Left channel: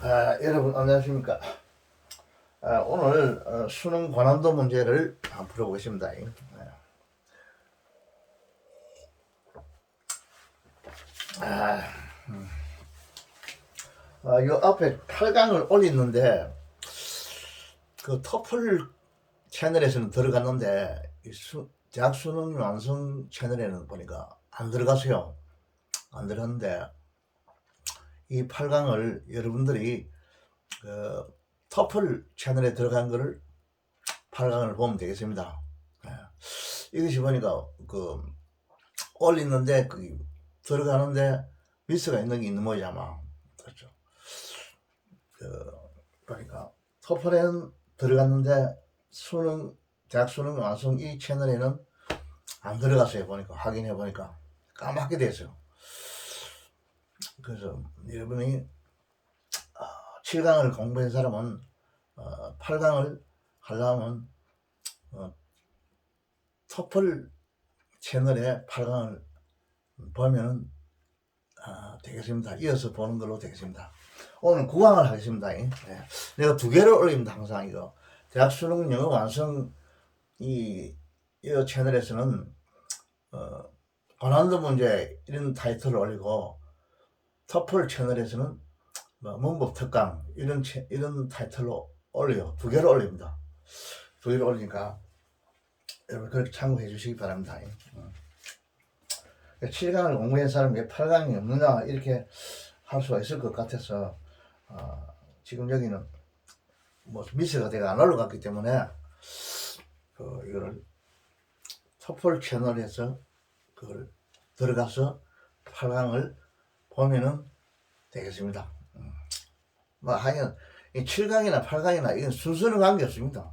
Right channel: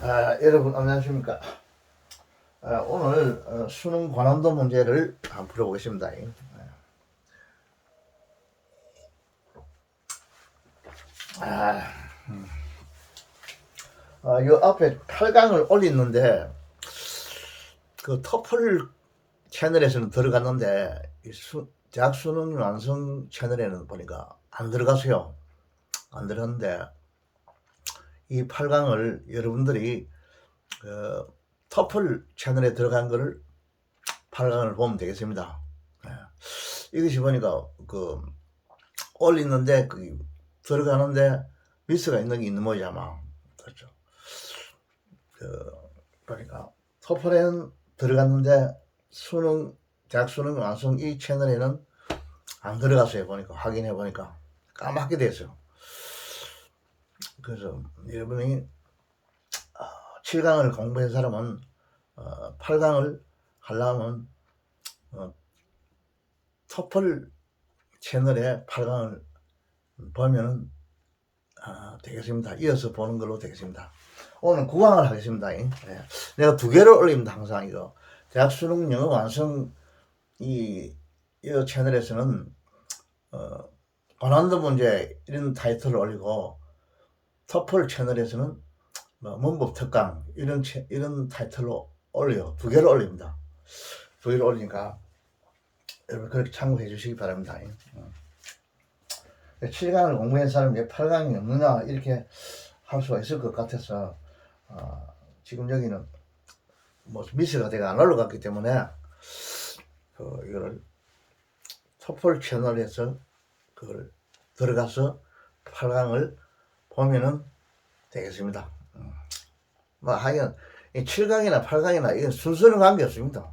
여러분 안녕하십니까. 오늘 수능 관함도 문제를 한번 풀어보겠습니다. 요 앞에 8강을 올렸는데 그 터플 채널에서는 들어갔는데 대학 수능 완성 채널에는 보니까 안 들어가세요. 안 들어갔는데 이 8강을 여러분들이 그 터플 채널에 들어간 거를 8강을 보면 되겠습니다. 이것이 보니까 그 올리는데 그 들어가는데 미스가 있는 게 있는 모양이 아마. 그렇죠. 그러니까 토플에는 들어갔는데 대학 수능 완성 이 채널에는 안 들어갔어요. 보니까 확인해 보니까 까맣게 됐어요. 그래서 여러분이 7강을 공부한 사람은 8강을 하려면 토플 채널에 8강을 보면 되겠습니다. 이어서 보는 걸로 되겠습니다. 오늘 9강을 하겠습니다. 내가 2개를 올립니다. 항상 이거 대학 수능 영어 완성 이 채널에서는 고난도 문제 이런 타이틀을 올리고 터플 채널에서는 문법 특강 이런 타이틀로 올려요. 2개를 올립니다. 2개를 올리니까 여러분 그렇게 참고해 주시기 바랍니다. 7강을 공부한 사람이 왜 8강이 없느냐 이렇게 할 수가 있을 것 같아서 지금 여기는 뭐 미스가 내가 안 올라갔기 때문에 이거를 토플 채널에서 그걸 들어가서 8강을 보면은 되겠습니다. 뭐 하여간 7강이나 8강이나 이건 순서는 관계없습니다.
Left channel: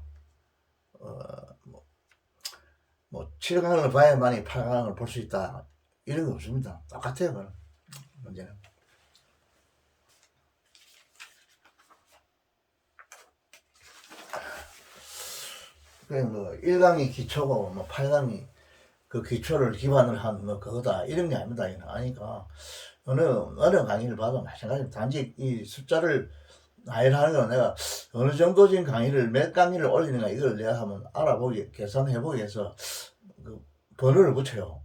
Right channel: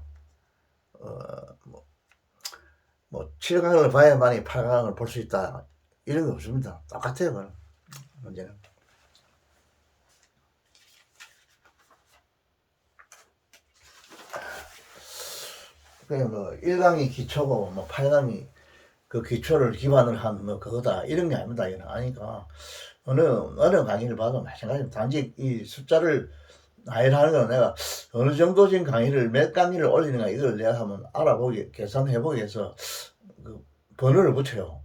뭐 7강을 봐야만이 8강을 볼 수 있다 이런 거 없습니다. 똑같아요. 그건 문제는. 뭐 1강이 기초고 뭐 8강이 그 기초를 기반을 한 뭐 그거다 이런 게 아닙니다. 이는 아니까 어느 강의를 봐도 마찬가지입니다. 단지 이 숫자를 나열하는 건 내가 어느 정도진 강의를 몇 강의를 올리는가 이걸 내가 한번 알아보기 계산해보기 위해서 그 번호를 붙여요.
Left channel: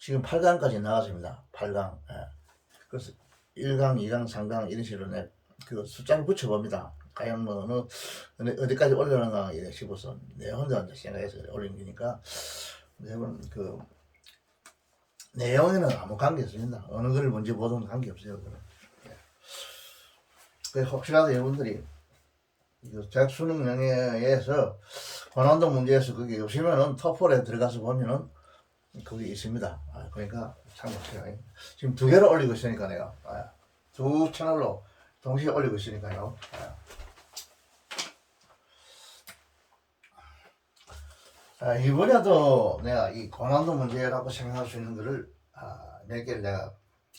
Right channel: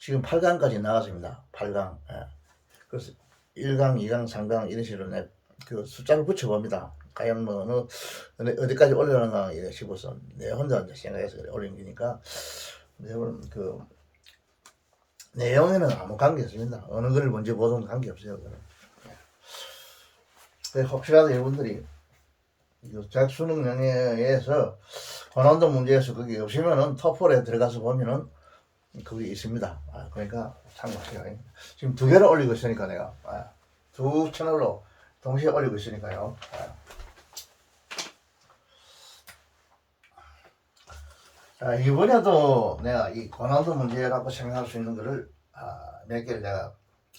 지금 8강까지 나왔습니다. 8강. 그래서 1강, 2강, 3강 이런 식으로 그 숫자를 붙여봅니다. 과연 뭐 어디까지 올려놓은가 이래 싶어서 내 혼자 생각해서 올린 거니까 여러분 그 내용에는 아무 관계 없습니다. 어느 걸 먼저 보든 관계 없어요. 혹시라도 여러분들이 대학 수능 영예에서 고난도 문제에서 거기 오시면은 토플에 들어가서 보면은 거기 있습니다. 그러니까 참고하세요. 지금 2개를 올리고 있으니까 내가 2 채널로 동시에 올리고 있으니까요. 이번에도 내가 이 고난도 문제라고 생각할 수 있는 거를 몇 개를 내가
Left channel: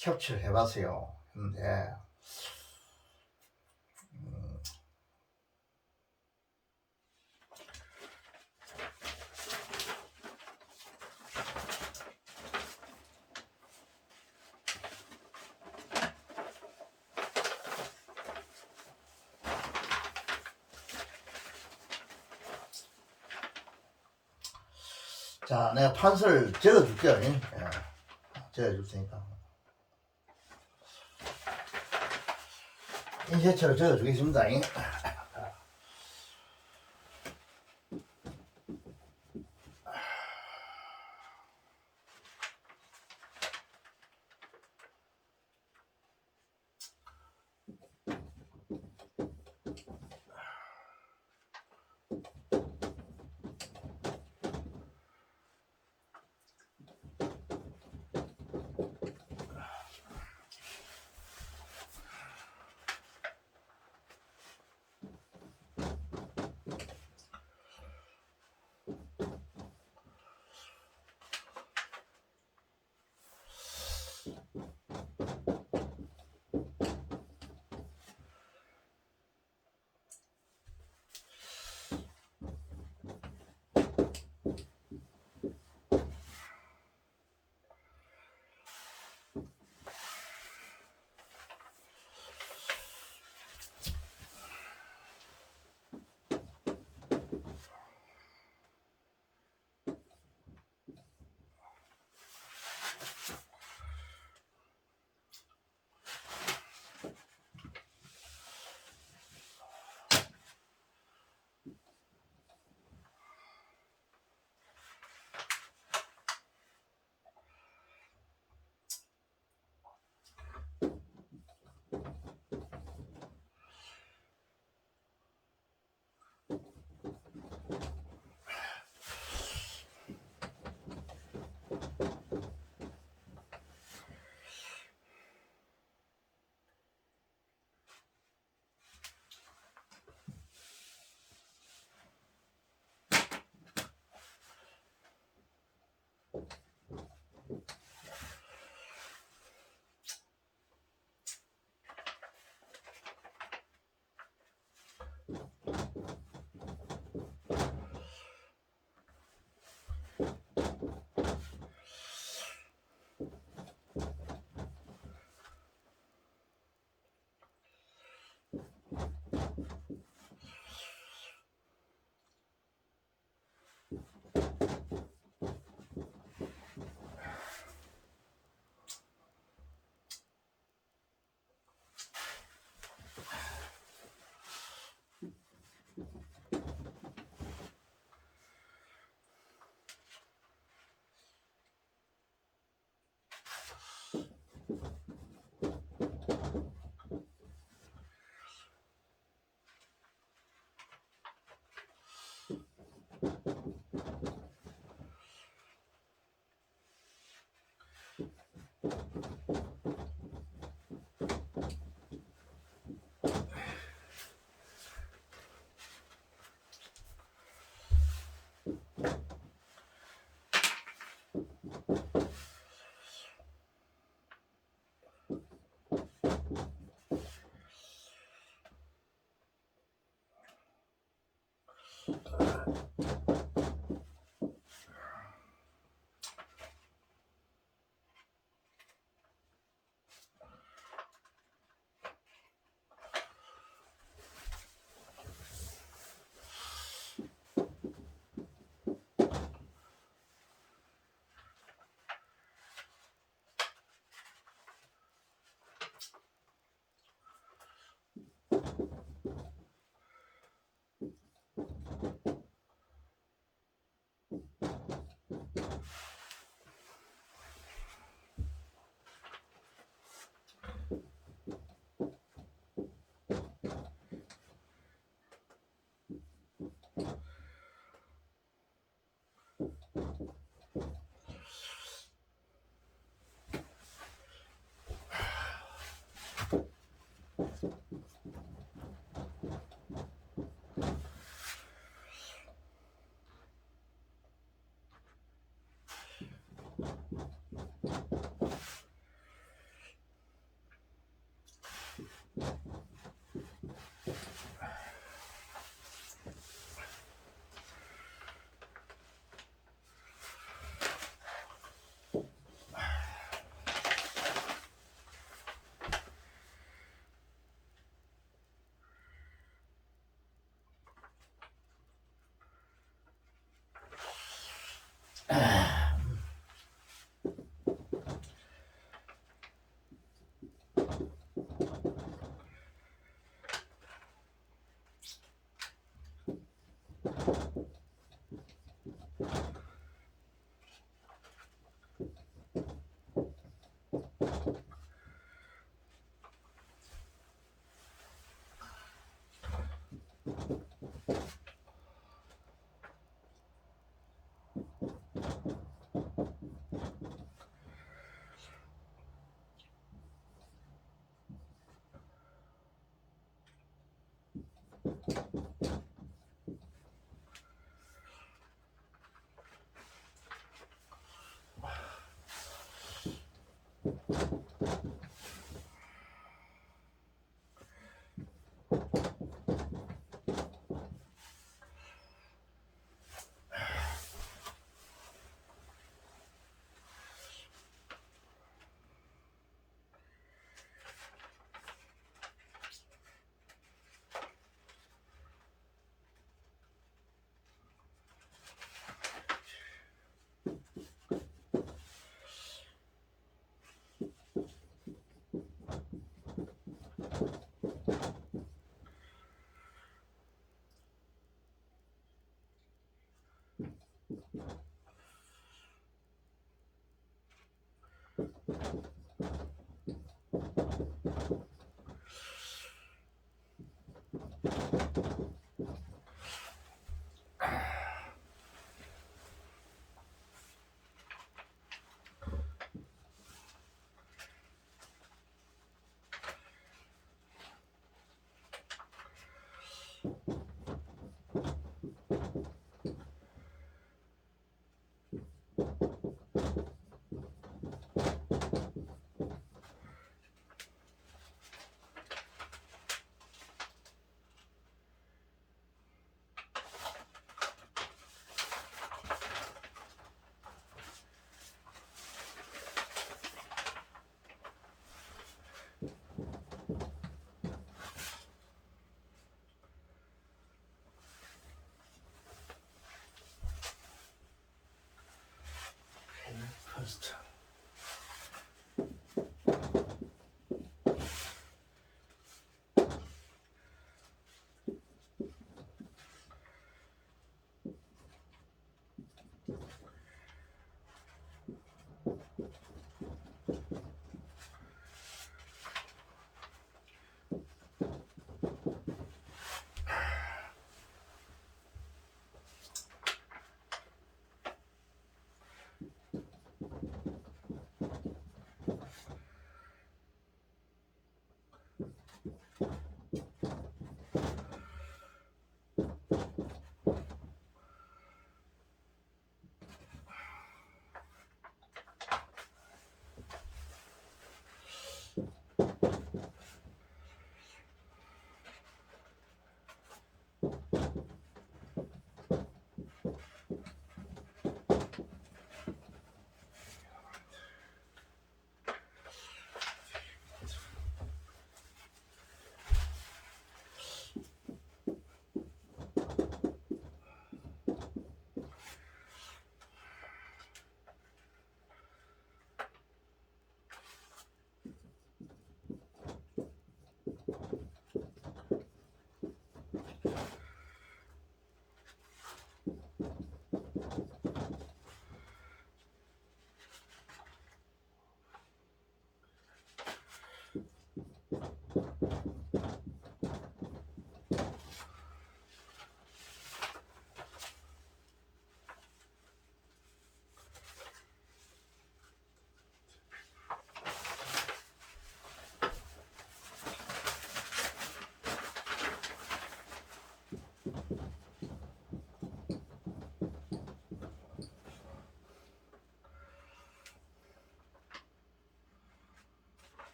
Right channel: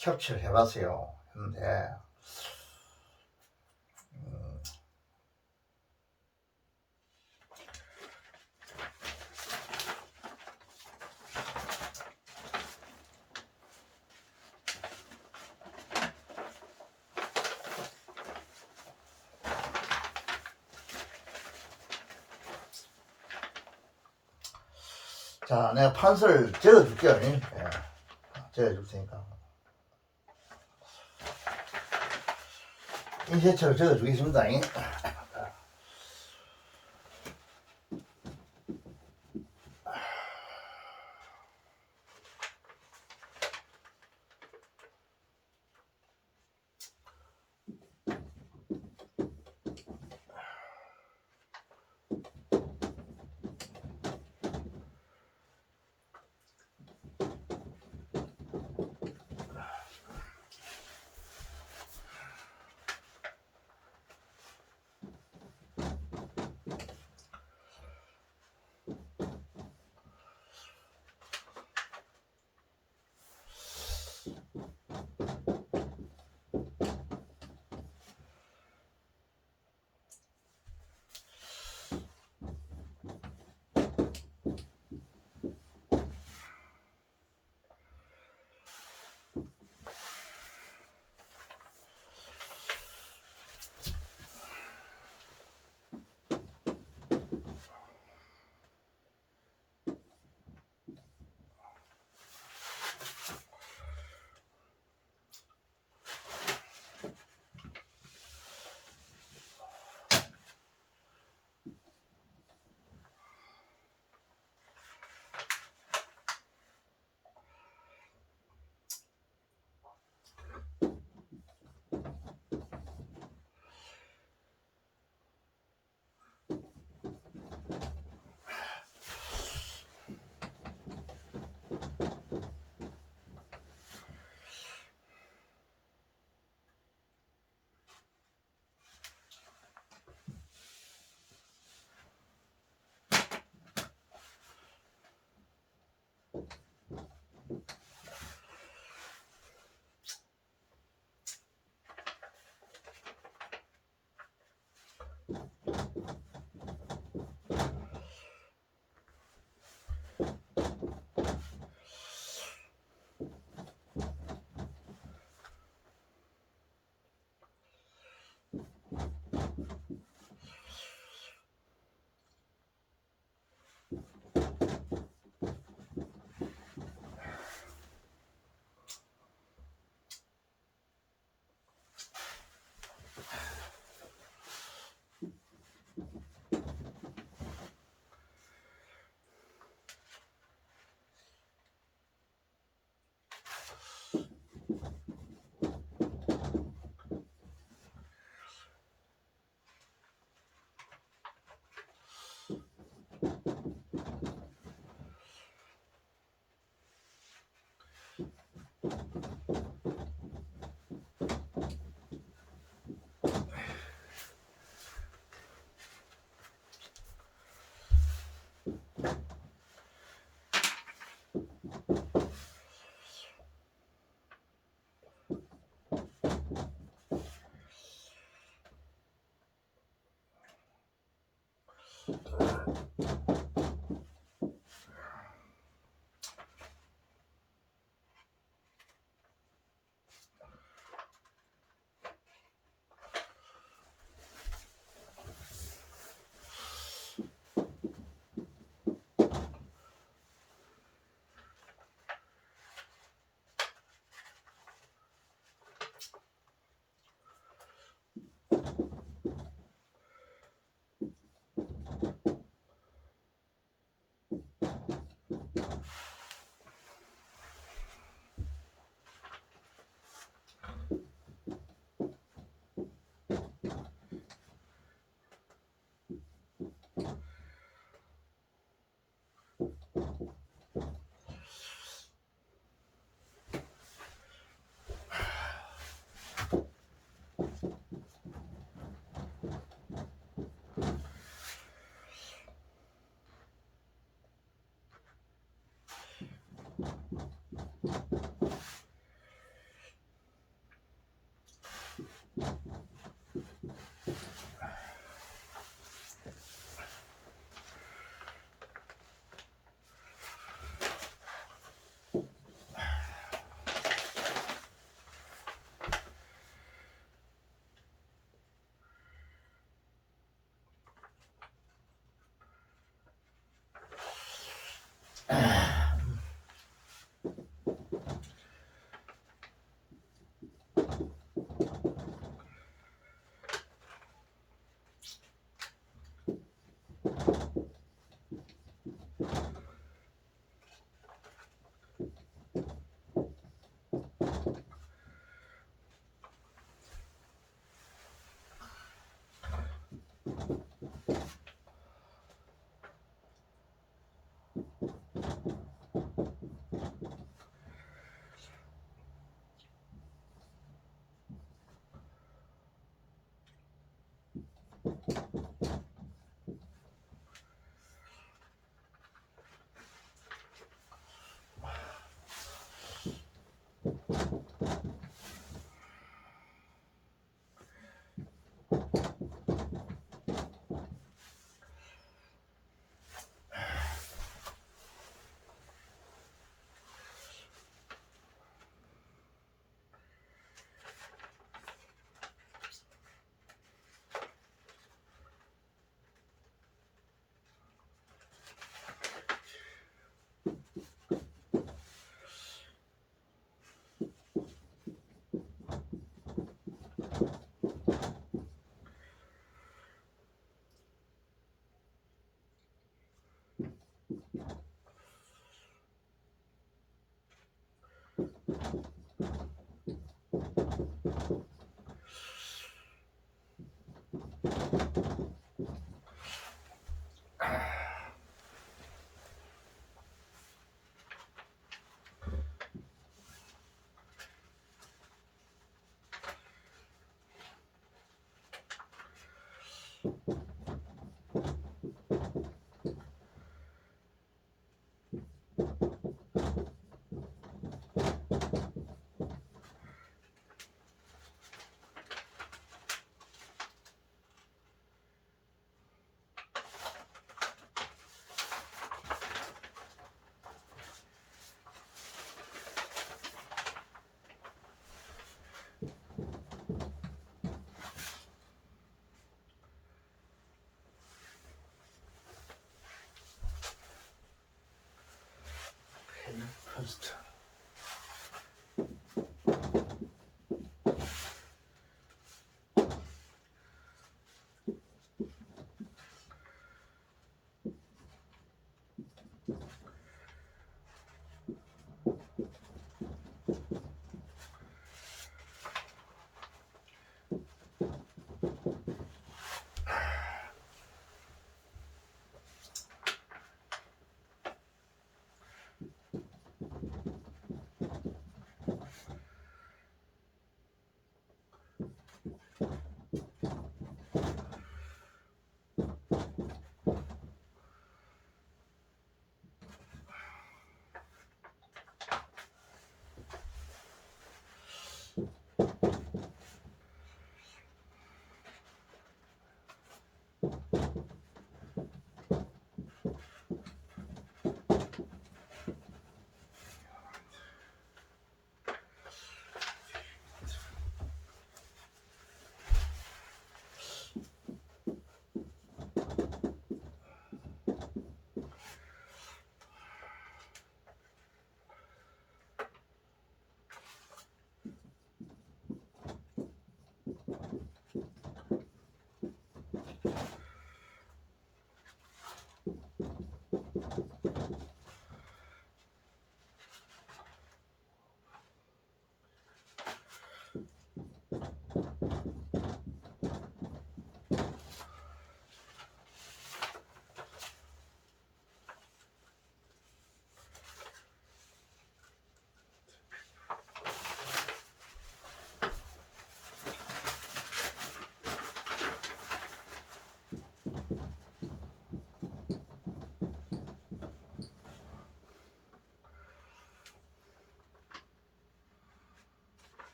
캡처를 해봤어요. 근데 자, 내가 판서를 적어줄게요. 적어줄 테니까. 인쇄처를 적어주겠습니다.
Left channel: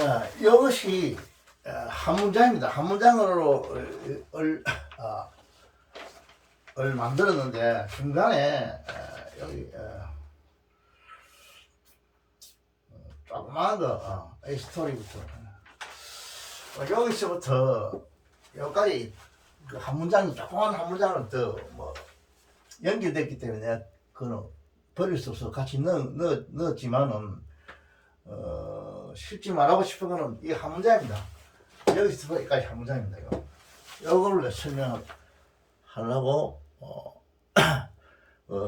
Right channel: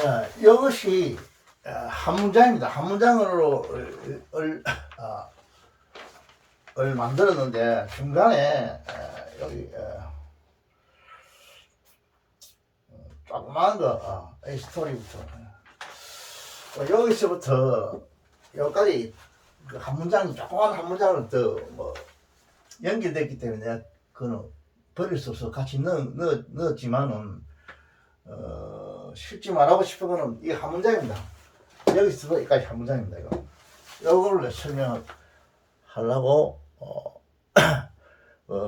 자, 이것이 한 문장입니다. 한 문장으로 만들었는데 중간에 여기 조그마한 거 이 스토리부터 여기서부터 여기까지 그 한 문장이 조그마한 한 문장은 더 뭐 연결됐기 때문에 그는 버릴 수 없어 같이 넣었지만은 실지 말하고 싶은 거는 이게 한 문장입니다. 여기서부터 여기까지 한 문장입니다. 이거 이거를 설명을 하려고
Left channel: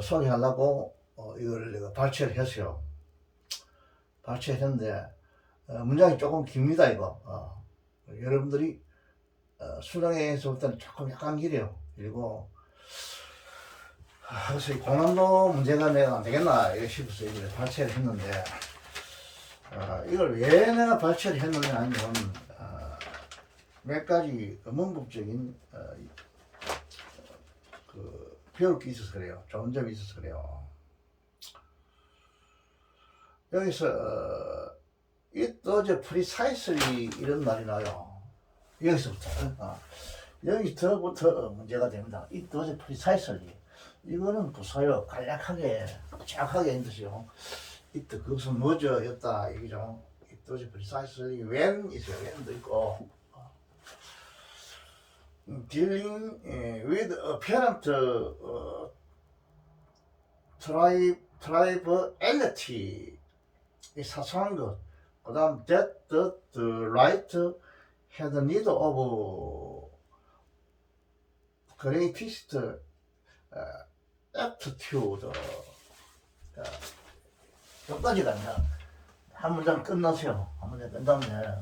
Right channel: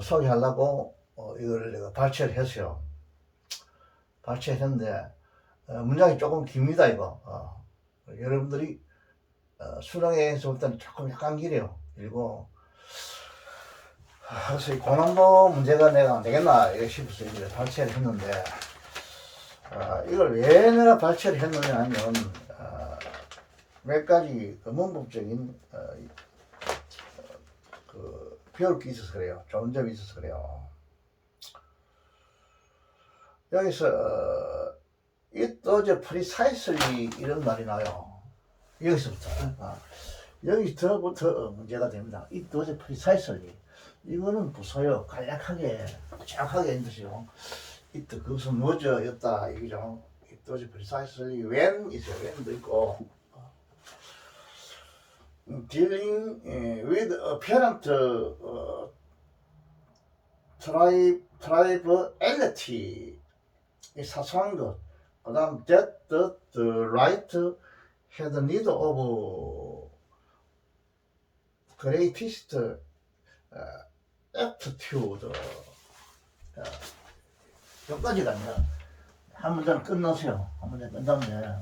소개하려고 이걸 내가 발췌를 했어요. 발췌했는데 문장이 조금 깁니다. 이거 여러분들이 수능에서부터는 조금 약간 길어요. 그리고 그래서 고난도 문제가 내가 안 되겠나 싶어서 이걸 발췌를 했는데 이걸 왜 내가 발췌를 했느냐 하면 몇 가지 문법적인 배울 게 있어서 그래요. 좋은 점이 있어서 그래요. 여기서 it was precisely 이런 말이 나요. 여기서부터 여기서부터 문제가 됩니다. it was precisely 이거는 부사요. 간략하게 정확하게 있는 것이요. it 그것은 뭐죠였다 얘기죠. it was precisely when 있어요. when도 있고 dealing with apparent triviality 이 사소한 것, 그 다음 that the right had need of greatest aptitude 여기까지가 아니라 한 문장 끝나세요. 한 문장 끝 다음에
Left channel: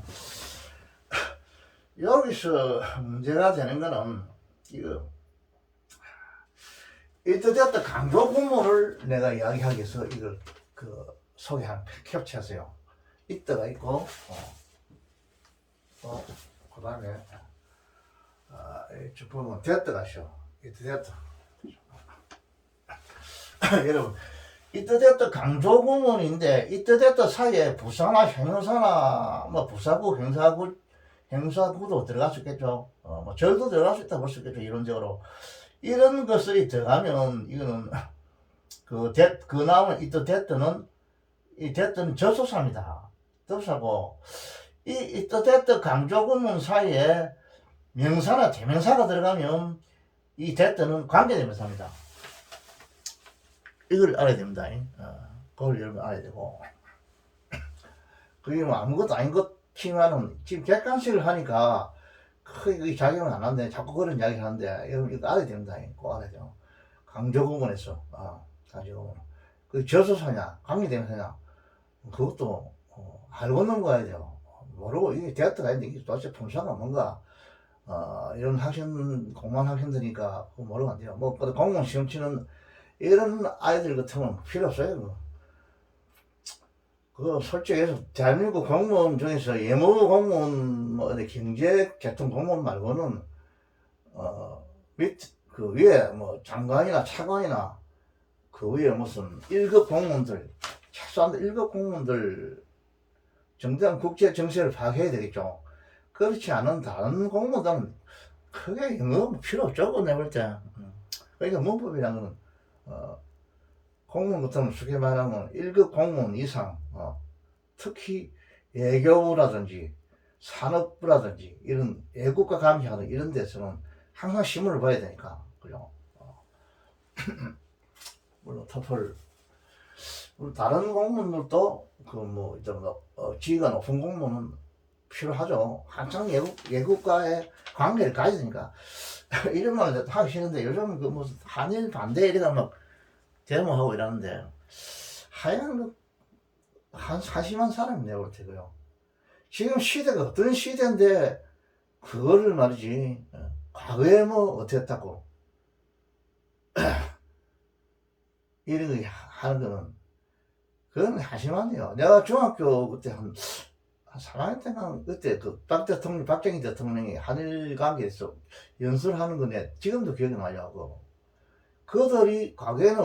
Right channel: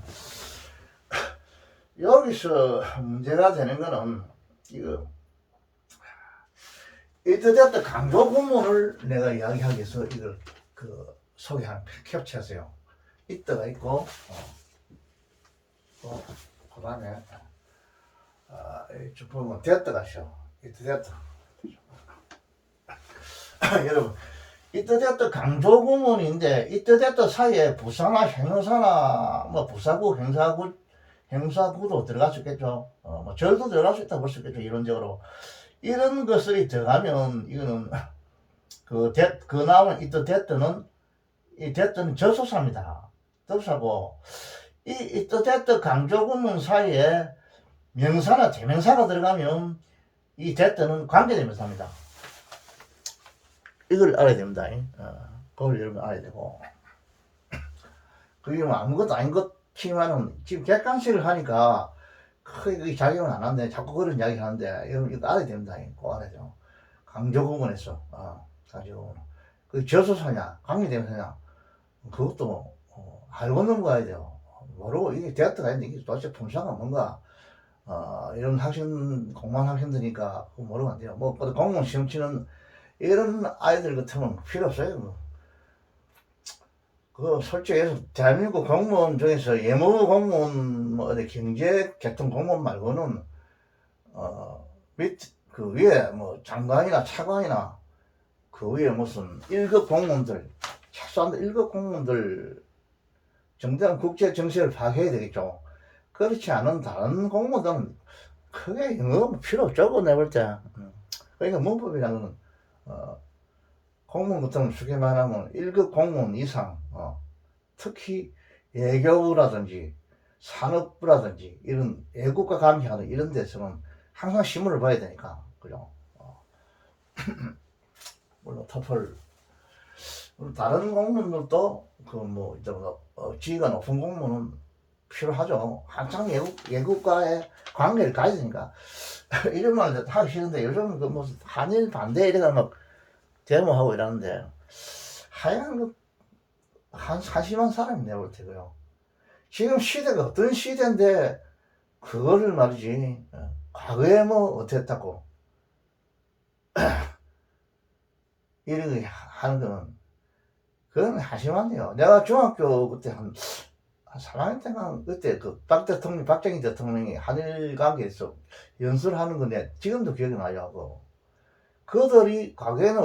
여기서 문제가 되는 거는 이거 이때저때 강조 구문을 내가 이야기하기 위해서 이걸 소개한 캡처했어요. 이때가 있고 그 다음에 보면 됐다가 있어. 이때 됐다. 여러분 이때 됐다 강조 구문인데 이때 됐다 사이에 부사나 형용사나 뭐 부사구 형사구도 들어갈 수 있겠죠. 뭐 절도 들어갈 수 있다 볼 수 있겠죠. 이론적으로 이런 것들이 들어가면 이거는 그 나오는 이때 됐다는 이 됐다는 접속사입니다. 접속사고 이 이때 됐다 강조 구문 사이에 명사나 대명사가 들어가면 이 됐다는 관계대명사입니다. 이걸 알아야 됩니다. 그걸 여러분 알아야 되고 그게 뭐 아무것도 아닌 것지만은 지금 객관식을 하니까 크게 작용을 안 하는데 자꾸 그런 이야기 하는데 여러분 이거 알아야 됩니다. 꼭 알아야 돼요. 강조 구문에서 강조 구문 그 접속사냐 관계대명사냐 그것도 알고 넘어가야 돼요. 모르고 이게 대학교가 있는데 이게 도대체 품사가 뭔가 이런 공무원 학생들이니까 모르면 안 돼요. 뭐 공무원 시험 치는 이런 아이들 같으면 필요 없어요. 솔직히 해서 대한민국 공무원 중에서 예무 공무원 뭐 어디 경제 개통 공무원 말고는 그 위에 뭐 장관이나 차관이나 그 위에 무슨 1급 공무원들 최소한 1급 공무원들 정당 국제 정세를 파악해야 되겠죠. 그렇지 않은 다른 공무원들은 크게 영어 필요 없죠. 내볼 때. 그러니까 문법이라는 건 공무원 같은 쉽게 말하면 1급 공무원 이상 특히 외교부라든지 산업부라든지 이런 외국과 관계하는 이런 데서는 항상 신문을 봐야 되니까 그죠. 물론 토플 다른 공무원들도 지위가 높은 공무원은 필요하죠. 한창 외국과의 관계를 가야 되니까 이런 말 하기 싫은데 요즘은 그 무슨 한일 반대 이래가 막 데모하고 이러는데 하여간 한심한 사람이 내가 볼 때고요. 지금 시대가 어떤 시대인데 그거를 말이지 과거에 뭐 어땠다고 이런 거 하는 거는 그건 한심하네요. 내가 중학교 그때 한 3학년 때가 그때 그 박정희 대통령이 한일 관계에서 연설을 하는 건데 지금도 기억이 나요. 그들이 과거에는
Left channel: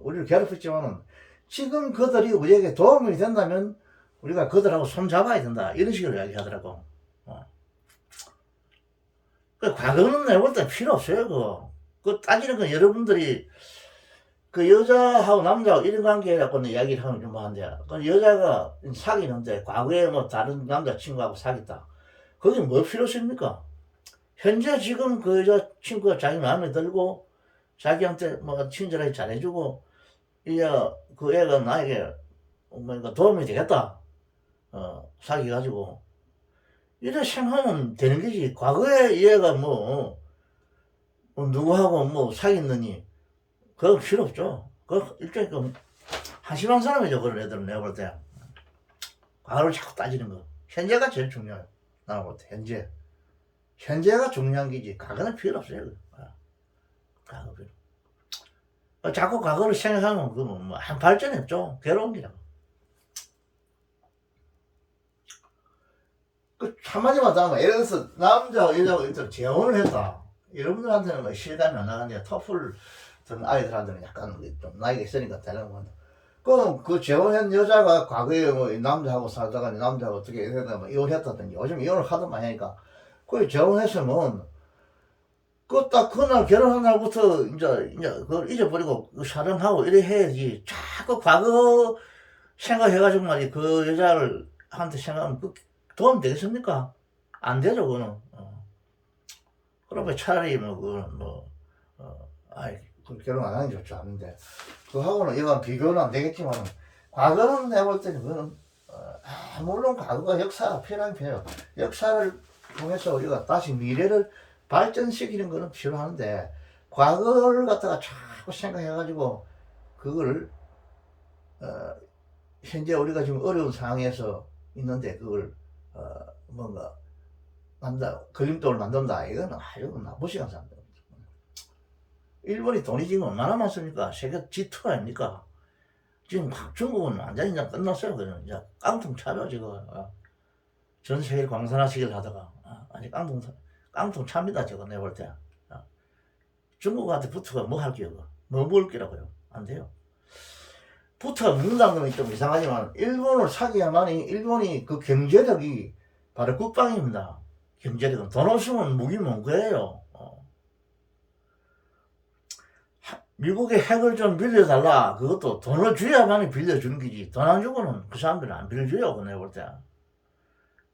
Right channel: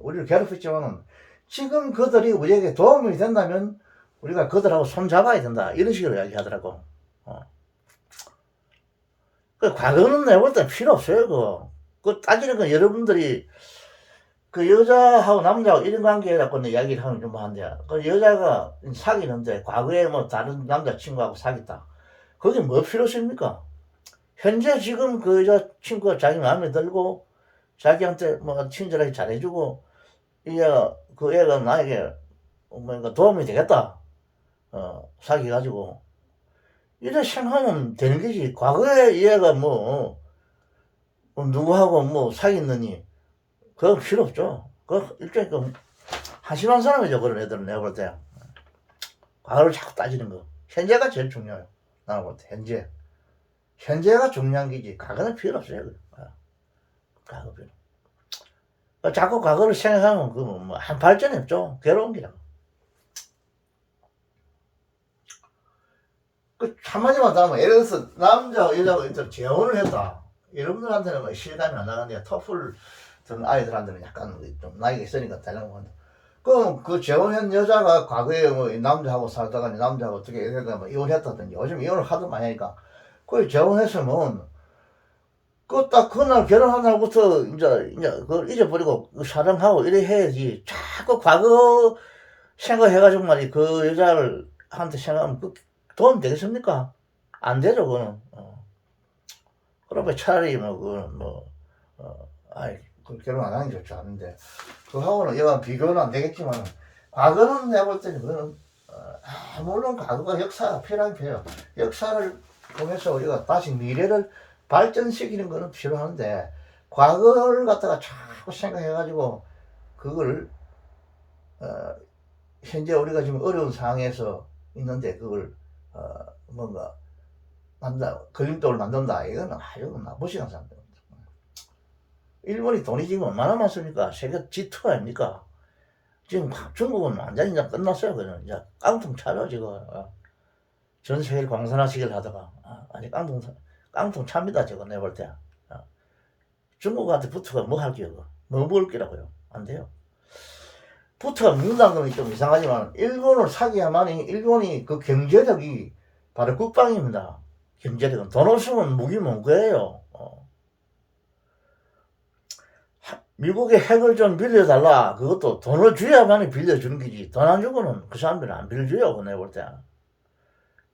우리를 괴롭혔지만은 지금 그들이 우리에게 도움이 된다면 우리가 그들하고 손 잡아야 된다 이런 식으로 이야기하더라고. 그 과거는 내가 볼 때 필요 없어요. 그 따지는 건 여러분들이 그 여자하고 남자하고 이런 관계라고 이야기를 하면 좀 한데, 그 여자가 사귀는데 과거에 뭐 다른 남자친구하고 사귀었다. 그게 뭐 필요 있습니까? 현재 지금 그 여자친구가 자기 마음에 들고 자기한테 뭐 친절하게 잘해주고 이게 그 애가 나에게 뭔가 도움이 되겠다. 사귀어가지고 이래 생각하면 되는 거지. 과거에 얘가 뭐 누구하고 뭐 사귀었느니 그거 필요 없죠. 그 일종의 그 한심한 사람이죠. 그런 애들은 내가 볼 때. 과거를 자꾸 따지는 거. 현재가 제일 중요해요. 나가 볼 때. 현재가 중요한 게지. 과거는 필요 없어요. 과거 필요. 자꾸 과거를 생각하면 그건 뭐한 발전이 없죠. 괴로운 기라고. 그 한마디만 더 하면 예를 들어서 남자하고 여자하고 일단 재혼을 했다. 여러분들한테는 뭐 실감이 안 나는데 터플 든 아이들한테는 약간 좀 나이가 있으니까 달라는 건데. 그럼 그 재혼한 여자가 과거에 뭐 남자하고 살다가 남자하고 어떻게 뭐 이혼했다든지 요즘 이혼을 하도 많이 하니까 그 재혼했으면 그 딱 그날 결혼한 날부터 이제 그걸 잊어버리고 사랑하고 이래 해야지. 자꾸 과거 생각해가지고 말이 그 여자를 한테 생각하면 그 도움 되겠습니까? 안 되죠 그거는. 그러면 차라리 아이 그 결혼 안 하는 게 좋지 않은데 그하고는 이건 비교는 안 되겠지만 과거는 내가 볼 때는 그거는 물론 과거가 역사가 필요한 필요. 역사를 통해서 우리가 다시 미래를 발전시키는 거는 필요한데 과거를 갖다가 자꾸 생각해가지고 그걸 현재 우리가 지금 어려운 상황에서 있는데 그걸 뭔가 걸림돌을 만든다. 이거는 아주 무시한 사람들. 일본이 돈이 지금 얼마나 많습니까? 세계 G2 아닙니까? 지금 중국은 완전히 이제 끝났어요. 그냥 이제 깡통 차죠 지금. 전 세계를 광산화시키려 하다가 아니 깡통 찹니다 저거 내가 볼 때. 중국한테 붙어가 뭐 할게요? 뭐 먹을 기라고요? 안 돼요. 붙어가 먹는다는 건 좀 이상하지만 일본을 사기야만이 일본이 그 경제력이 바로 국방입니다. 경제력은 돈 없으면 무기 뭔 거예요. 미국의 핵을 좀 빌려달라. 그것도 돈을 줘야만이 빌려주는 거지. 돈 안 주고는 그 사람들은 안 빌려줘요. 내가 볼 때.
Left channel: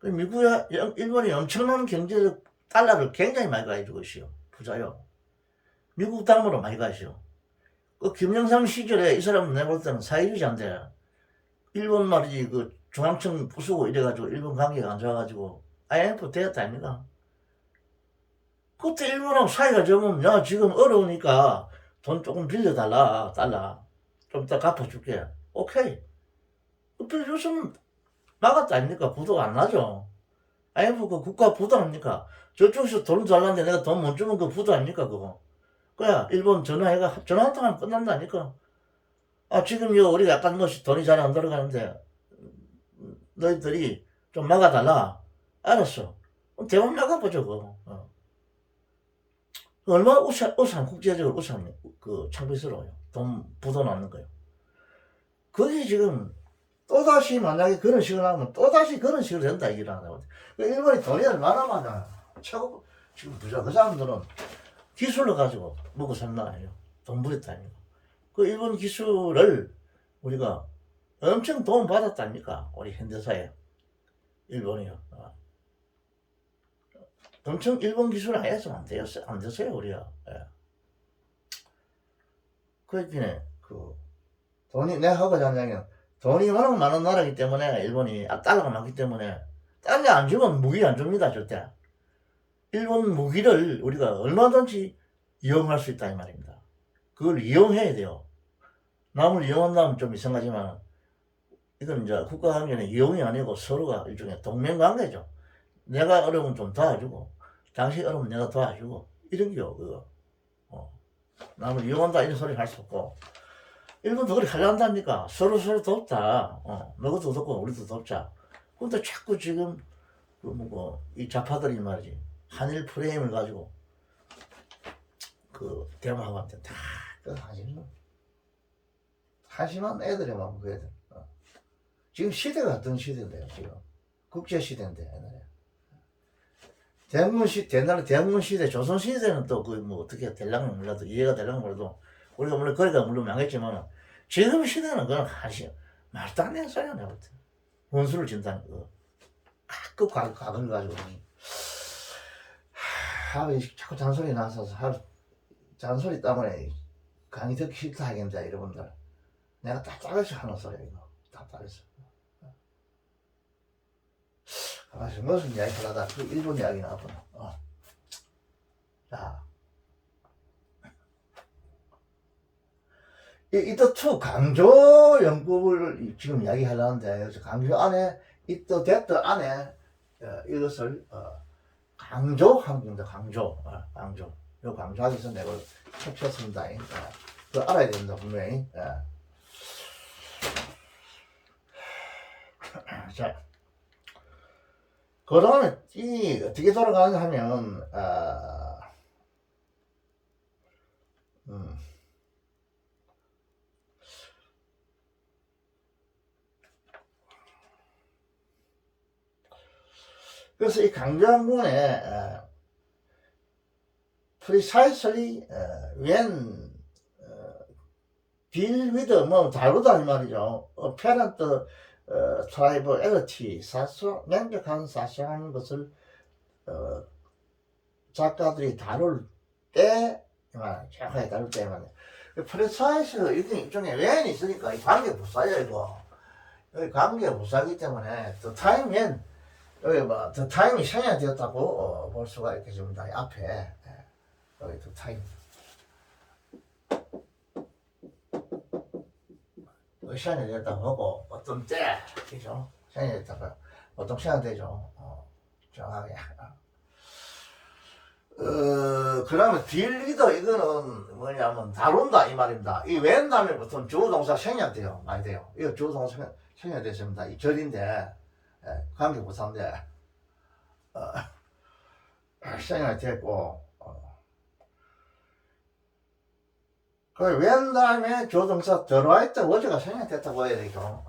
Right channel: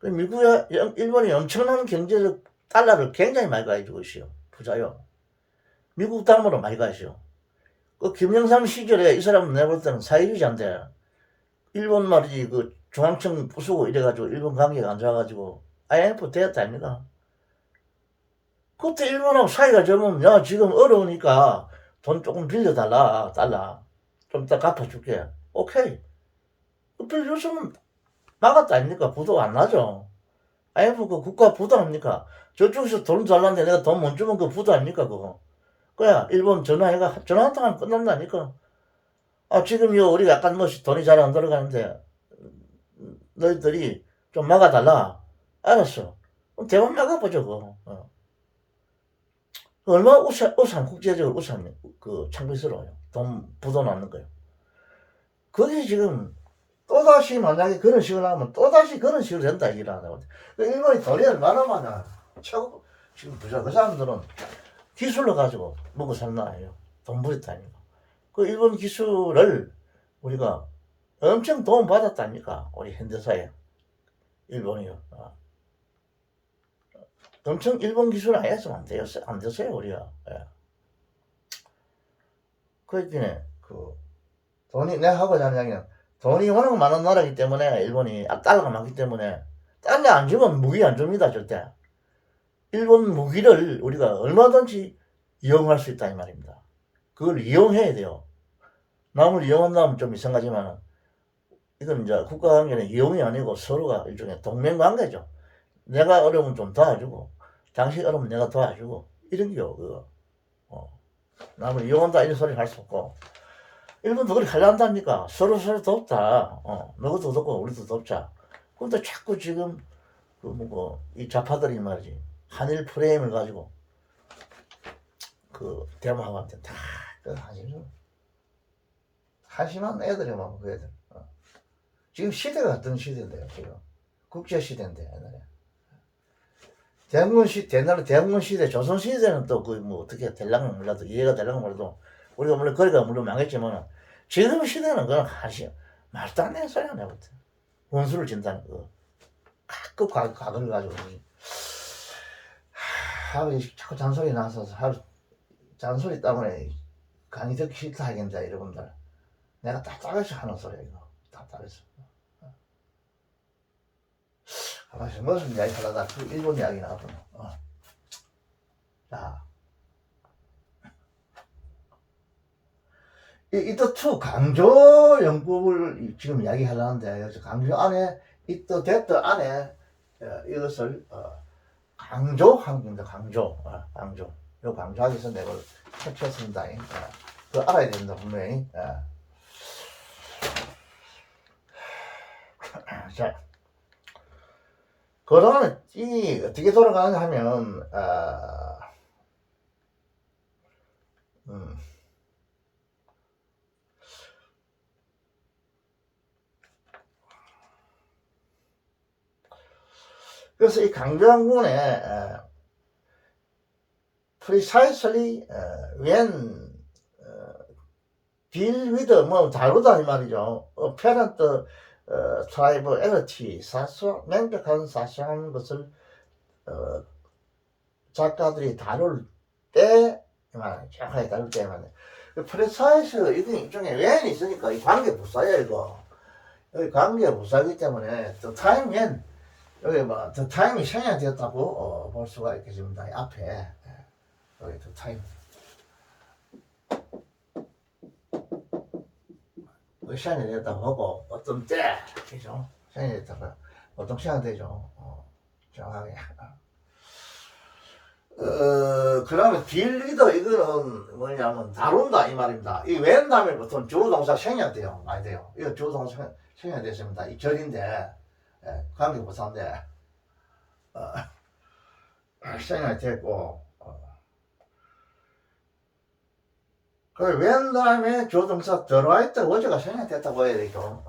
일본이 엄청난 경제적 달러를 굉장히 많이 가지고 있어요. 부자요. 미국 담으로 많이 가죠. 그 김영삼 시절에 이 사람은 내가 볼 때는 사회주의자인데 일본 말이지 그 중앙청 부수고 이래가지고 일본 관계가 안 좋아가지고 IMF 되었다 아닙니까? 그때 일본하고 사이가 좋으면 야 지금 어려우니까 돈 조금 빌려달라 달라 좀 이따 갚아줄게. 오케이. 빌려줬으면 막았다 아닙니까? 부도가 안 나죠. IMF 그 국가 부도 아닙니까? 저쪽에서 돈 달라는데 내가 돈 못 주면 그 부도 아닙니까 그거. 그야 일본 전화 한 통하면 끝난다니까. 지금요 우리가 약간 돈이 잘 안 들어가는데 너희들이 좀 막아달라. 알았어. 그럼 대만 막아보죠 그거. 얼마나 국제적으로 우산 창피스러워요. 돈 부도 나는 거예요. 그게 지금 또다시 만약에 그런 식으로 하면 또다시 그런 식으로 된다 이기를 하다고. 일본이 돈이 얼마나 많아. 최고 지금 부자 그 사람들은 기술로 가지고 먹고 산다 아니에요. 돈 버렸다니까. 그 일본 기술을 우리가 엄청 도움 받았다니까 우리 현대사에 일본이요. 엄청 일본 기술 안 했으면 안 됐어요 우리가. 예. 그랬더니 돈이 내가 하고자 하는 이야기는 돈이 워낙 많은 나라이기 때문에 일본이 달러가 많기 때문에 달러 안 주면 무기 안 줍니다 절대. 일본 무기를 우리가 얼마든지 이용할 수 있다 이 말입니다. 그걸 이용해야 돼요. 남을 이용한다면 좀 이상하지만 이건 이제 국가관계는 이용이 아니고 서로가 일종의 동맹관계죠. 내가 어려우면 좀 도와주고 당신이 어려우면 내가 도와주고 이런 게요. 그거. 남을 이용한다 이런 소리 할 수 없고 일본도 그렇게 하려한다니까. 서로 돕다. 너도 돕고 우리도 돕자. 근데 자꾸 지금 이 좌파들이 말이지 한일 프레임을 가지고 대마한테 다 하시는 한심한 애들이만 그 애들. 지금 시대가 어떤 시대인데요, 지금. 국제시대인데, 옛날에. 옛날에 대항군 시대, 조선 시대는 또 그 뭐 어떻게 될랑은 몰라도, 이해가 될랑은 몰라도, 우리가 물론 거리가 물론 망했지만, 지금 시대는 그건 말도 안 되는 소리가 나거든. 원수를 진다는 거. 가끔 각을 가지고. 하루 자꾸 잔소리 나서 하루 잔소리 때문에 강의 듣기 싫다 하겠다, 여러분들. 내가 답답해서 하는 소리야, 이거. 답답해서. 가만있어, 무슨 이야기 하다가 그 일본 이야기 나왔구나. 자. 이또 강조 연구를 지금 이야기하려는데, 강조 안에, 됐더 안에, 이것을, 강조하는 겁니다, 강조. 강조. 요 강조하기 위해서 내가 설치했습니다. 그거 알아야 된다, 분명히. 자. 그 다음에, 어떻게 돌아가는가 하면은, 그래서 이 강조연구원에 precisely when deal with 뭐 다루다 이 말이죠. apparent triviality 명백한 사소한 것을 작가들이 다룰 때 정확하게 다룰 때 말이야. precisely 이게 일종의 when이 있으니까 이 관계 부사야 이거. 여기 관계 부사이기 때문에 the time when 여기 뭐 the time이 생략되었다고 볼 수가 있겠습니다. 앞에 여기 the time 시간이 되었다고 하고 어떤 때 그죠? 시간이 되었다고 어떤 시간 되죠? 정확하게. 그러면 딜리더 이거는 뭐냐면 다룬다 이 말입니다. 이 when 다음에 보통 주어동사 생략돼요. 많이 돼요. 이거 주어동사 생략됐습니다. 이 절인데 관계 부사인데 생략됐고 그 when 다음에 조동사 들어와있다 어제가 생략됐다고 해야 되죠.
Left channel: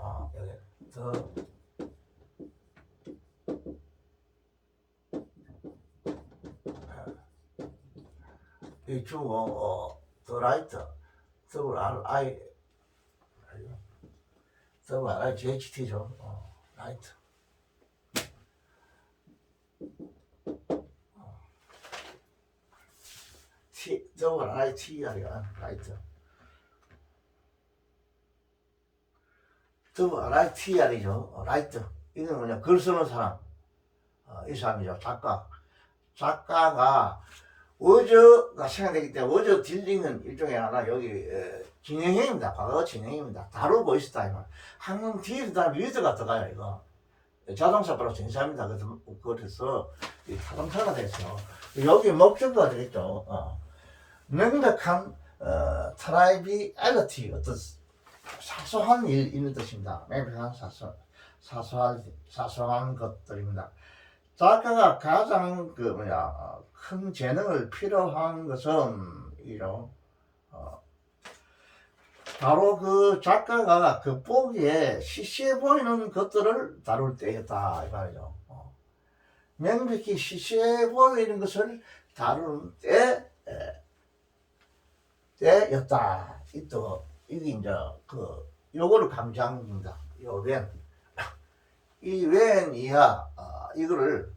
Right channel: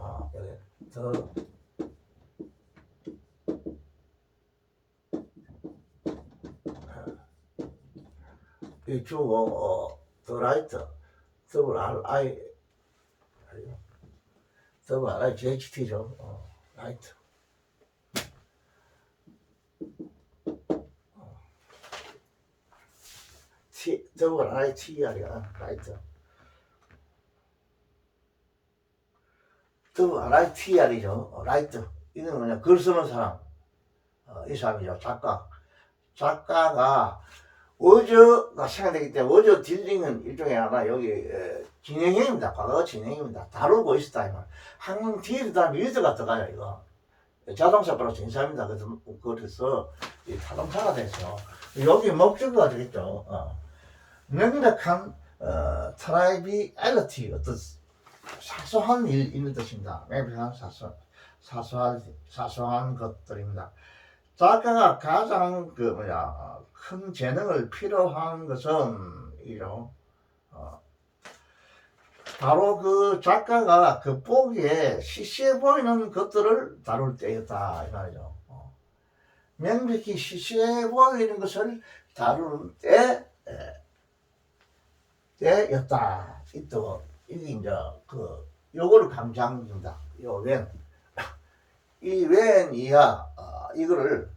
이 주어 들어와있다 WRIGHT죠. right. WRITR이야. right. WRITR이죠. right. 이건 뭐냐, 글 쓰는 사람. 이 사람이죠. 작가가 어저가 생각되기 때문에 어저 딜링은 일종의 하나 여기 진행형입니다. 과거 진행입니다. 다루고 있었다 이 말. 항상 뒤에 다음에 위드가 들어가요 이거. 자동차 바로 진사입니다. 그래서 이 타동사가 됐어. 여기 목적어가 되겠죠. 명백한 트라이비얼리티 어떤 사소한 일 있는 뜻입니다. 명백한 사소한 것들입니다. 작가가 가장 큰 재능을 필요한 것은 이죠. 바로 그 작가가 그 보기에 시시해 보이는 것들을 다룰 때였다 이 말이죠. 명백히 시시해 보이는 것을 다루는 때였다. 이게 이제 요거를 강조합니다. 요 when. 이 when 이하 이거를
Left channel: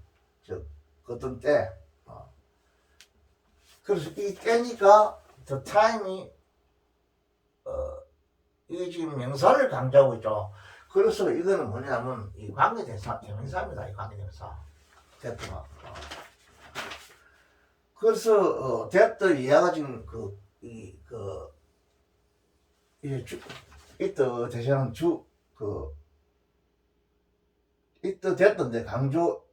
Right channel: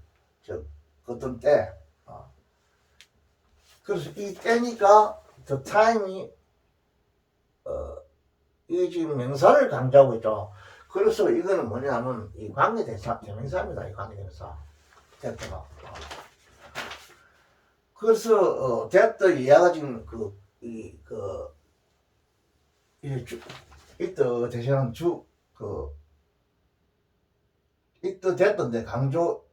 어떤 때. 그래서 이 때니까 the time이 이 지금 명사를 강조하고 있죠. 그래서 이거는 뭐냐면 이 관계대사 대명사입니다. 이 관계대사 됐다가 그래서 됐다 이하가 지금 이때 대신은 이때 됐던데 강조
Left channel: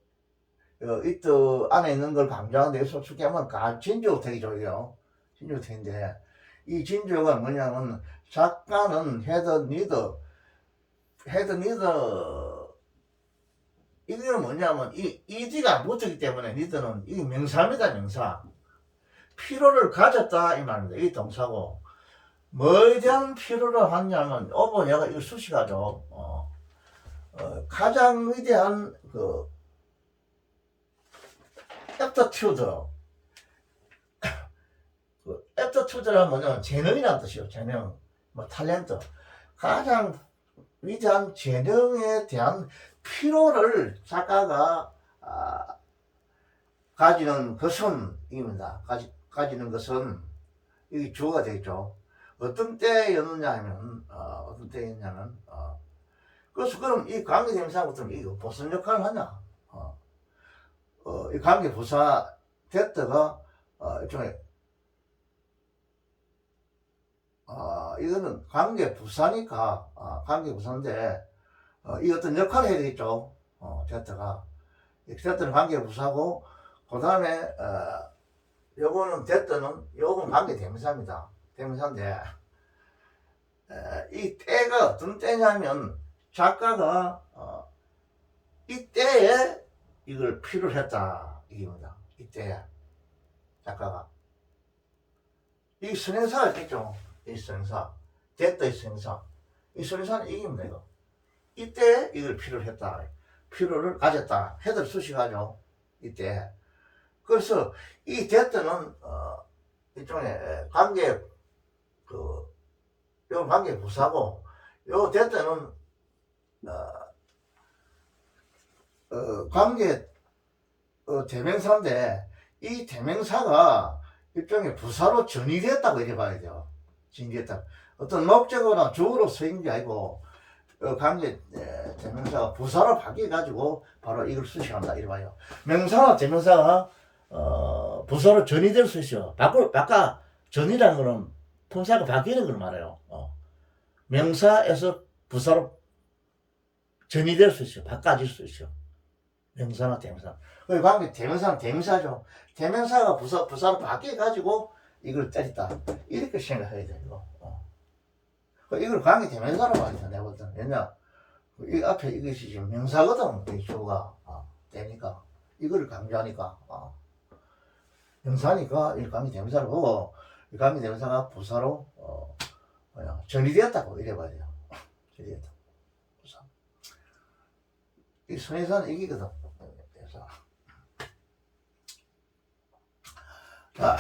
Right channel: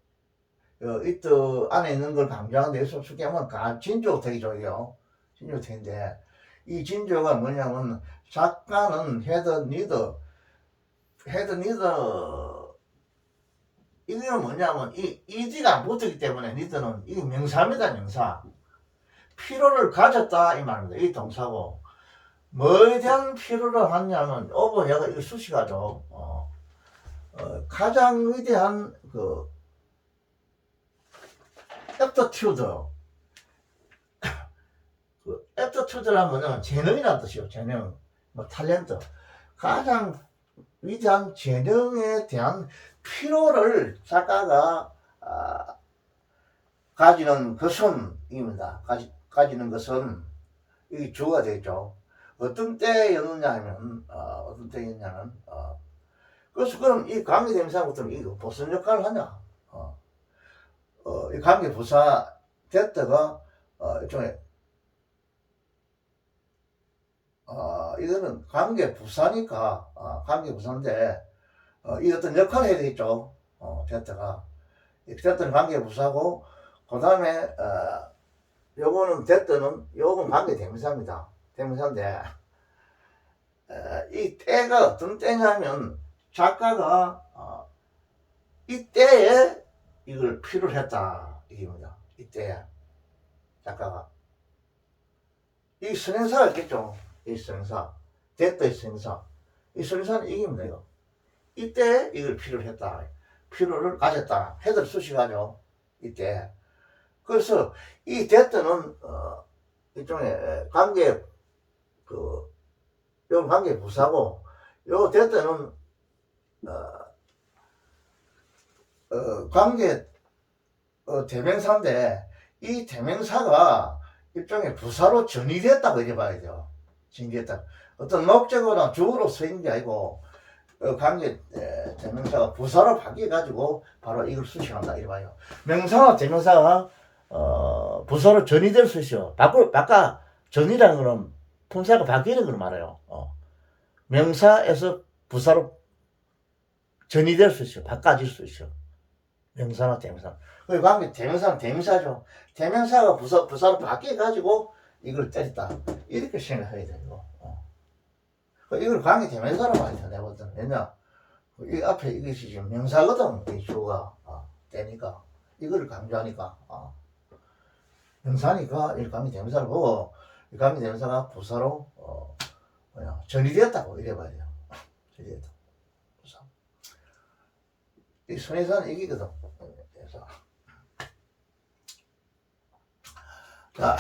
이때 안에 있는 걸 강조하는데 솔직히 하면 진조택이죠. 진조택인데 이 진조가 뭐냐면 작가는 헤드 니더 이게 뭐냐면 이 이디가 붙었기 때문에 니더는 이게 명사입니다. 명사. 필요를 가졌다 이 말입니다. 이 동사고 뭐에 대한 필요를 하냐면 얘가 이거 수식하죠. 가장 위대한 그 애프터튜드, 그 애프터튜드라면은 재능이라는 뜻이요. 재능, 뭐 탤런트. 가장 위대한 재능에 대한 필요를 작가가 가지는 것은 입니다. 가지는 것은 이 주어가 되죠. 어떤 때였느냐면 어떤 때였냐면 그래서 그럼 이 관계대명사부터 이거 무슨 역할을 하냐? 이 관계부사 됐다가 일종의 이거는 관계부사니까 관계부사인데 이 어떤 역할을 해야 되겠죠. 됐다가 됐다는 관계부사고 그 다음에 요거는 됐다는 요건 관계대명사입니다. 대명사인데 이 때가 어떤 때냐면 작가가 이때에 이걸 필요로 했다 이겁니다. 이때에 작가가 이 선행사가 있겠죠. 이 선행사 됐다 이 선행사 이 선행사는 이깁니다. 이거 이때 이걸 필요로 했다 필요를 가졌다 헤드를 수식하죠. 이때 그래서 이 됐다는 일종의 관계 요 관계 부사고 요 됐다는 관계 대명사인데 이 대명사가 일종의 부사로 전이됐다고 이래 봐야 돼요. 전이됐다. 어떤 목적어나 주어로 쓰인 게 아니고 관계 대명사가 부사로 바뀌어 가지고 바로 이걸 수식한다 이래 봐요. 명사나 대명사가 부사로 전이될 수 있어요. 바꿔 전이라는 거는 품사가 바뀌는 걸 말해요. 명사에서 부사로 전이될 수 있어요. 바꿔질 수 있어요. 명사나 대명사. 그 관계 대명사는 대명사죠. 대명사가 부사로 바뀌어가지고 이걸 때렸다. 이렇게 생각해야 돼요. 이걸 관계 대명사로 봐야 돼. 내가 볼 때는. 왜냐? 이 앞에 이것이 지금 명사거든. 이 주어가. 때니까. 이걸 강조하니까. 명사니까 이 관계 대명사를 보고 이 관계 대명사가 부사로 전이되었다고 이래 봐야 돼요. 전이되었다. 부사. 이 선행사는 이기거든. 그래서 자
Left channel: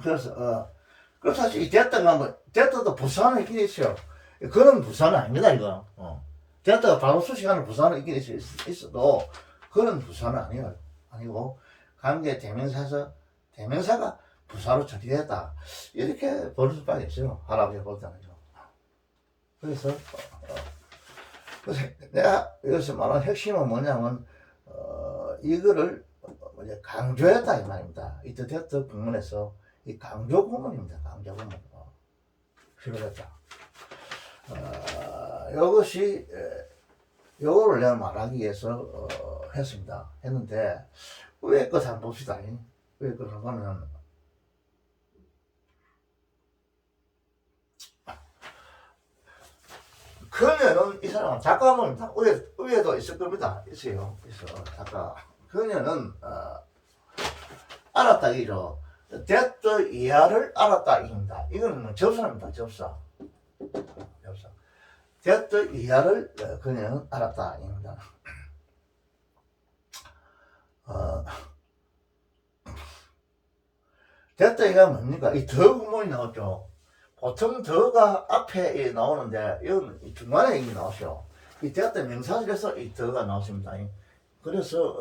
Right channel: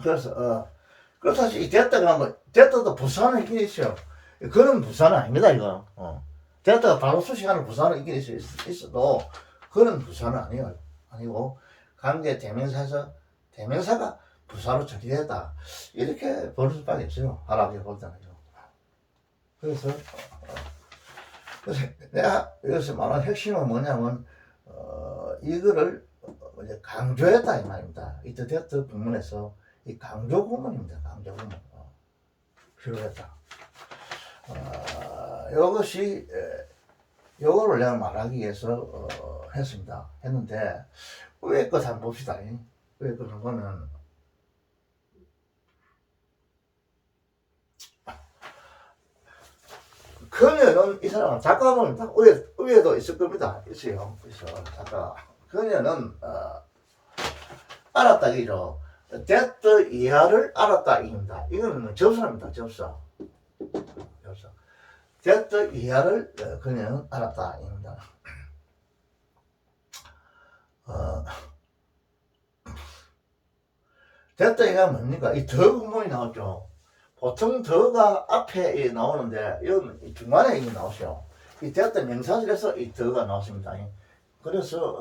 그래서 사실 이 됐다가 뭐 됐다도 부사는 있긴 있어요. 그런 부사는 아닙니다 이거. 됐다가 바로 수식하는 부사는 있긴 있어도 그런 부사는 아니고 관계 대명사에서 대명사가 부사로 처리됐다 이렇게 볼 수밖에 없어요. 하라고 볼 때는요. 그래서 내가 여기서 말하는 핵심은 뭐냐면 이거를 강조했다 이 말입니다. 이때 됐다 부문에서 이 강조 구문입니다. 강조 구문 필요했다. 이것이 요거를 내가 말하기 위해서 했는데 위에 것 한번 봅시다. 위에 것을 보면 그녀는 이 사람은 작가는 위에도 있을 겁니다. 있어요. 작가. 그녀는 알았다 이죠. 됐다 이하를 알았다 입니다. 이거는 접사입니다. 접사. 됐다 이하를 그녀는 알았다 입니다. 됐다 이가 뭡니까? 이 더 구문이 나오죠. 보통 더가 앞에 나오는데 이건 중간에 이 나오죠. 이 됐다 명사절에서 이 더가 나왔습니다. 그래서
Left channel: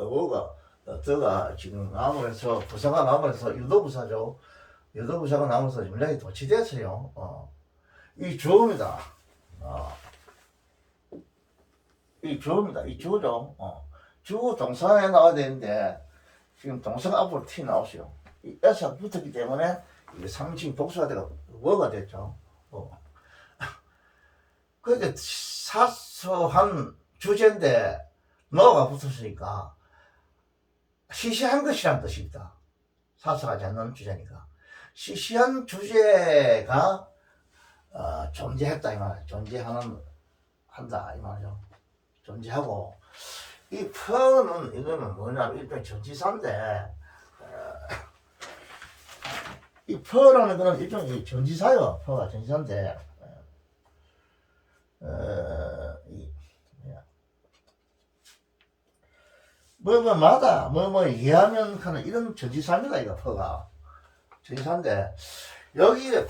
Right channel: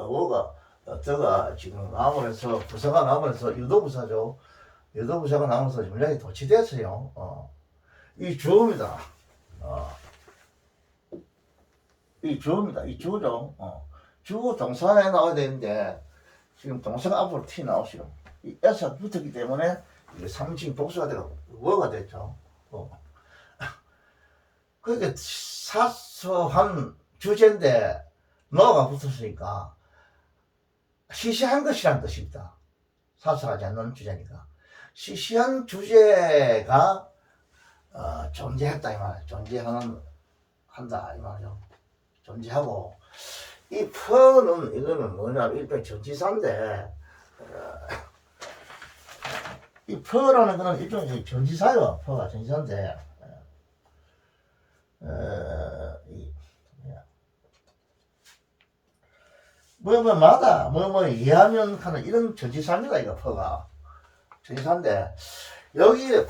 더가 지금 나오면서 부사가 나오면서 유도부사죠. 유도부사가 나오면서 문장이 도치됐어요. 이 주어입니다. 이 주어입니다. 이 주어죠. 주어 동사에 나와야 되는데 지금 동사가 앞으로 T 나오죠. 이 S가 붙었기 때문에 이게 3인칭 복수가 되고 워가 됐죠. 그러니까 사소한 주제인데 너가 붙었으니까 시시한 것이란 뜻입니다. 사소하지 않는 주제니까 시시한 주제가 존재했다 이 말이에요. 한다 이 말이죠. 존재하고 이 퍼는 이거는 뭐냐면 일종의 전치사인데 이 퍼라는 거는 일종의 전치사요. 퍼가 전치사인데 뭐마다 이해하면 하는 이런 전치사입니다. 이거 퍼가 전치사인데 여기에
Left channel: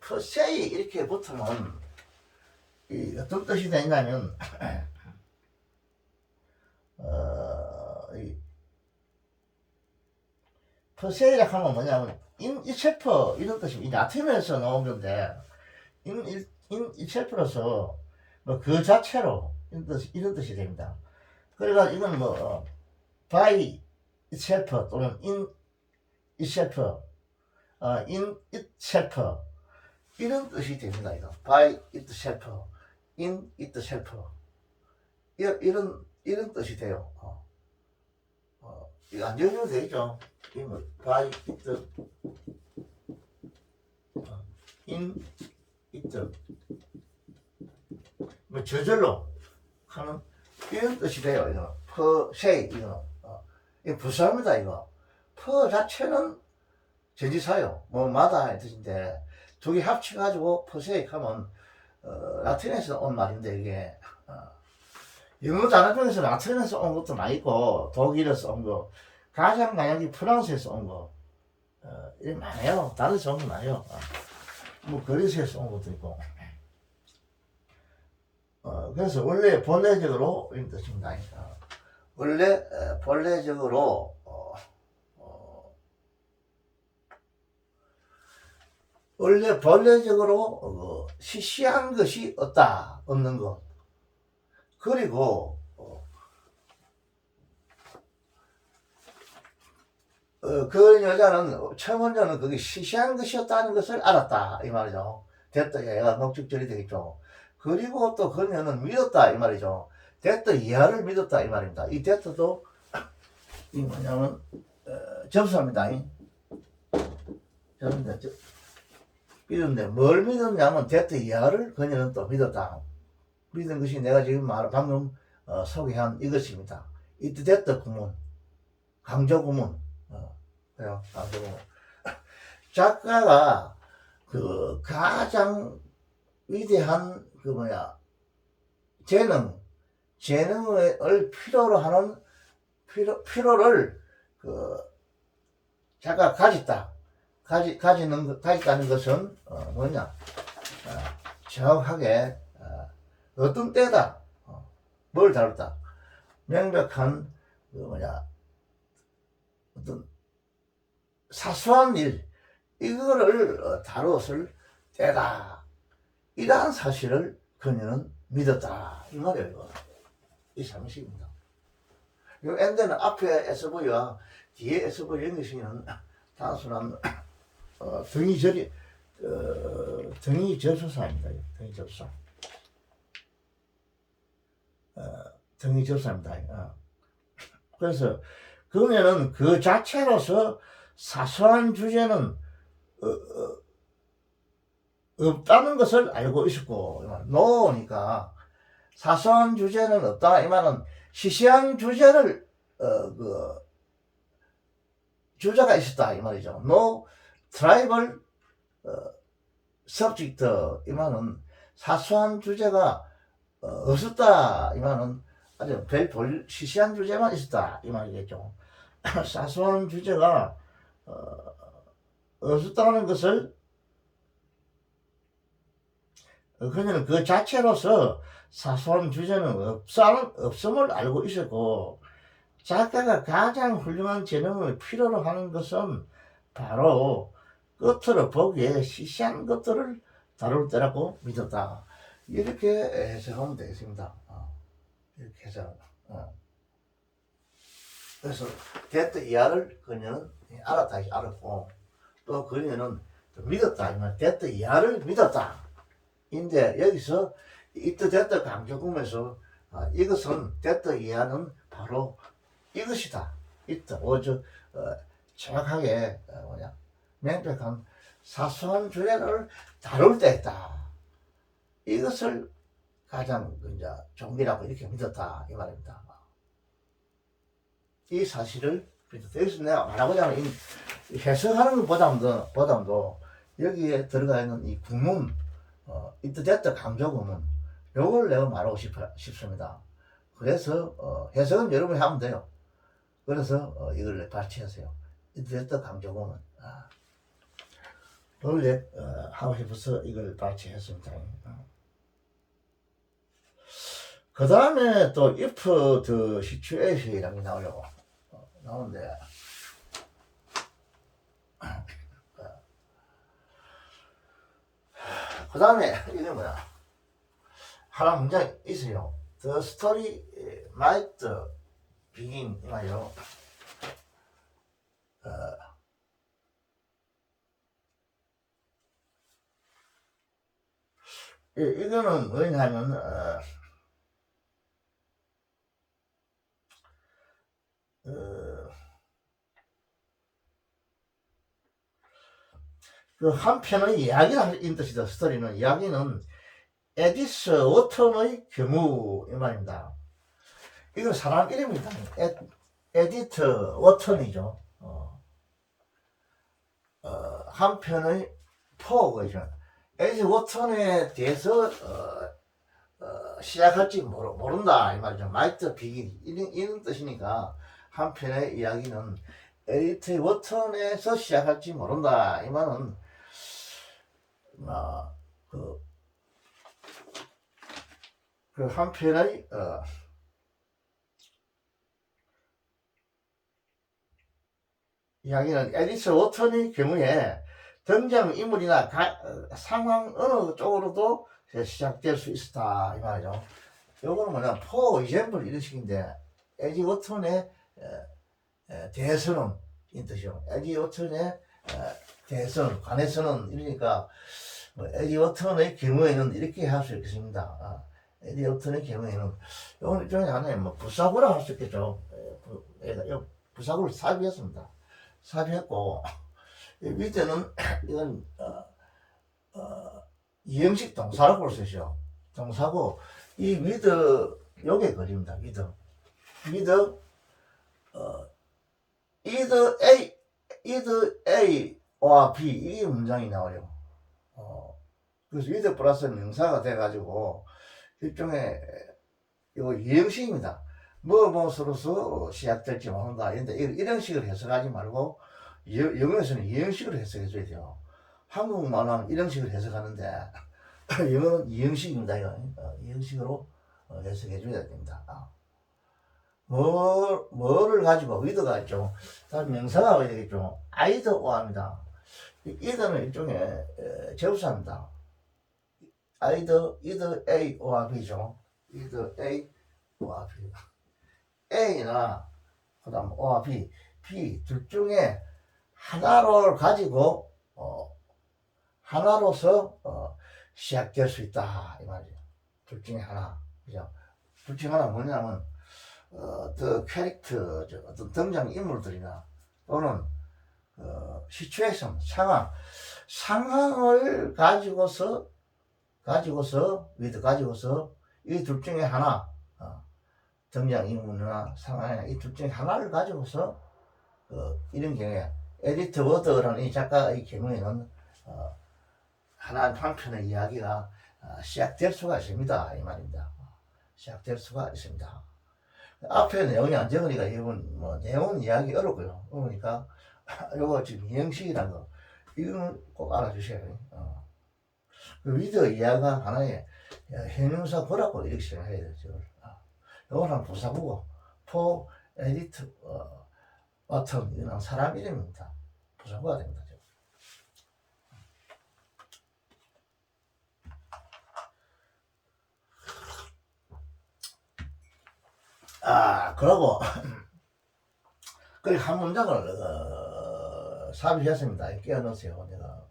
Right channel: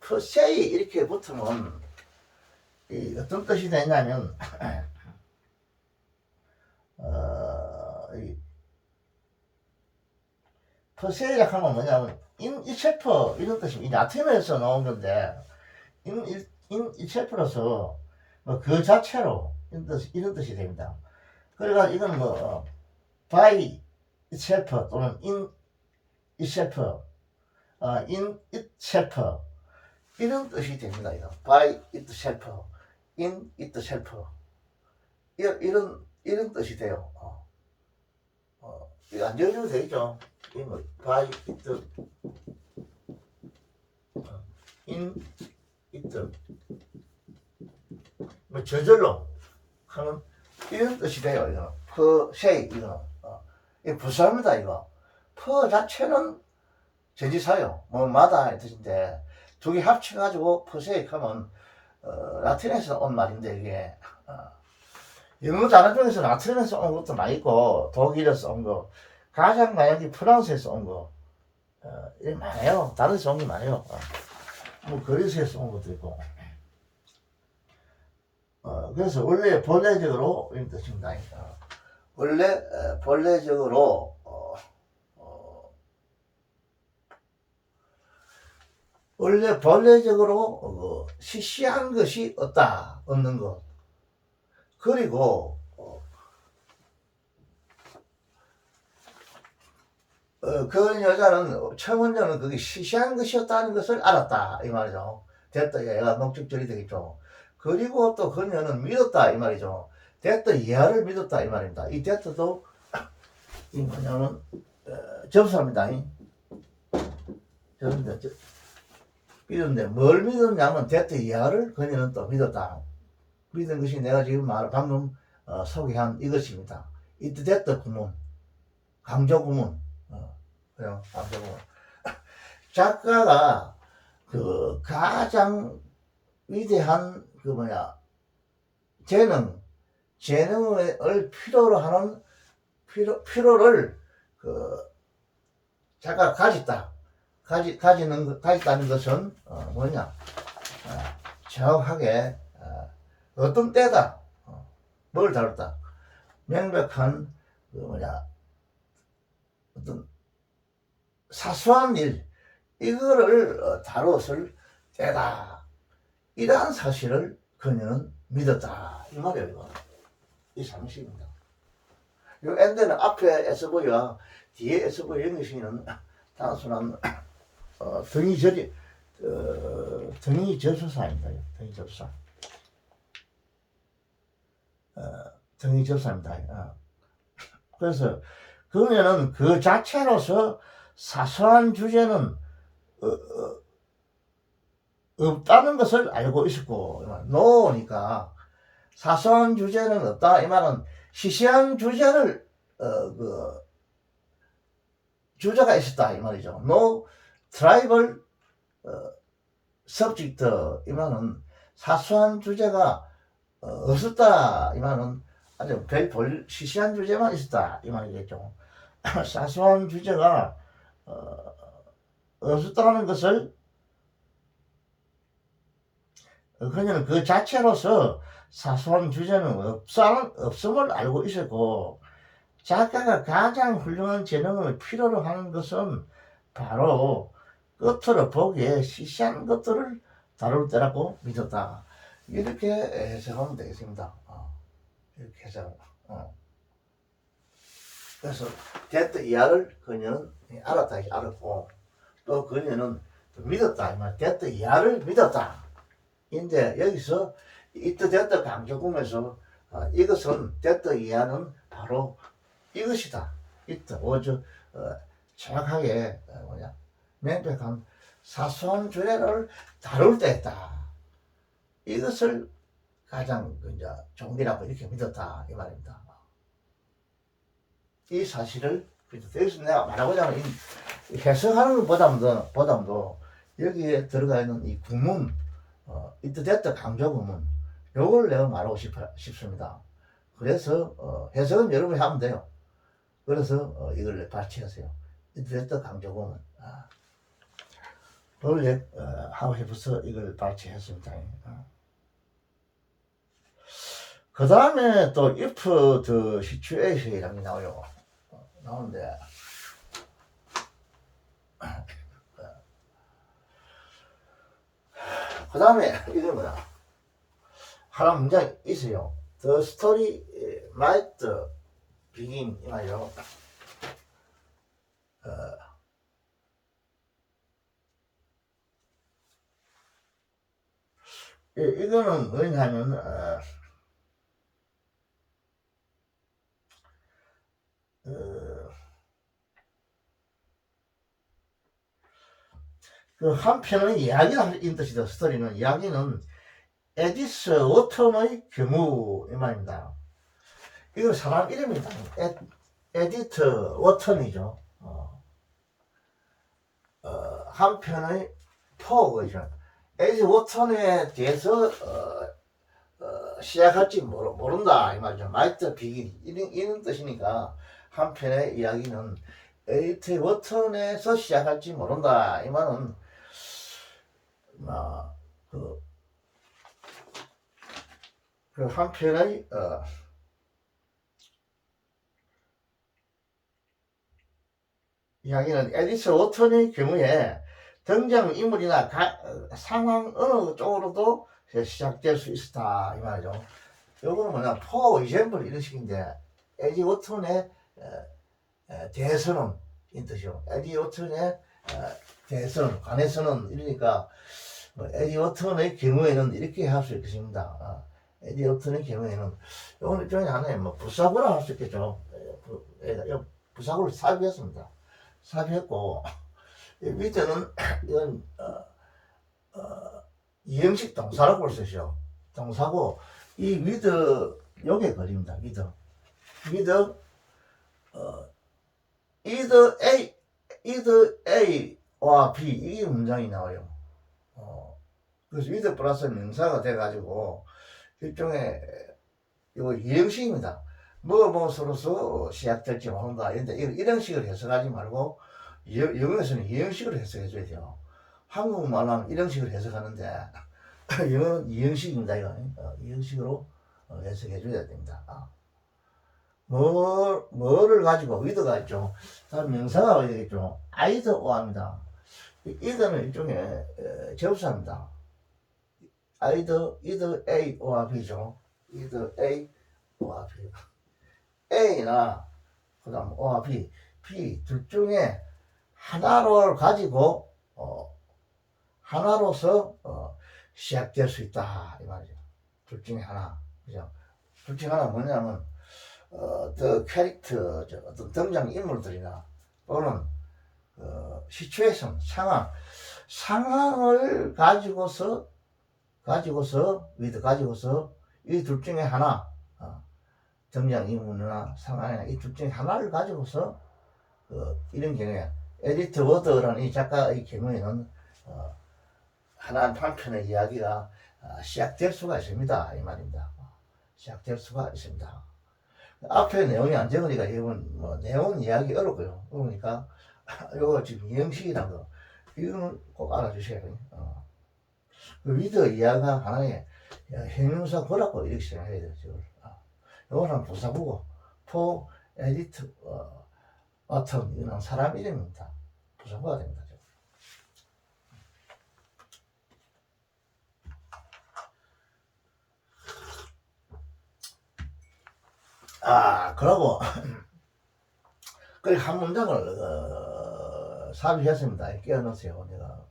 퍼세이 이렇게 붙으면 이 어떤 뜻이 되냐면 이 퍼세이라 하면 뭐냐면 인이셀프 이런 뜻이 라틴어에서 나온 건데 인이셀프로서 뭐 그 자체로 이런 뜻이 됩니다. 그러니까 이건 뭐 by itself 또는 in itself, in itself 이런 뜻이 됩니다. 이거 by itself, in itself 이런 뜻이 돼요. 이거 안 적으면 되겠죠. 이거 by it, in it 뭐 저절로 하는 이런 뜻이 돼요. 이거 퍼세이 이거는 이거 불쌍합니다. 이거 퍼 자체는 전치사요. 뭐마다 뜻인데 두 개 합쳐가지고 퍼세이 하면 라틴에서 온 말인데 이게 영어 단어 중에서 라틴에서 온 것도 많이 있고 독일에서 온 거, 가장 많이 프랑스에서 온 거, 이게 많아요. 다른 데서 온 게 많아요. 뭐 그리스에서 온 것도 있고. 그래서 원래 본래적으로 이런 뜻입니다. 원래 본래적으로 원래 본래적으로 시시한 것이 없는 것. 그리고 그 여자는 청혼자는 그게 시시한 것이었다는 것을 알았다 이 말이죠. 됐다 얘가 목적절이 되겠죠. 그리고 또 그녀는 믿었다 이 말이죠. 됐다 이하를 믿었다 이 말입니다. 이 됐다도 이 뭐냐면 접수합니다. 믿었는데 뭘 믿었냐면 됐다 이하를 그녀는 또 믿었다. 믿은 것이 내가 지금 방금 소개한 이것입니다. 이때 됐다 구문, 강조 구문, 그래요 강조 구문. 작가가 그 가장 위대한 재능을 필요로 하는 필요를 작가가 가졌다는 것은 뭐냐? 정확하게 어떤 때다, 뭘 다뤘다, 명백한 어떤 사소한 일 이거를 다루었을 때다. 이러한 사실을 그녀는 믿었다 이 말이에요. 이거 이 상식입니다. 이 엔드는 앞에 SV와 뒤에 SV 연기시는 단순한 등위 접수사입니다. 등위 접수사. 등위 접수사입니다. 그래서 그러면은 그 자체로서 사소한 주제는 없다는 것을 알고 있었고, 노니까 사소한 주제는 없다 이 말은 시시한 주제를 주제가 있었다 이 말이죠. No tribal subject 이 말은 사소한 주제가 없었다 이 말은 아주 시시한 주제만 있었다 이 말이겠죠. 사소한 주제가 없었다는 것을 그녀는 그 자체로서 사소한 주제는 없음을 알고 있었고, 작가가 가장 훌륭한 재능을 필요로 하는 것은 바로 끝으로 보기에 시시한 것들을 다룰 때라고 믿었다. 이렇게 해석하면 되겠습니다. 이렇게 해석하면. 그래서 됐다 이하를 그녀는 알았다 알았고, 또 그녀는 믿었다. 됐다 이하를 믿었다. 인데 여기서 이때 됐다 강조금에서 이것은 됐다 이하는 바로 이것이다. 이때 오저 정확하게 명백한 사소한 주제를 다룰 때다. 이것을 가장 이제 종기라고 이렇게 믿었다 이 말입니다. 이 사실을 여기서 내가 말하고자 하는 이 해석하는 것보다도 여기에 들어가 있는 이 구문, 이때 됐다 강조 구문, 요걸 내가 말하고 싶습니다. 그래서 해석은 여러분이 하면 돼요. 그래서 이걸 발췌하세요. 이랬다 강조공은 원래 하고 싶어서 이걸 발췌했습니다. 그 다음에 또 if the situation이라는 게 나와요. 나오는데 그 다음에 이게 뭐냐, 하나 문장이 있어요. The story might begin 이 말이요. 이거는 뭐냐면 그 한편의 이야기라는 뜻이다. 스토리는 이야기는 에디스 워턴의 규모 이 말입니다. 이거 사람 이름이다. 에디트 워턴이죠. 한편의 포거죠. 에디트 워턴에 대해서 시작할지 모른다 이 말이죠. 마이트 비긴 이런 뜻이니까 한편의 이야기는 에디트 워턴에서 시작할지 모른다 이 말은 그 한편의 이야기는 에디스 워턴의 경우에 등장인물이나 상황 어느 쪽으로도 시작될 수 있었다 이 말이죠. 요거는 뭐냐, for example 이런 식인데 에디 워턴에 대해서는 이 뜻이요. 에디 워턴에 대해서는 관해서는 이러니까 에디 워턴의 경우에는 이렇게 할 수 있겠습니다. 에디 워턴의 경우에는 이건 일종의 하나의 부사구라 할 수 있겠죠. 부사구를 삽입했습니다. 삽입했고 위드는 이건 이형식 동사로 볼 수 있죠. 동사고 이 위드 요게 그립니다. 위드 either A와 B 이 문장이 나와요. 그래서 위드 플러스 명사가 돼가지고 일종의 요 이형식입니다. 무엇으로서 시작될지 모른다. 이런 식으로 해석하지 말고 영어에서는 이형식으로 해석해 줘야 돼요. 한국말은 이런 식으로 해석하는데 영어는 이형식입니다. 이형식으로 해석해 줘야 됩니다. 뭐를 가지고 위드가 있죠. 다음 명사가 어디 되겠죠. either입니다. either는 일종의 접수합니다. either A or B죠. either A or B. A나 그 다음 or B 둘 중에 하나를 가지고 하나로서 시작될 수 있다 이 말이죠. 둘 중에 하나, 그죠? 둘 중에 하나 뭐냐면 the character, 어떤 등장 인물들이나 또는 시츄에이션, 상황을 가지고서 이 둘 중에 하나, 등장 인물이나 상황이나 이 둘 중에 하나를 가지고서 이런 경우에 에디트 워드라는 이 작가의 경우에는 한 편의 이야기가 시작될 수가 있습니다 이 말입니다. 시작될 수가 있습니다. 앞에 내용이 안 적으니까 이건 내용 이야기 어렵고요. 그러니까 요거 지금 이형식이라는 거 이거는 꼭 알아주셔야 돼요. 그 위드 이야기가 하나의 형용사 보라고 이렇게 생각해야 돼요. 요거는 부사구고 포 에디트 어떤 이런 사람 이름입니다. 부사구가 됩니다. 그러고 한 문장을 삽입했습니다. 끼워넣으세요. 내가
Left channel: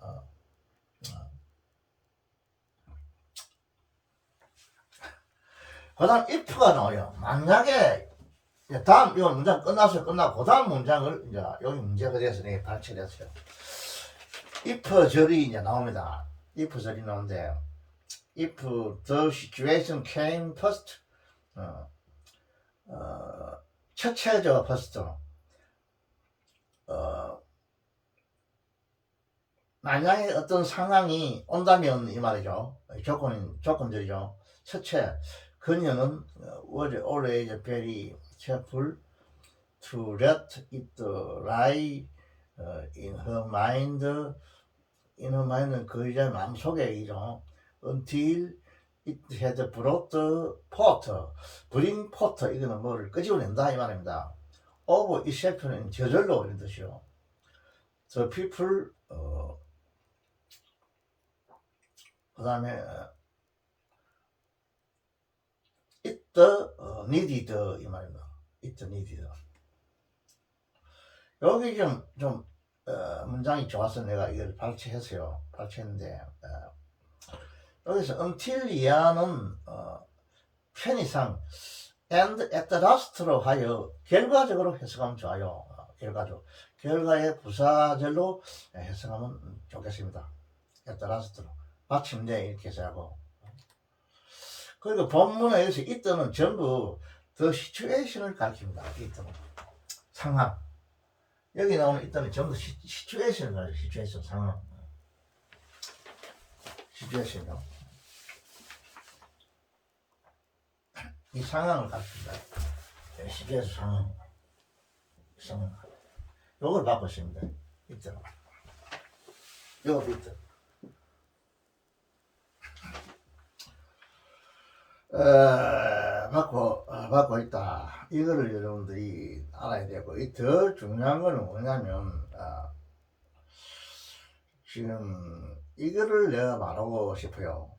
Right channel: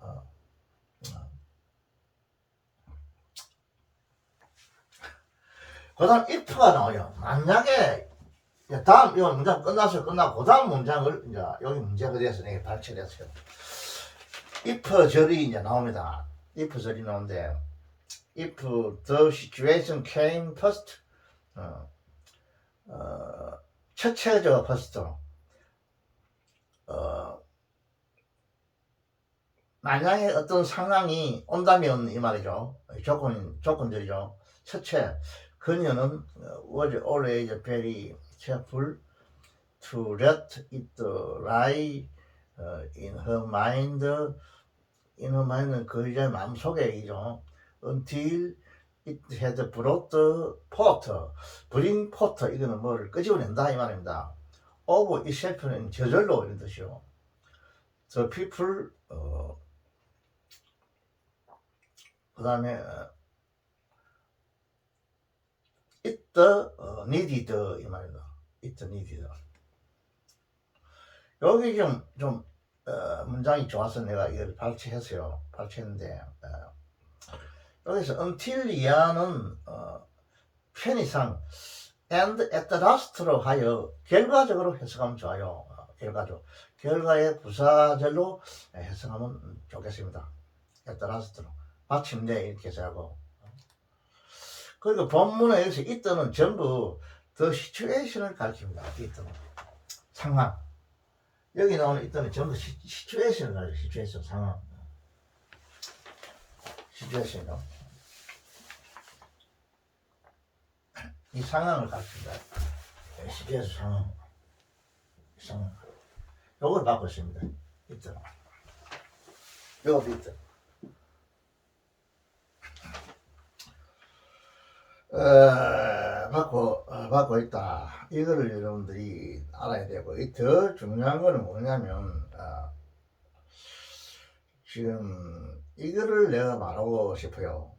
그 다음 if가 나와요. 만약에 다음 이 문장 끝나고 그 다음 문장을 이제 여기 문제가 돼서 내가 발췌를 했어요. if 절이 이제 나옵니다. if 절이 나오는데 if the situation came first, 첫째죠. first. 만약에 어떤 상황이 온다면 이 말이죠. 조건들이죠. 첫째, 그녀는 was always very careful to let it lie in her mind. in her mind는 그 여자의 마음속에 이죠. until it had brought forth. bring forth 이거는 뭐를 끄집어낸다 이 말입니다. of itself는 저절로 이런 뜻이요. the people 그 다음에 it needed 이 말입니다. it needed. 여기 좀 문장이 좋아서 내가 이걸 발췌했어요. 발췌했는데 여기서 until 이하는 편의상 and at the last로 하여 결과적으로 해석하면 좋아요. 결과의 부사절로 해석하면 좋겠습니다. at the last로 마침내 이렇게 해석하고. 그리고 본문에서 이때는 전부 the situation을 가리킵니다. 이때는 상황. 여기 나오는 이때는 전부 시츄에이션을 가지고 시츄에이션 상황. 시츄에이션이요. 이 상황을 가르칩니다. 시츄에이션 상황. 요걸 갖고 있습니다. 이때는. 요것도 있죠. 받고 있다. 이거를 여러분들이 알아야 되고, 더 중요한 거는 뭐냐면, 지금 이거를 내가 말하고 싶어요.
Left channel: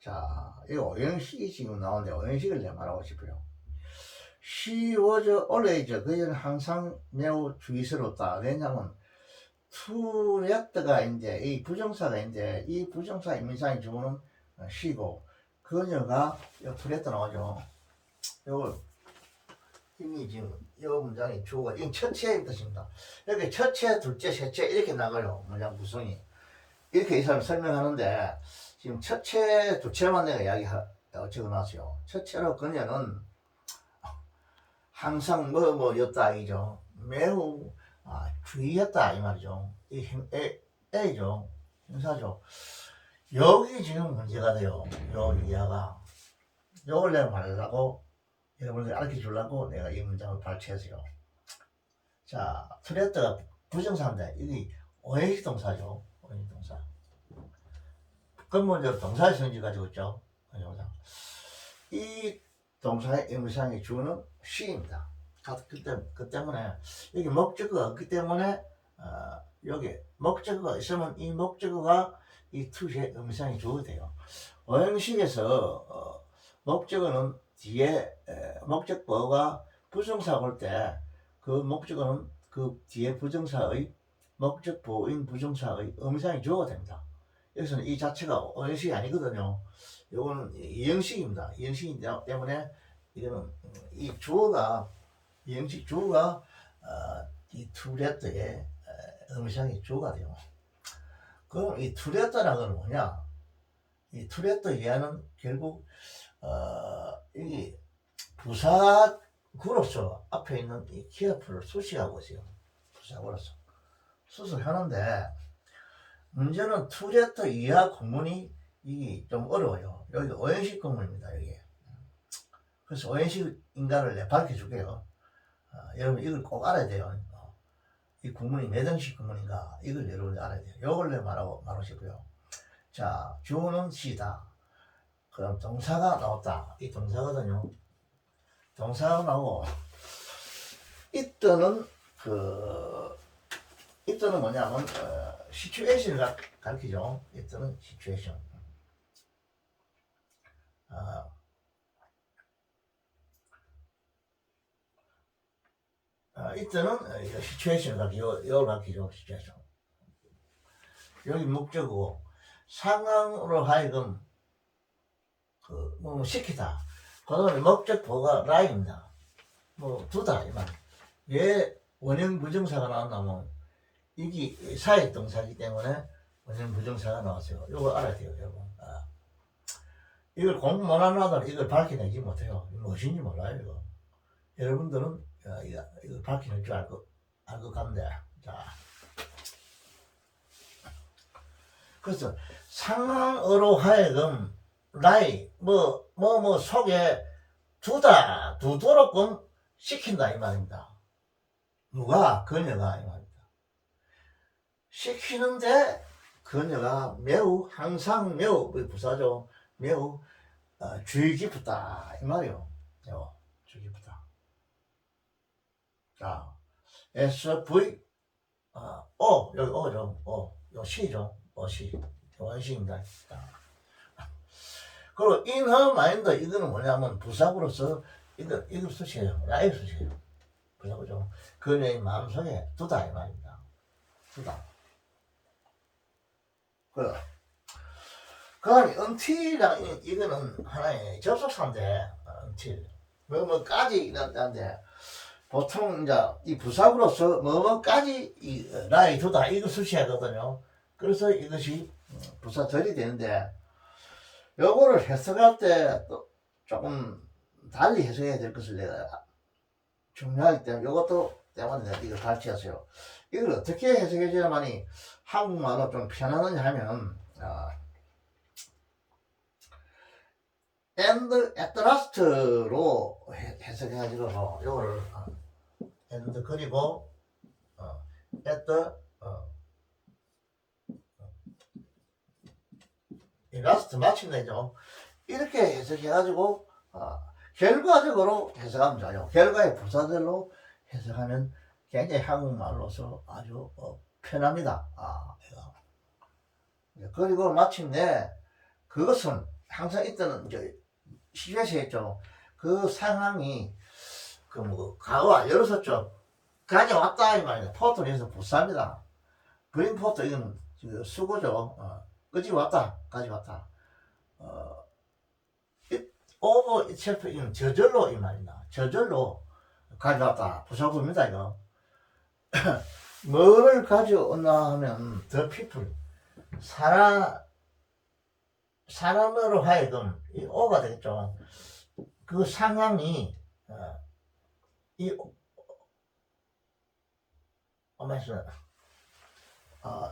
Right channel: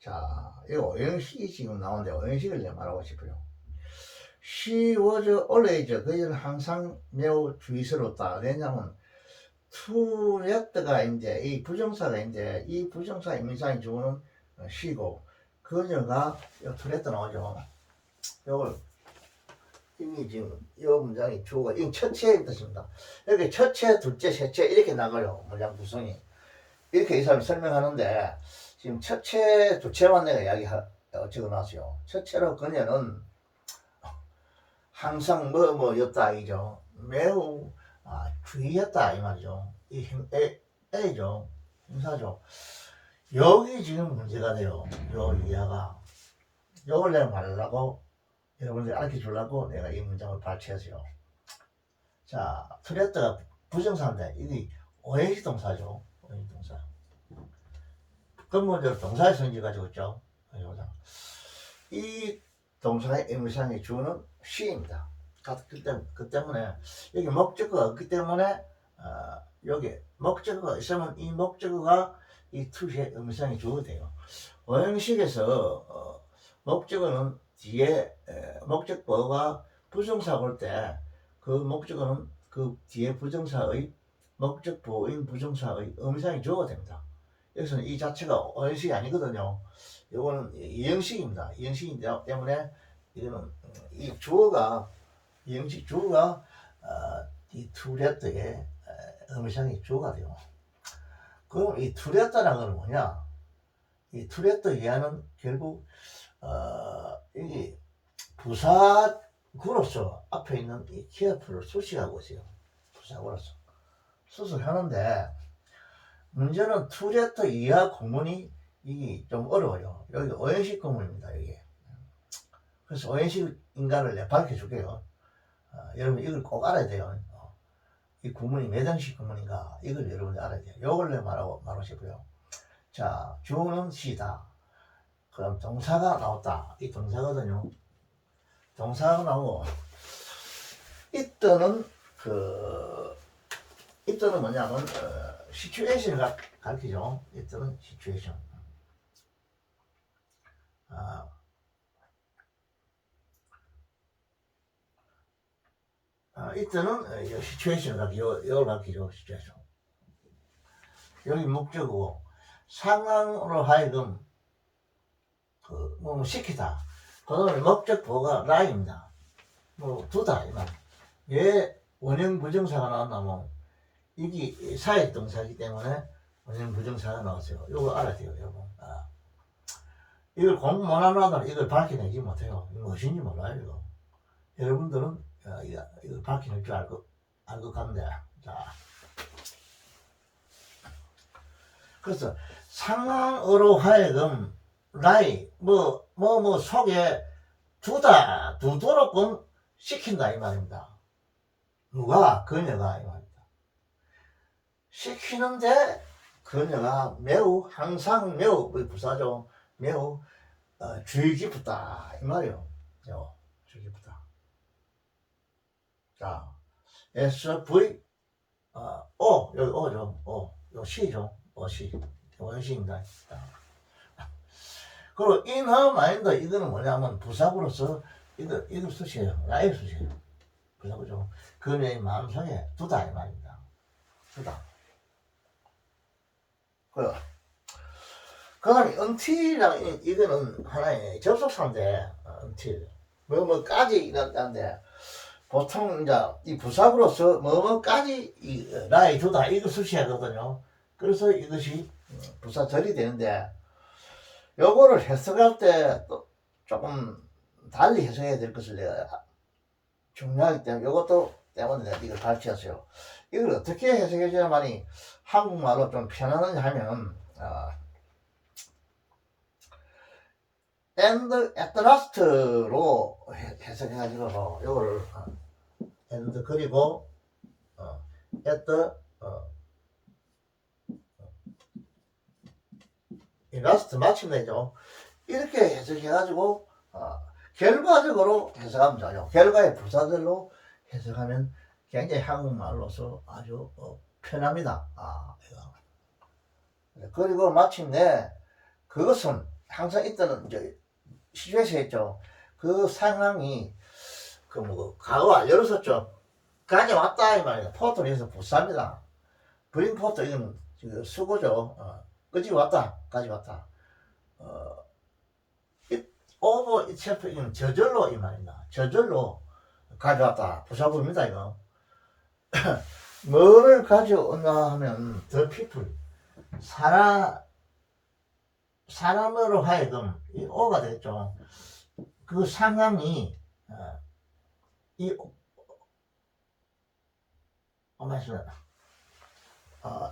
자, 이거 오형식이 지금 나오는데, 오형식을 내가 말하고 싶어요. She was always, 그녀는 항상 매우 주의스럽다. 왜냐면, to let가 이제, 이 부정사가 이제, 이 부정사 임의상이 주어는 she고, 그녀가 투레트 나오죠. 요걸 이미 지금 이 문장이 주어가 이 첫째의 뜻입니다. 이렇게 첫째, 둘째, 셋째 이렇게 나가요. 문장 구성이 이렇게 이 사람이 설명하는데 지금 첫째, 둘째만 내가 이야기 적어놨어요. 첫째로 그녀는 항상 뭐였다 이죠. 매우 주의했다 이 말이죠. 이 힘, 애죠. 형사죠. 여기 지금 문제가 돼요. 요 이하가. 요걸 내가 말하려고, 여러분들 알려 주려고 내가 이 문장을 발췌했어요. 자, 트레트가 부정사인데, 이게 오행식 동사죠. 오행식 동사. 근본적으로 동사의 성질 가지고 있죠. 이 동사의 임의상의 주어는 she입니다. 그 때문에, 여기 목적어가 없기 때문에, 여기 목적어가 있으면 이 목적어가 이 투시의 음성이 주어야 돼요. 오형식에서 목적어는 뒤에 목적보가 부정사 볼 때 그 목적어는 그 뒤에 부정사의 목적보인 부정사의 음성이 주어가 됩니다. 여기서는 이 자체가 오형식이 아니거든요. 이거는 이형식입니다. 이형식이기 때문에 이거는 이 주어가 이형식 주어가 이 투레트의 음성이 주어가 돼요. 그럼 이 투레트라는 건 뭐냐? 이 투레트 이하는 결국 이게 부사구로서 앞에 있는 이 careful을 수식하고 있어요. 부사구로서 수식하는데 문제는 투레트 이하 구문이 이게 좀 어려워요. 여기 오형식 구문입니다. 여기. 그래서 오형식 인간을 내가 밝혀줄게요. 여러분 이걸 꼭 알아야 돼요. 이 구문이 몇 형식 구문인가 이걸 여러분이 알아야 돼요. 이걸 내가 말하고 싶어요. 자, 주어는 she다. 그럼 동사가 나왔다. 이 동사거든요. 동사가 나오고 이때는 이때는 뭐냐면 situation을 가르치죠. 이때는 situation. 이때는 situation을 가르치죠. 이걸 가르치죠. situation. 여기 목적이고 상황으로 하여금 시키다. 그다음에 목적보가 라입니다. 두다 이만. 왜 원형 부정사가 나왔냐면 이게 사역 동사이기 때문에 원형 부정사가 나왔어요. 이거 알아야 돼요, 여러분. 이걸 공부 못하는 아들은 이걸 밝혀내지 못해요. 이거 무엇인지 몰라요, 이거. 여러분들은 이걸 밝혀낼 줄 알 것 같은데. 자. 그래서 상황으로 하여금 라이 뭐 속에 두도록끔 시킨다 이 말입니다. 누가? 그녀가 이 말입니다. 시키는데 그녀가 매우 항상 매우 부사죠. 매우 주의 깊다 이 말이요. 주의 깊다. 자, SV 여기 O죠. 요 C죠. C. 원시입니다. 그리고 in her mind 이거는 뭐냐면 부사구로서 이걸 쓰시에요. 라이 쓰시에요. 부사구죠. 그녀의 마음속에 두다 이 말입니다. 두다. 그 다음에 until이랑 이거는 하나의 접속사인데 until 뭐뭐까지 이란데 보통 이제 이 부사구로서 뭐뭐까지 이 라이 두다 이거 쓰셔야 하거든요. 그래서 이것이 부사절이 되는데 요거를 해석할 때 또 조금 달리 해석해야 될 것을 내가 중요하기 때문에 요것도 때문에 내가 이걸 가르쳤어요. 이걸 어떻게 해석해 줘야만이 한국말로 좀 편안하게 하면 and at last로 해석해 가지고 요거를 and 그리고 at last 마침내죠. 이렇게 해석해가지고 결과적으로 해석하면 좋아요. 결과의 부사절로 해석하면 굉장히 한국말로서 아주 편합니다. 그리고 마침내 그것은 항상 있던 이제 시주에서 했죠. 그 상황이 과거 완료로 썼죠. 가져왔다 이 말이다. 포트는 여기서 부사입니다. 브링 포트 이거는 수고죠. 가져왔다. over itself 이건 저절로 이 말입니다. 저절로 가져왔다. 부사구입니다 이거. 뭐를 가져오나 하면 the people 사람으로 하여금 이 오가 되겠죠. 그 상황이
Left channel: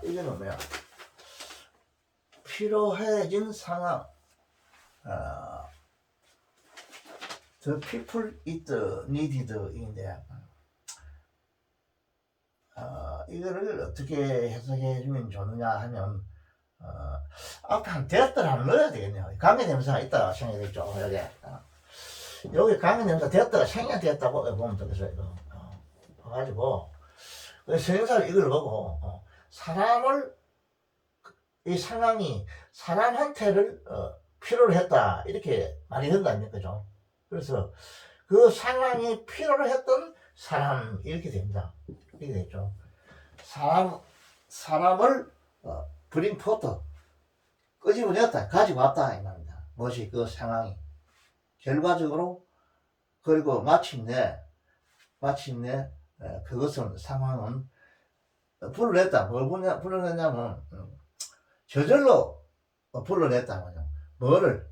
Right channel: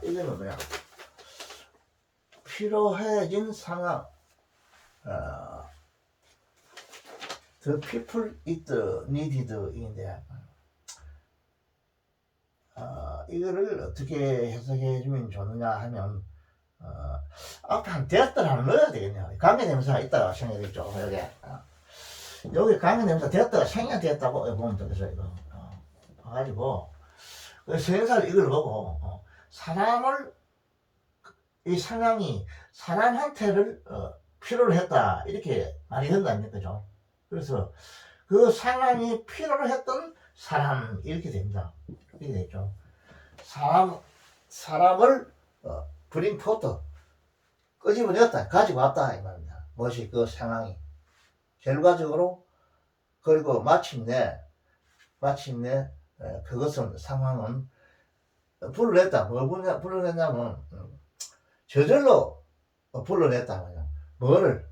이거는 뭐야? 필요해진 상황. The people it needed 인데 이거를 어떻게 해석해 주면 좋느냐 하면 앞에 한 됐더라 한번 넣어야 되겠네요. 관계대명사가 있다가 생략되겠죠. 여기 관계대명사 됐다가 생략됐다고 보면 되겠어요. 이거 가지고 성형사를 이걸 보고 사람을 이 상황이 사람한테를 필요로 했다 이렇게 말이 된다는 거죠. 그래서 그 상황이 필요로 했던 사람 이렇게 됩니다. 이렇게 되죠. 사람을 브링 포트 끄집어냈다 가지고 왔다 이 말입니다. 무엇이 그 상황이 결과적으로 그리고 마침내 그것은 상황은 불러냈다. 뭘 불러냈냐면 저절로 불러냈다 말이야. 뭐를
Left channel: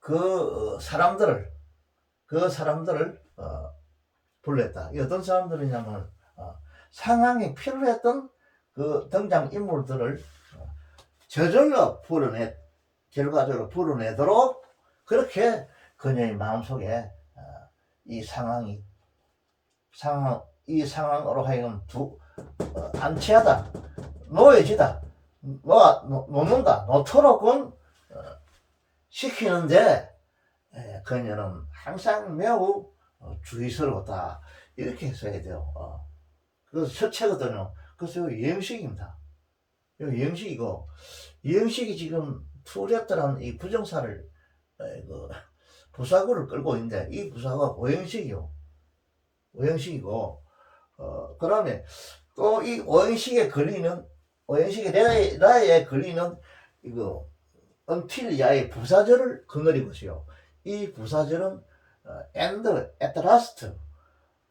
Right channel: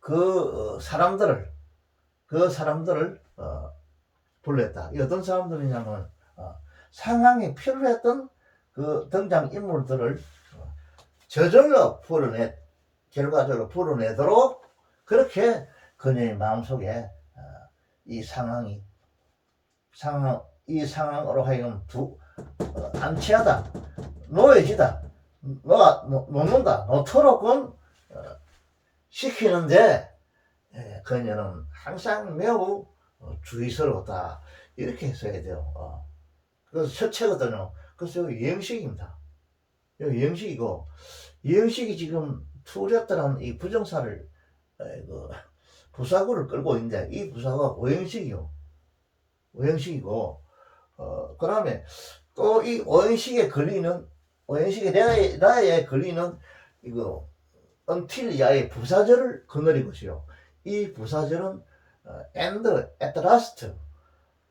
그 사람들을 불렀다. 이 어떤 사람들이냐면 상황이 필요했던 그 등장 인물들을 저절로 결과적으로 불어내도록 그렇게 그녀의 마음속에 이 상황으로 하여금 안치하다, 놓여지다, 놓도록은 시키는데 그녀는 항상 매우 주의스러웠다 이렇게 써야 돼요. 그래서 첫째거든요. 그래서 유형식입니다. 유형식이고 유형식이 지금 투렸다는 이 부정사를 부사구를 끌고 있는데 이 부사가 오형식이요. 오형식이고 그 다음에 또 이 오형식에 걸리는 라에 걸리는 이거 until야의 부사절을 거느린 것이요. 이 부사절은 and, at last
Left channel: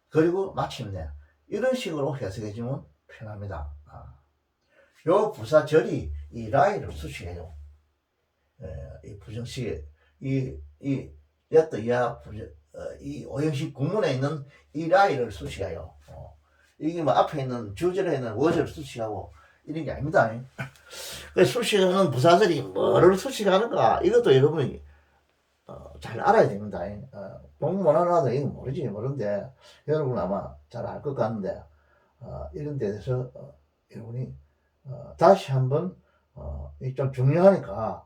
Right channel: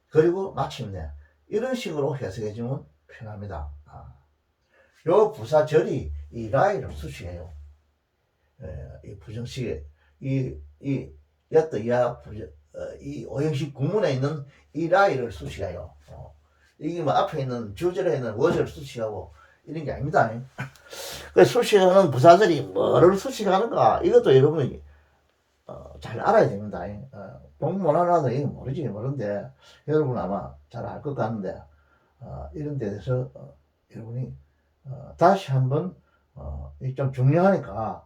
그리고 마침내 이런 식으로 해석해주면 편합니다. 요 부사절이 이 라이를 수식해요. 이 부정식에 이 오형식 구문에 있는 이 라이를 수식해요. 이게 뭐 앞에 있는 주절에 있는 워절을 수식하고 이런 게 아닙니다. 그 수식하는 부사들이 뭐를 수식하는가 이것도 여러분이 잘 알아야 됩니다. 공부 못하나도 이거 모르는데 여러분 아마 잘 알 것 같은데 이런 데 대해서 여러분이 다시 한번 이게 좀 중요하니까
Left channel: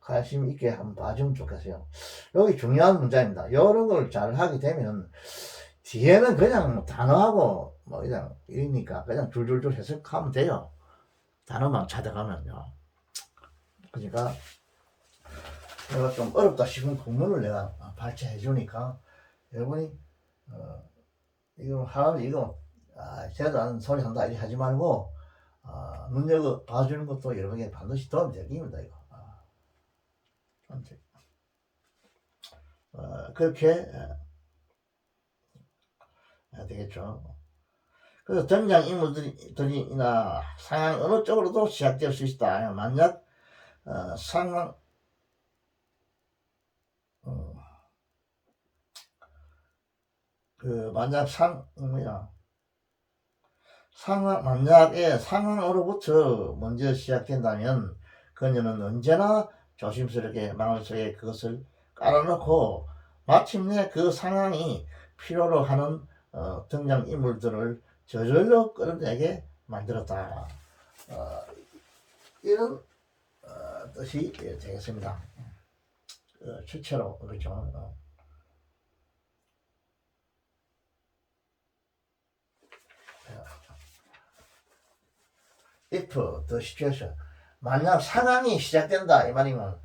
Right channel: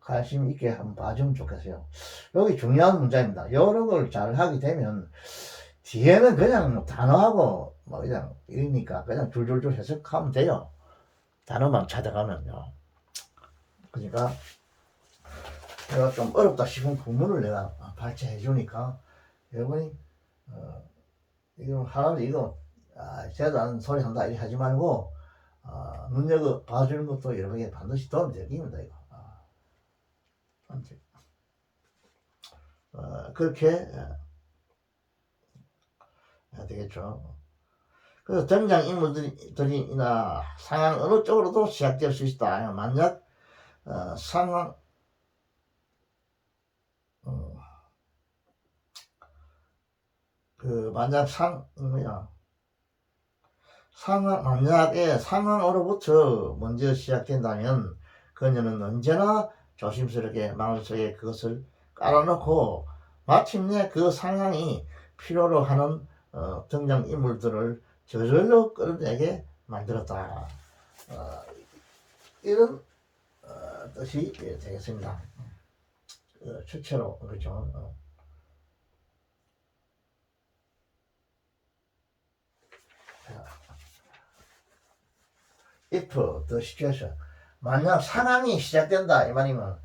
관심 있게 한번 봐주면 좋겠어요. 여기 중요한 문제입니다. 이런 걸 잘 하게 되면 뒤에는 그냥 뭐 단어하고 뭐 그냥 이러니까 그냥 줄줄줄 해석하면 돼요. 단어만 찾아가면요. 그러니까 내가 좀 어렵다 싶은 부분을 내가 발췌해 주니까 여러분이 이거 하면 이거 제가 아는 소리 한다 이렇게 하지 말고 눈여겨 봐주는 것도 여러분에게 반드시 도움이 되기입니다. 이거 그렇게 되겠죠. 그래서 등장인물들이나 상황 어느 쪽으로도 시작될 수 있다. 만약 상황 만약 만약에 상황으로부터 먼저 시작된다면 그녀는 언제나 조심스럽게 마음속에 그것을 깔아놓고 마침내 그 상황이 필요로 하는 등장인물들을 저절로 끌어내게 만들었다. 이런 뜻이 되겠습니다. 실제로 그렇죠. if the situation 만약 상황이 시작된다 이 말이면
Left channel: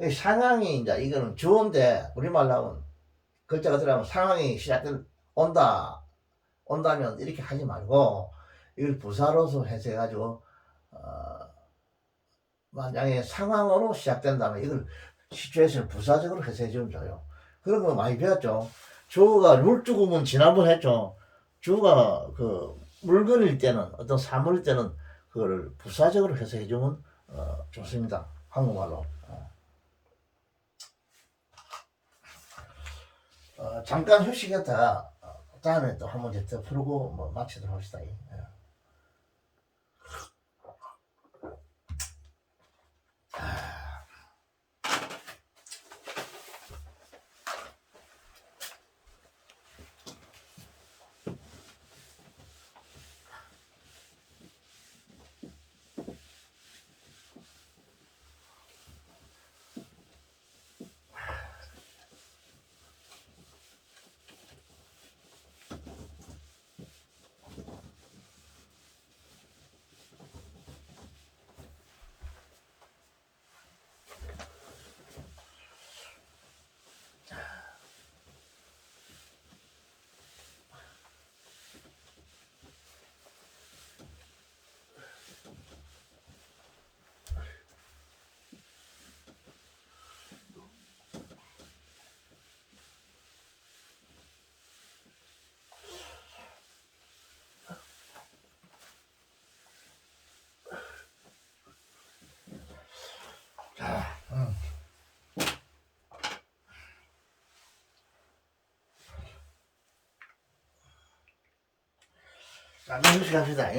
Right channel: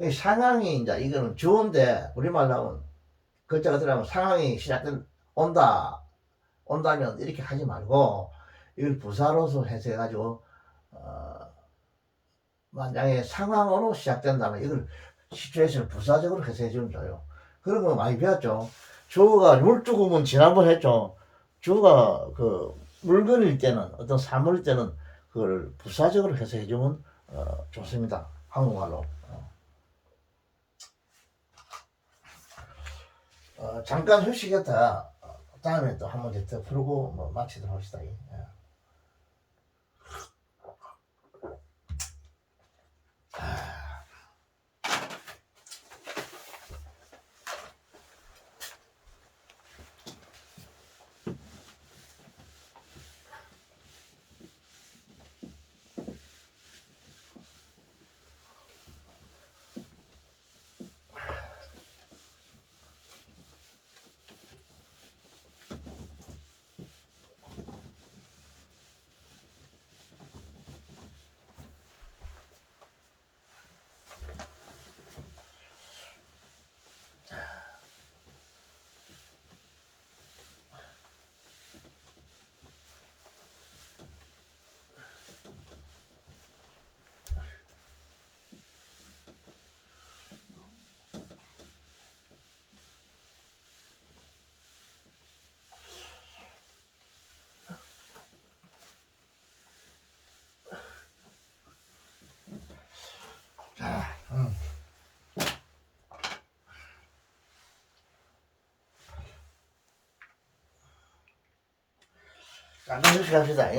이 상황이 이제 이거는 주어인데 우리말로 하면 글자가 들어가면 상황이 온다면 이렇게 하지 말고 이걸 부사로서 해석해 가지고 만약에 상황으로 시작된다면 이걸 시츄에이션 부사적으로 해석해 주면 좋아요. 그런 거 많이 배웠죠. 주어가 물주구문 지난번 했죠. 주어가 그 물건일 때는 어떤 사물일 때는 그걸 부사적으로 해석해 주면 좋습니다. 한국말로. 잠깐 휴식했다 다음에 또 한 문제 더 풀고 뭐 마치도록 합시다. 잠깐 휴식합시다.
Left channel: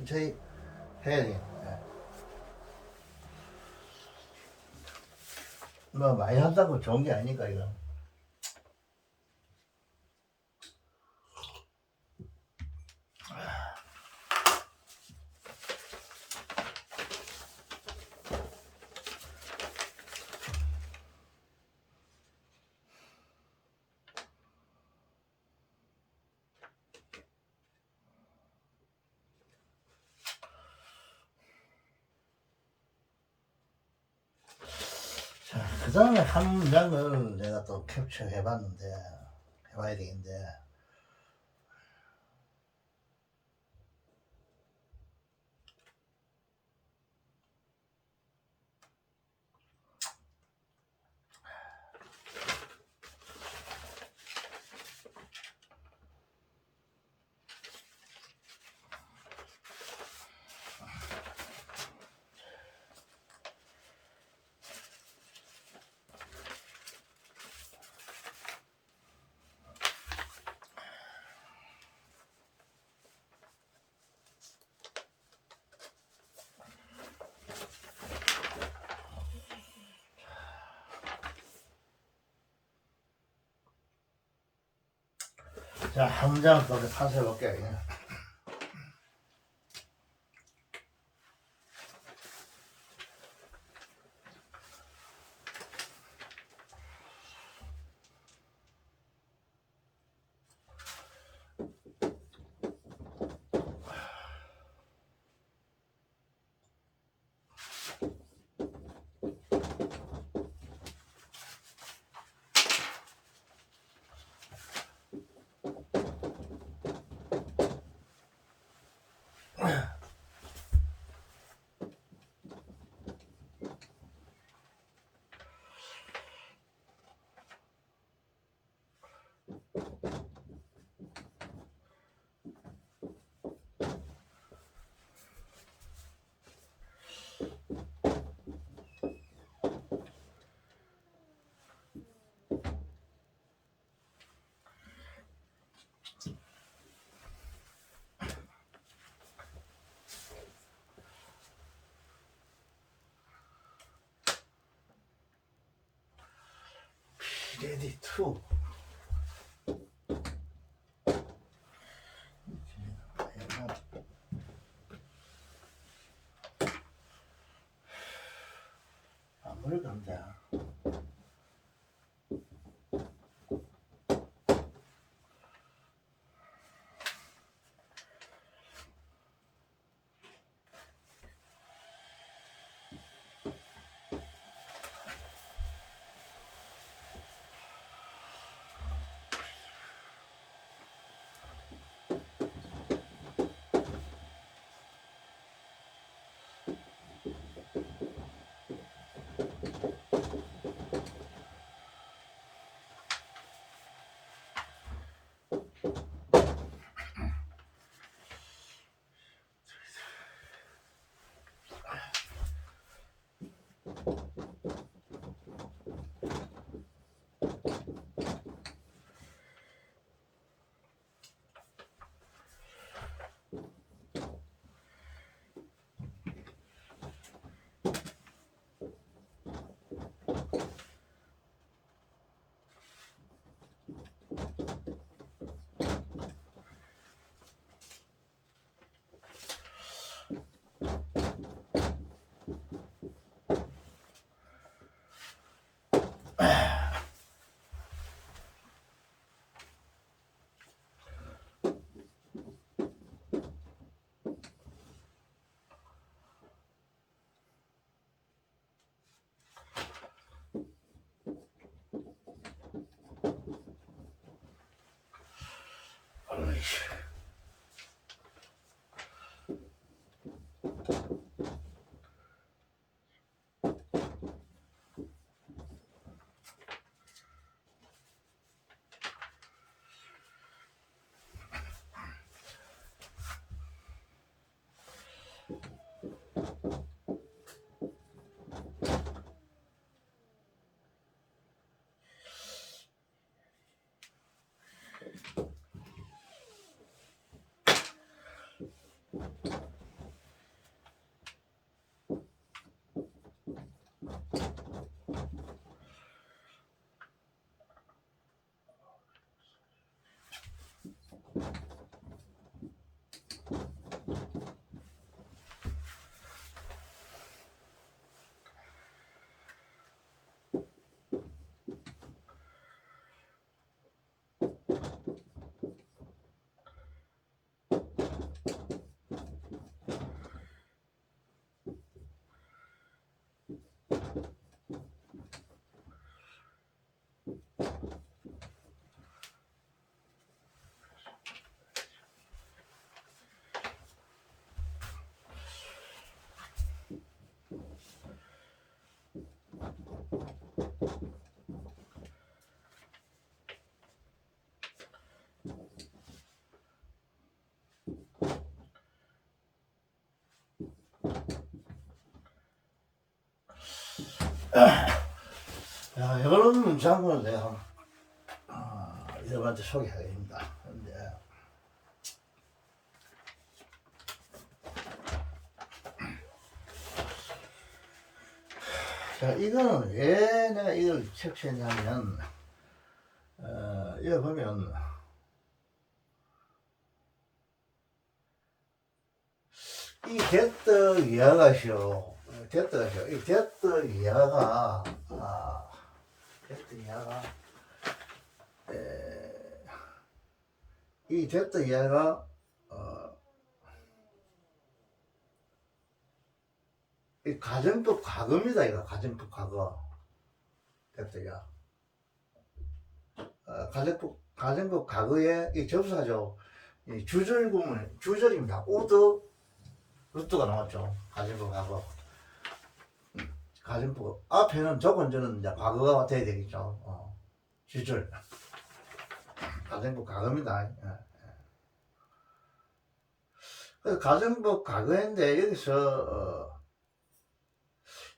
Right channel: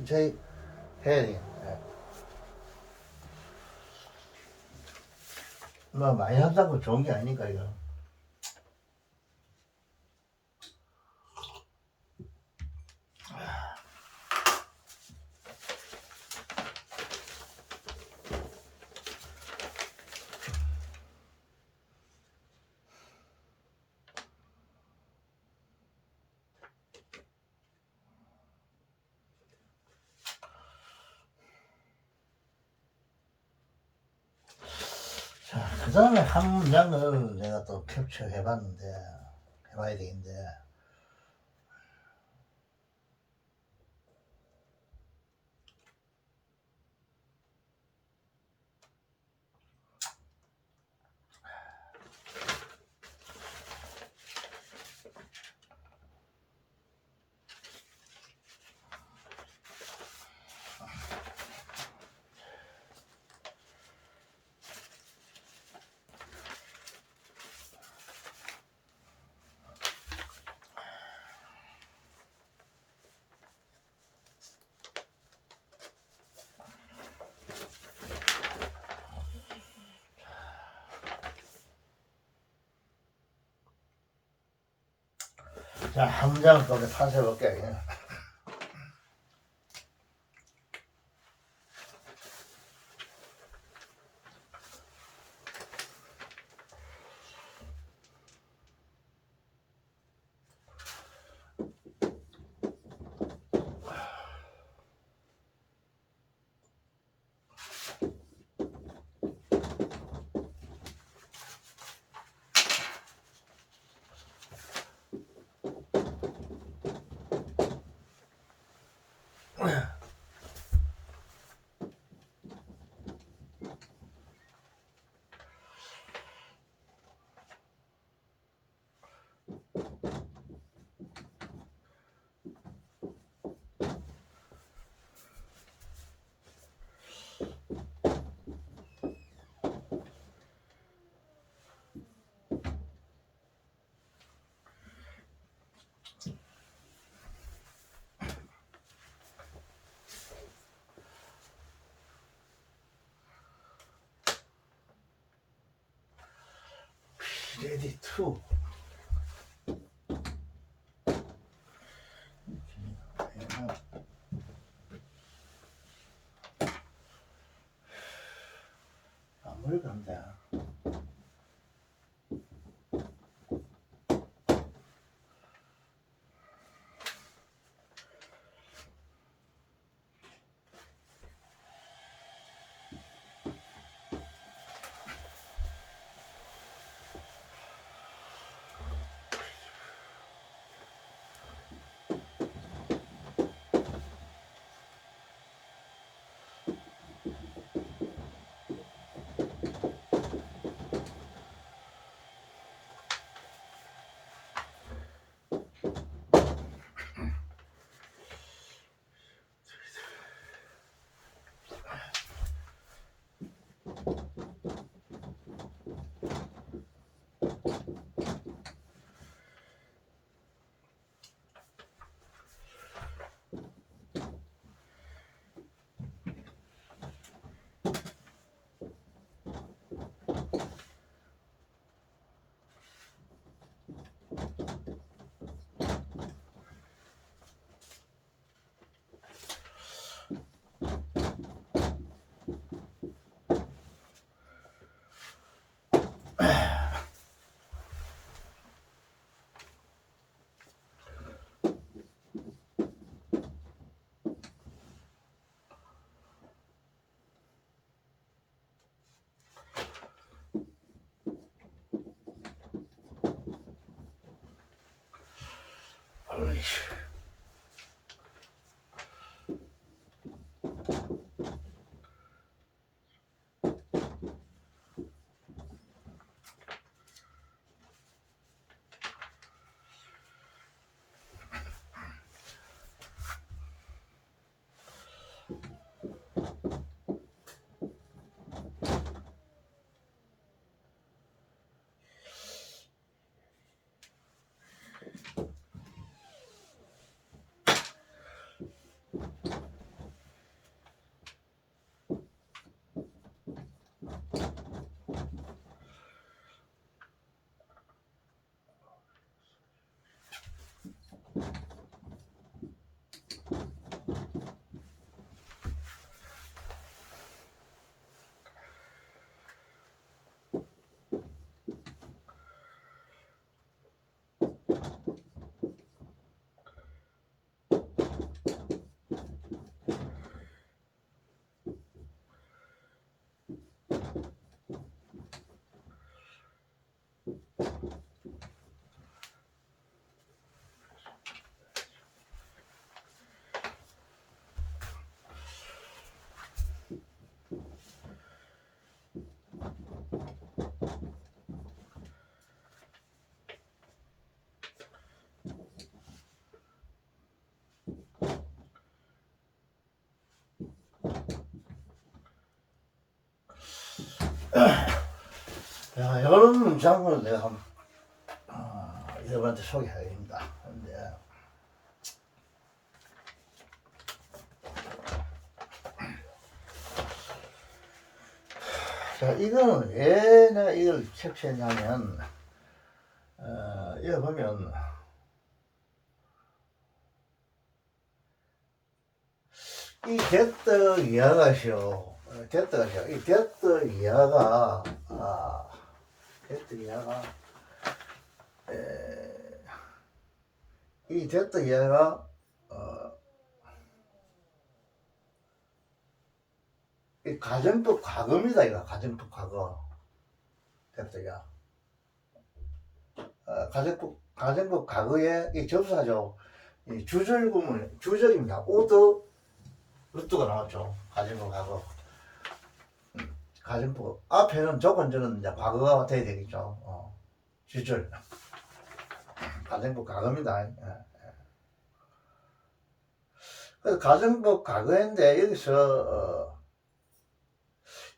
천천히 해야 돼. 예. 뭐 많이 한다고 좋은 게 아니니까 이거. 자, 그 다음에 한 문장을 내가 또 캡처 해봤는데, 해봐야 되겠는데, 자, 한 문장을 또 탄생해볼게. 레디 투. 안 버릴 겁니다. 어이씨. 자, 이런 문장을 내가 한번 여러분한테 소개하겠습니다. 근데 자, 이거는 왜 내가 이걸 캡처했냐면 여기 보면 이 개떡 이하가시오. 개떡가시오. 이 개떡 이하가 개떡 이하가 이 개떡 이하가 이 가정법 과거입니다. 이거 가정법 과거. 개떡이야. 가정법 과거에 이 접사죠. 이 주절구문 주절입니다. 오더 루트가 나왔죠. 가정법 과거. 가정법 앞에는 조건절은 이제 과거가 돼야 되겠죠. 주절. 가정법 과거입니다. 그래서 가정법 과거인데 여기서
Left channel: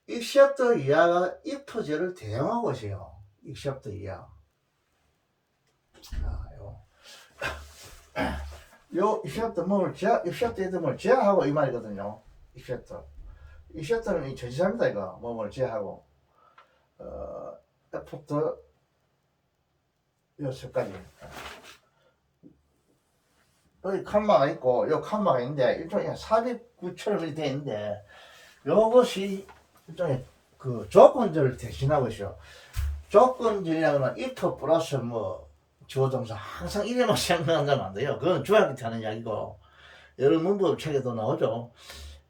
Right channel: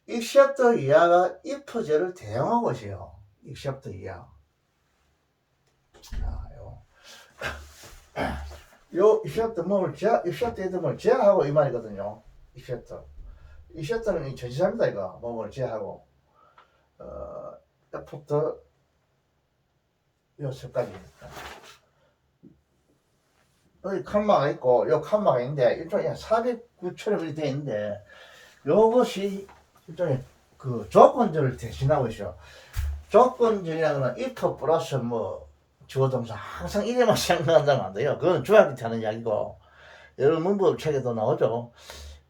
익셉트 이하가 if제를 대용한 것이요. 익셉트 이하. 요 익셉트 뭐를 익셉트 뭘 제하고 이 말이거든요. 익셉트는 이 전치사입니다. 이거 뭐를 제하고 애프터 요 색깔이 여기 칸마가 있고 요 칸마가 있는데 일종의 삽입구처럼 이렇게 되어 있는데 요것이 일종의 그 조건절을 대신하고 있어요. 조건절이라는 건 if 플러스 뭐 주어동사 항상 이래만 생각한다면 안 돼요. 그건 중학교 때 하는 이야기고 여러분 문법 책에도 나오죠.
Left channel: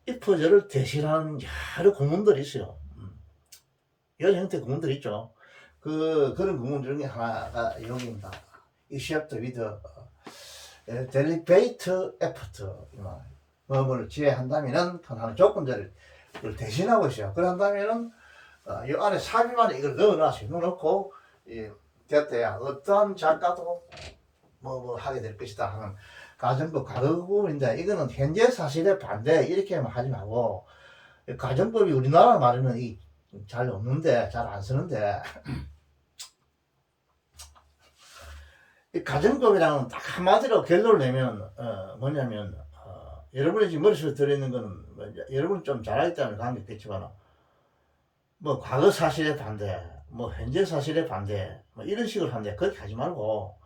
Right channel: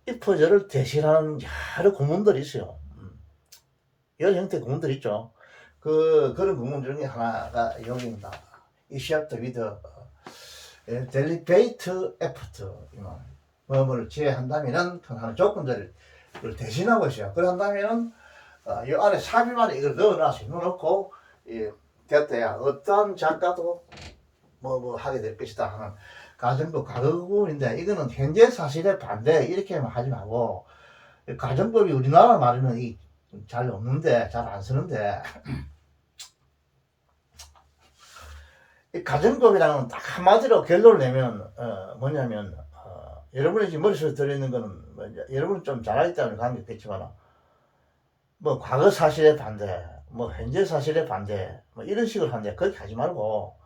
if절을 대신하는 여러 구문들이 있어요. 여러 형태의 구문들이 있죠. 그런 구문 중에 하나가 여기입니다. except with deliberate effort. 뭐를 제한다면은 하는 조건들을 대신하고 있어요. 그런다면은 이 안에 삽입만에 이걸 넣어놨어요. 넣어놓고 됐다야 어떠한 작가도 뭐 하게 될 것이다 하는 가정법 과거구문인데 이거는 현재 사실에 반대 이렇게 하지 말고 가정법이 우리나라 말에는 잘 없는데 잘 안 쓰는데 이 가정법이랑은 딱 한마디로 결론을 내면 뭐냐면 여러분이 지금 머릿속에 들어있는 거는 뭐 여러분 좀 잘 알기 때문에 관계겠지만 뭐 과거 사실에 반대 뭐 현재 사실에 반대 뭐 이런 식으로 하는데 그렇게 하지 말고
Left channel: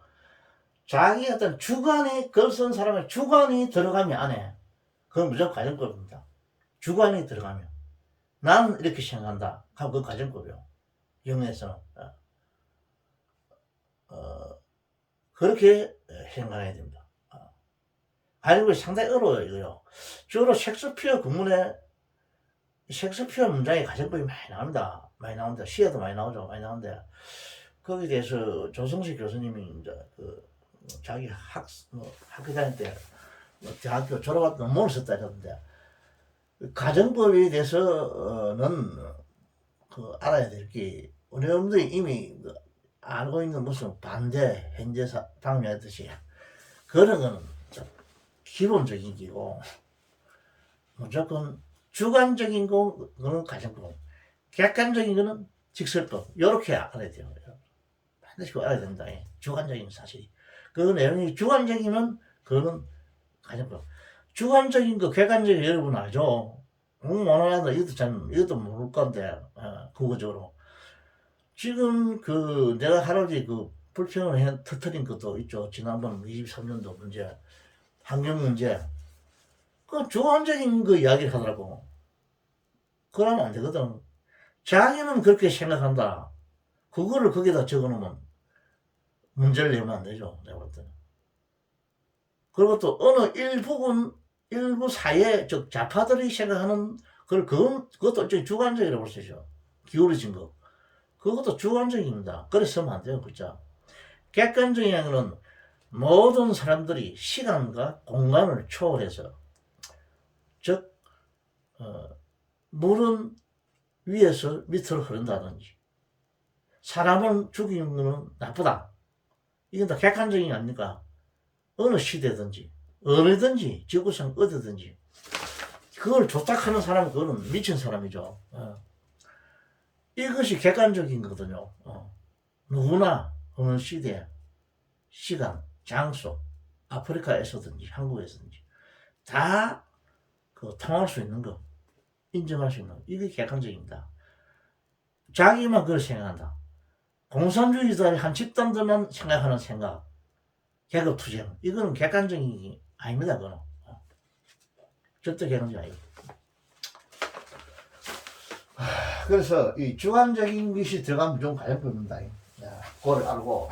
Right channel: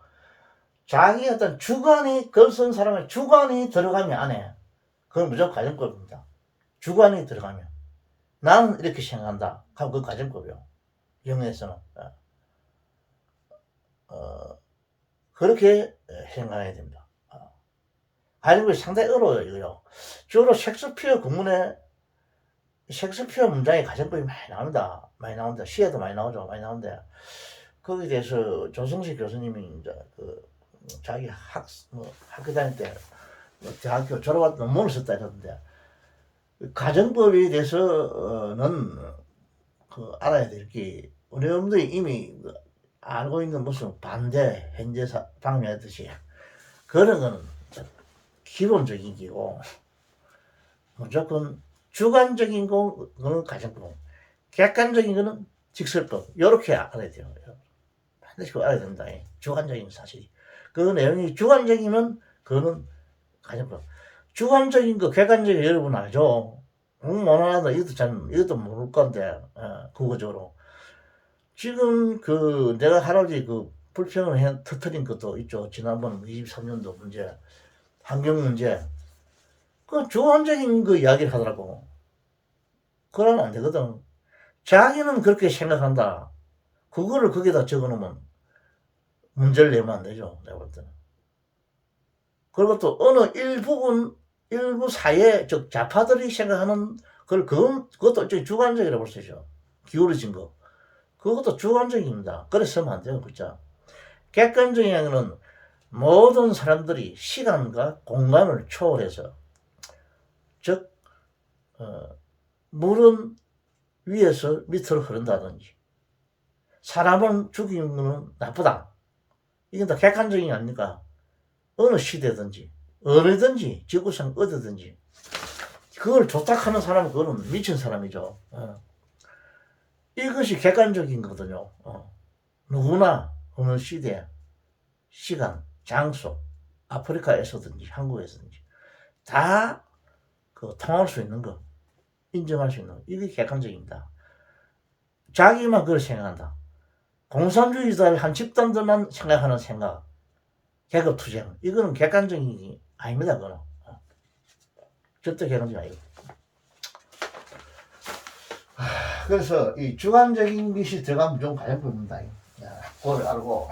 자기 어떤 주관이 글 쓴 사람의 주관이 들어가면 안에 그건 무조건 가정법입니다. 주관이 들어가면 나는 이렇게 생각한다 하면 그건 가정법이요. 영어에서는 그렇게 생각해야 됩니다. 가정법이 상당히 어려워요. 이거요. 주로 셰익스피어 구문에 셰익스피어 문장에 가정법이 많이 나옵니다. 많이 나온다. 시에도 많이 나오죠. 많이 나오는데 거기에 대해서 조성식 교수님이 이제 자기 학교 다닐 때 대학교 졸업할 때 논문을 썼다 이러던데 가정법에 대해서는 알아야 될 게 우리 여러분들이 이미 알고 있는 무슨 반대 현재 방면했듯이 그런 거는 기본적인 기고 무조건 주관적인 거는 가정법, 객관적인 거는 직설법 이렇게 알아야 돼요. 반드시 알아야 된다. 주관적인 사실. 그 내용이 주관적이면 그거는 가정법. 주관적인 거, 객관적인 거 여러분 알죠? 원하나도 이것도 모를 건데 국어적으로. 지금 내가 할아버지 불평을 터뜨린 것도 있죠. 지난번 23년도 문제, 환경 문제. 그 주관적인 거 이야기를 하더라고. 그러면 안 되거든. 자기는 그렇게 생각한다. 그거를 거기다 적어 놓으면 문제를 내면 안 되죠. 내가 볼 때는. 그리고 또 어느 일부 사회, 즉 좌파들이 생각하는 그것도 일종의 주관적이라고 볼 수 있죠. 기울어진 거. 그것도 주관적입니다. 그래서 쓰면 안 돼요. 글자. 객관적인 거는 모든 사람들이 시간과 공간을 초월해서 즉 물은 위에서 밑으로 흐른다든지 사람을 죽이는 것은 나쁘다. 이건 다 객관적인 게 아닙니까? 어느 시대든지 어디든지 지구상 어디든지, 그걸 조작하는 사람은 그거는 미친 사람이죠. 이것이 객관적인 거거든요. 누구나 어느 시대, 시간, 장소, 아프리카에서든지 한국에서든지 다 통할 수 있는 거, 인정할 수 있는 거, 이게 객관적입니다. 자기만 그걸 생각한다. 공산주의자를 한 집단들만 생각하는 생각, 계급투쟁, 이거는 객관적인 게 아닙니다. 그거는 절대 객관적이 아니에요. 그래서 이 주관적인 것이 들어가면 좀 가정법입니다. 그걸 알고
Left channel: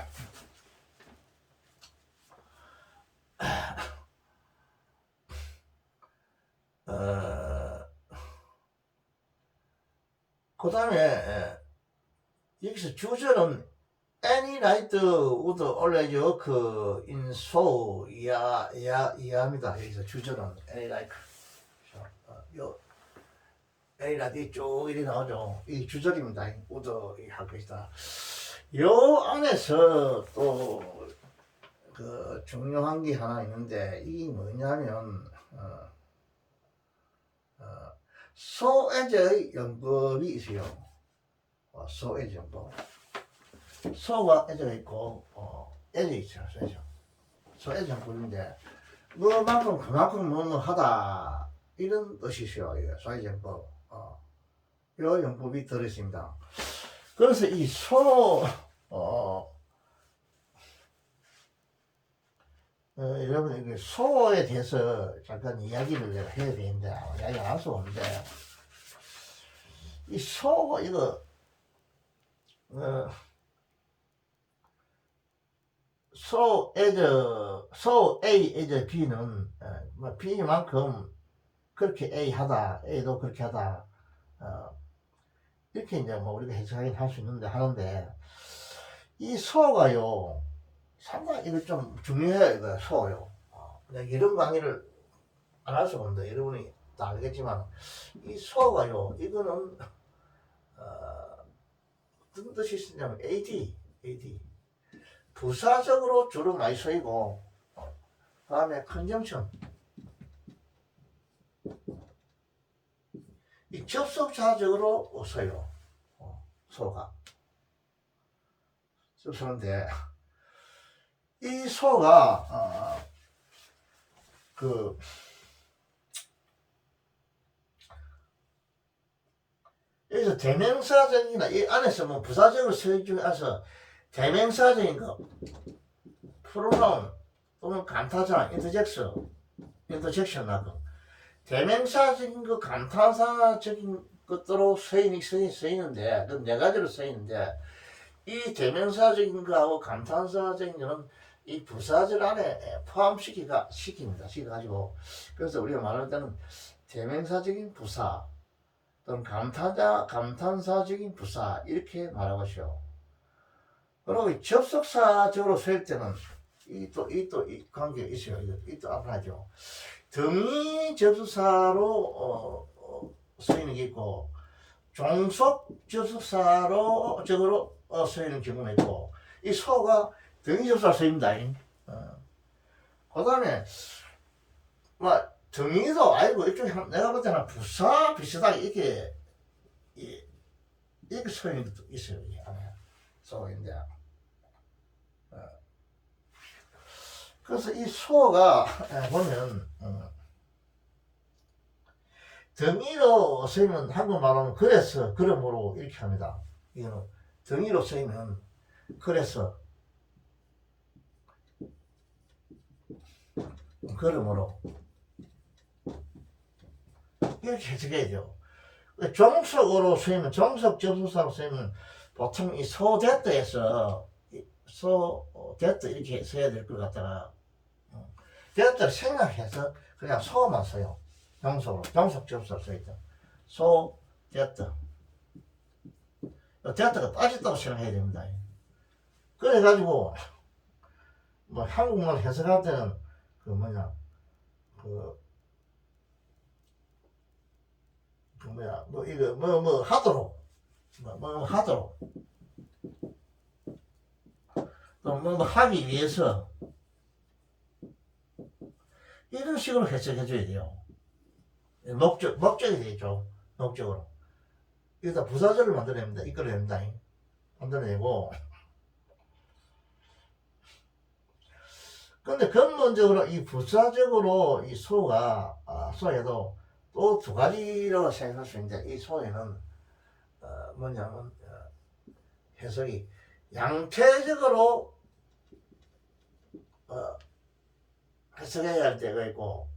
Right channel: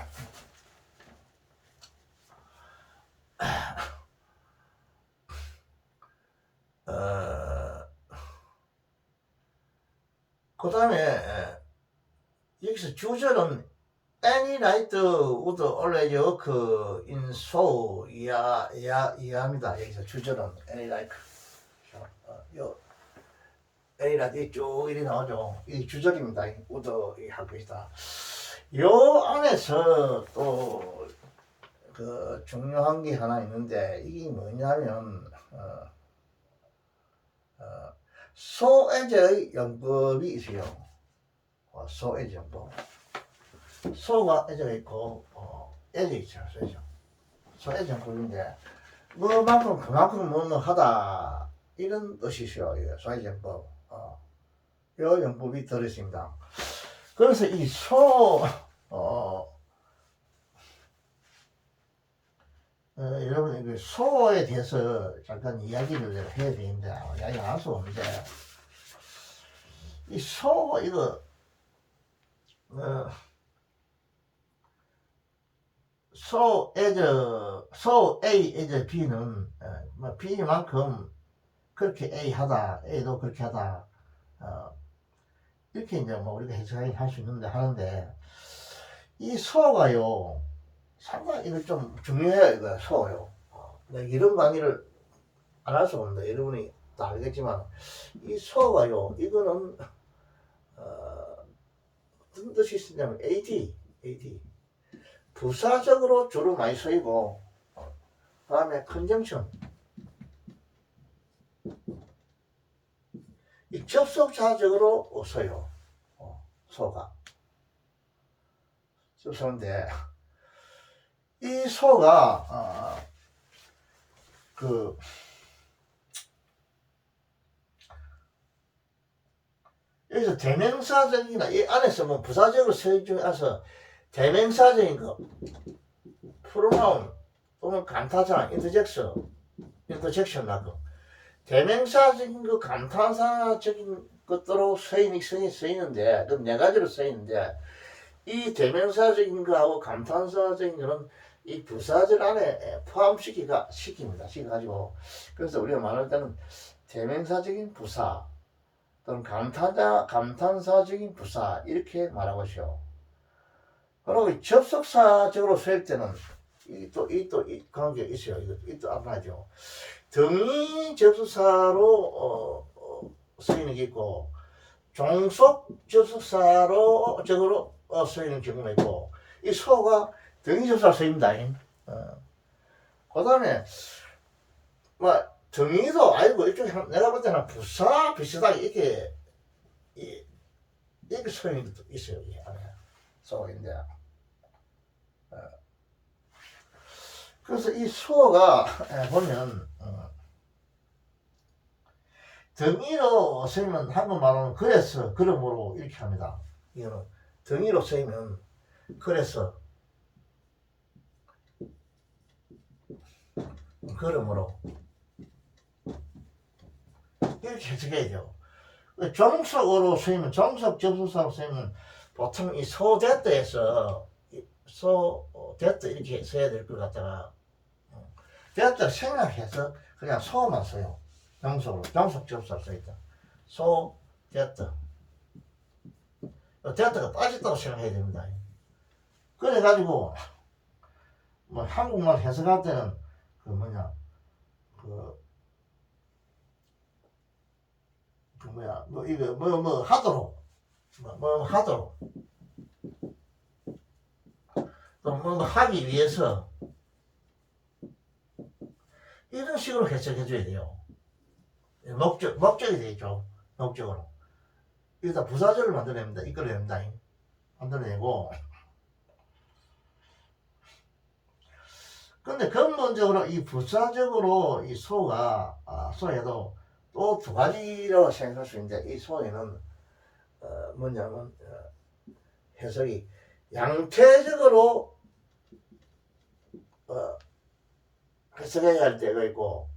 그 다음에 여기서 주절은 Any night would always occur in Seoul 이하입니다. 여기서 주절은 Any night. 요 Any night 쭉 이리 나오죠. 이 주절입니다. would 할 것이다. 요 안에서 또 중요한 게 하나 있는데 이게 뭐냐면 소에제의 영법이 있어요. 소에제 영법. 소가 에제가 있고 에제 있죠. 소에제 영법인데 뭐만큼 그만큼 뭐뭐 하다 이런 뜻이죠. 소에제 영법. 요 영법이 들어있습니다. 그래서 이 여러분 소에 대해서 잠깐 이야기를 해야 되는데 이야기 안 할 수 없는데 이 소 이거 소 A as B는 B만큼 그렇게 A 하다 A도 그렇게 하다 이렇게 이제 뭐 우리가 해석하긴 할 수 있는데 하는데 이 소가요 상당히 이거 좀 중요해요. 이거 소요. 이런 강의를 안 할 수 없는데 여러분이 다 알겠지만 이 소가요 이거는 어떤 뜻이 있냐면 AD 부사적으로 주로 많이 쓰이고 다음에 컨정션 이 접속사적으로 써요. 소가 쓰는데 이 소가 여기서 대명사적이나 이 안에서 뭐 부사적으로 쓰인 중에서 대명사적인 거 프로나운 또는 감타자 인터젝션 하고 대명사적인 거 감탄사적인 것들로 쓰이는데 그 네 가지로 쓰이는데 이 대명사적인 거하고 감탄사적인 거는 이 부사절 안에 시켜가지고 그래서 우리가 말할 때는 대명사적인 부사 또는 감탄사적인 부사 이렇게 말하고 있어요. 그리고 접속사적으로 쓰일 때는 이 관계 있어요. 이또 알아야죠. 등이 접속사로 쓰이는 게 있고 종속 접속사로 쓰이는 경우가 있고 이 소가 등이 접속사로 쓰입니다. 그 다음에 등이도 아니고 이쪽에 내가 볼 때는 부사 비슷하게 이렇게 쓰이는 것도 있어요. 이 안에 소가 있는데 그래서 이 소가 보면 등이로 쓰이면 한국말로는 그래서 그러므로 이렇게 합니다. 이거는 등이로 쓰이면 그래서 그러므로 이렇게 해석해야 돼요. 종속으로 쓰이면 종속 접속사로 쓰이면 보통 이 소대트에서 소대트 이렇게 써야 될 것 같다가 대트를 생각해서 그냥 소만 써요. 종속 접속사로 써있다. 소 대트 대트가 빠졌다고 생각해야 됩니다. 그래가지고 뭐 한국말 해석할 때는 하도록 하도록 또 하기 위해서 이런 식으로 해석해 줘야 돼요. 목적이 되죠. 목적으로 일단 부사절을 만들어냅니다. 이끌어냅니다. 만들어내고. 근데 근본적으로 이 부사적으로 이 소가, 소에도 또 두 가지로 생각할 수 있는데, 이 소에는, 뭐냐면, 해석이 양체적으로, 해석해야 할 때가 있고,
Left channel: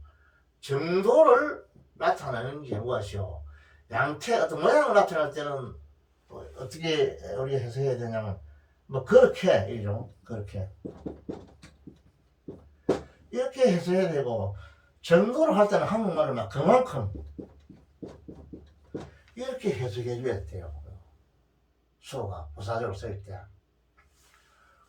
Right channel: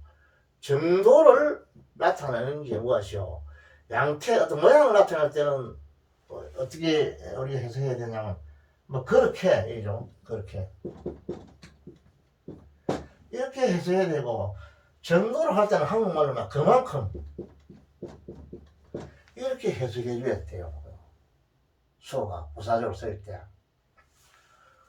정도를 나타내는 경우가 있어요. 양태, 어떤 모양을 나타낼 때는, 어떻게 우리가 해석해야 되냐면, 뭐, 그렇게, 이죠. 그렇게. 이렇게 해석해야 되고, 정도를 할 때는 한국말로 막 그만큼 이렇게 해석해 줘야 돼요. 소가 부사적으로 쓸 때.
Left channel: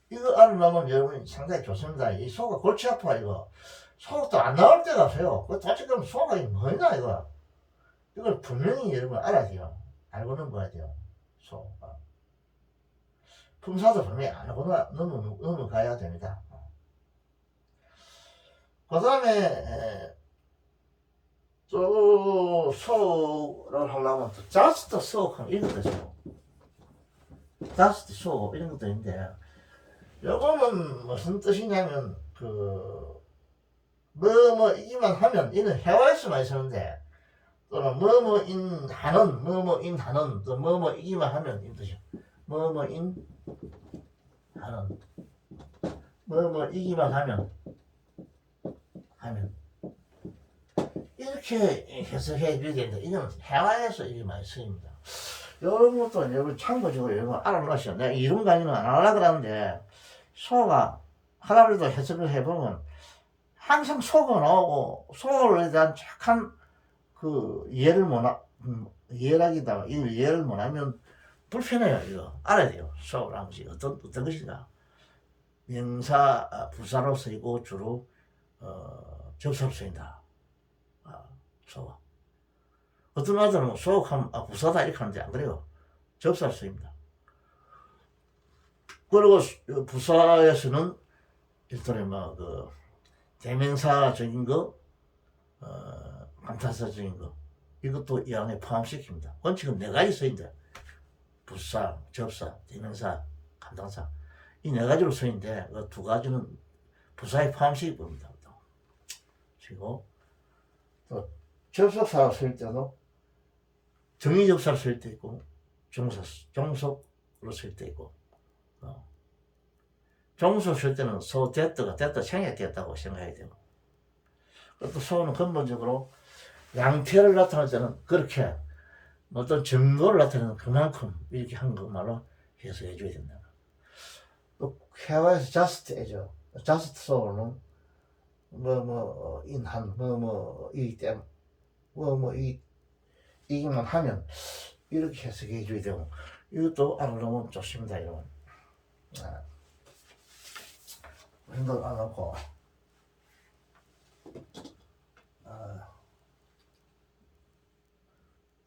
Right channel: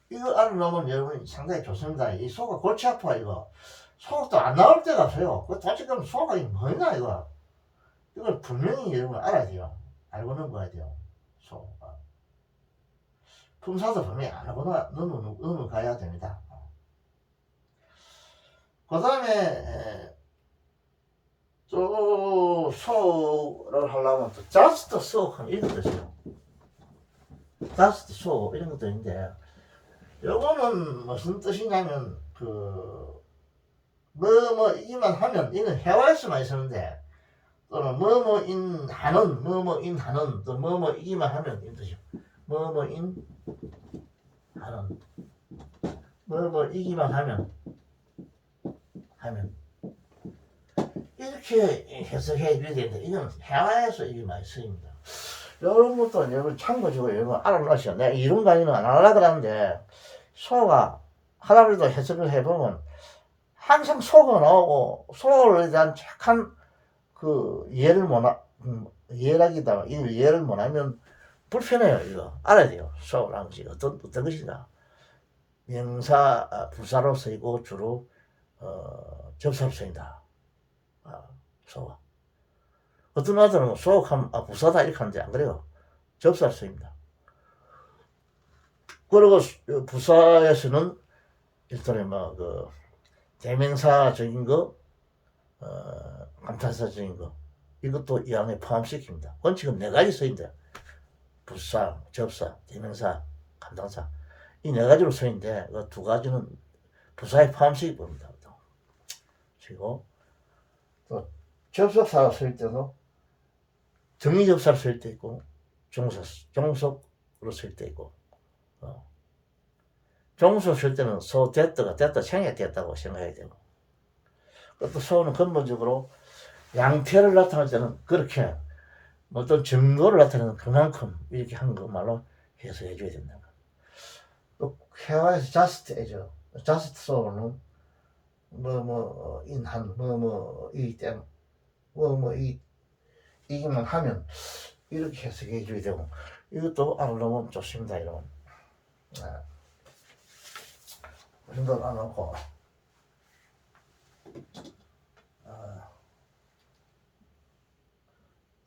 이거 알아놓으면 여러분이 상당히 좋습니다. 이 소가 골치 아파, 이거. 소가 또 안 나올 때가 없어요. 그 도대체 그럼 소가 뭐냐, 이거. 이걸 분명히 여러분 알아야 돼요. 알고 넘어가야 돼요. 소. 품사도 분명히 알고 넘어가야 됩니다. 그 다음에, 또, 소를 하려면 또, just so 하면 이런 것도 있어요. just so, 이런 것도 있는데, 요거는 무슨 뜻이냐면, 이기만 하면, 이는 해와에서만 있었는데, 또는 뭐뭐인 하는, 뭐뭐인 하는, 또 뭐뭐이기만 하면, 이런 뜻이요. 뭐뭐인 하는, 뭐뭐이기만 하면. 이렇게 해석해 줘야 되는데, 이건 해화에서 이게 많이 쓰입니다. 이런 것도 여러분 참고지고 여러분 알아놓으시오. 내가 이런 강의는 안 하려고 하는데, 소가 하나라도 해석을 해보면, 항상 소가 나오고, 소에 대한 착한 예를 이해라기다. 이 예를 못하면 불편해요, 이거. 알아야 돼요. 소라는 것이 어떤 것이냐. 명사, 부사로 쓰이고 주로, 접사로 쓰인다. 소가. 어떤 아들은 소하면 부사다 이렇게 하는데 안 그래요. 접사로 쓰입니다. 그리고 부사에서는 일종의 대명사적인 거, 감탄사적인 거, 이것도 이 안에 포함시킵니다. 원칙은 네 가지 쓰인대. 부사, 접사, 대명사, 감탄사. 이 네 가지로 쓰인데, 그 두 가지는 부사에 포함시킬 겁니다. 그리고 또 접속사로 쓸 때도 정의접사로 쓸 때 있고, 종속으로 쓸 때 있고, 종속 쓸 때는 소 됐다 생략됐다고 생각해야 되고, 또 소는 근본적으로 양태를 나타낼 때는 그렇게 어떤 정도를 나타내는 그만큼 이렇게 한 것말로 해석해 줘야 된다. 또 해와에서 just as죠. just so는 인한 이기 때문에 이기만 하면 이렇게 해석해 줘야 되고, 이것도 알아놓으면 좋습니다. 여러분. 힘도 안 넣고,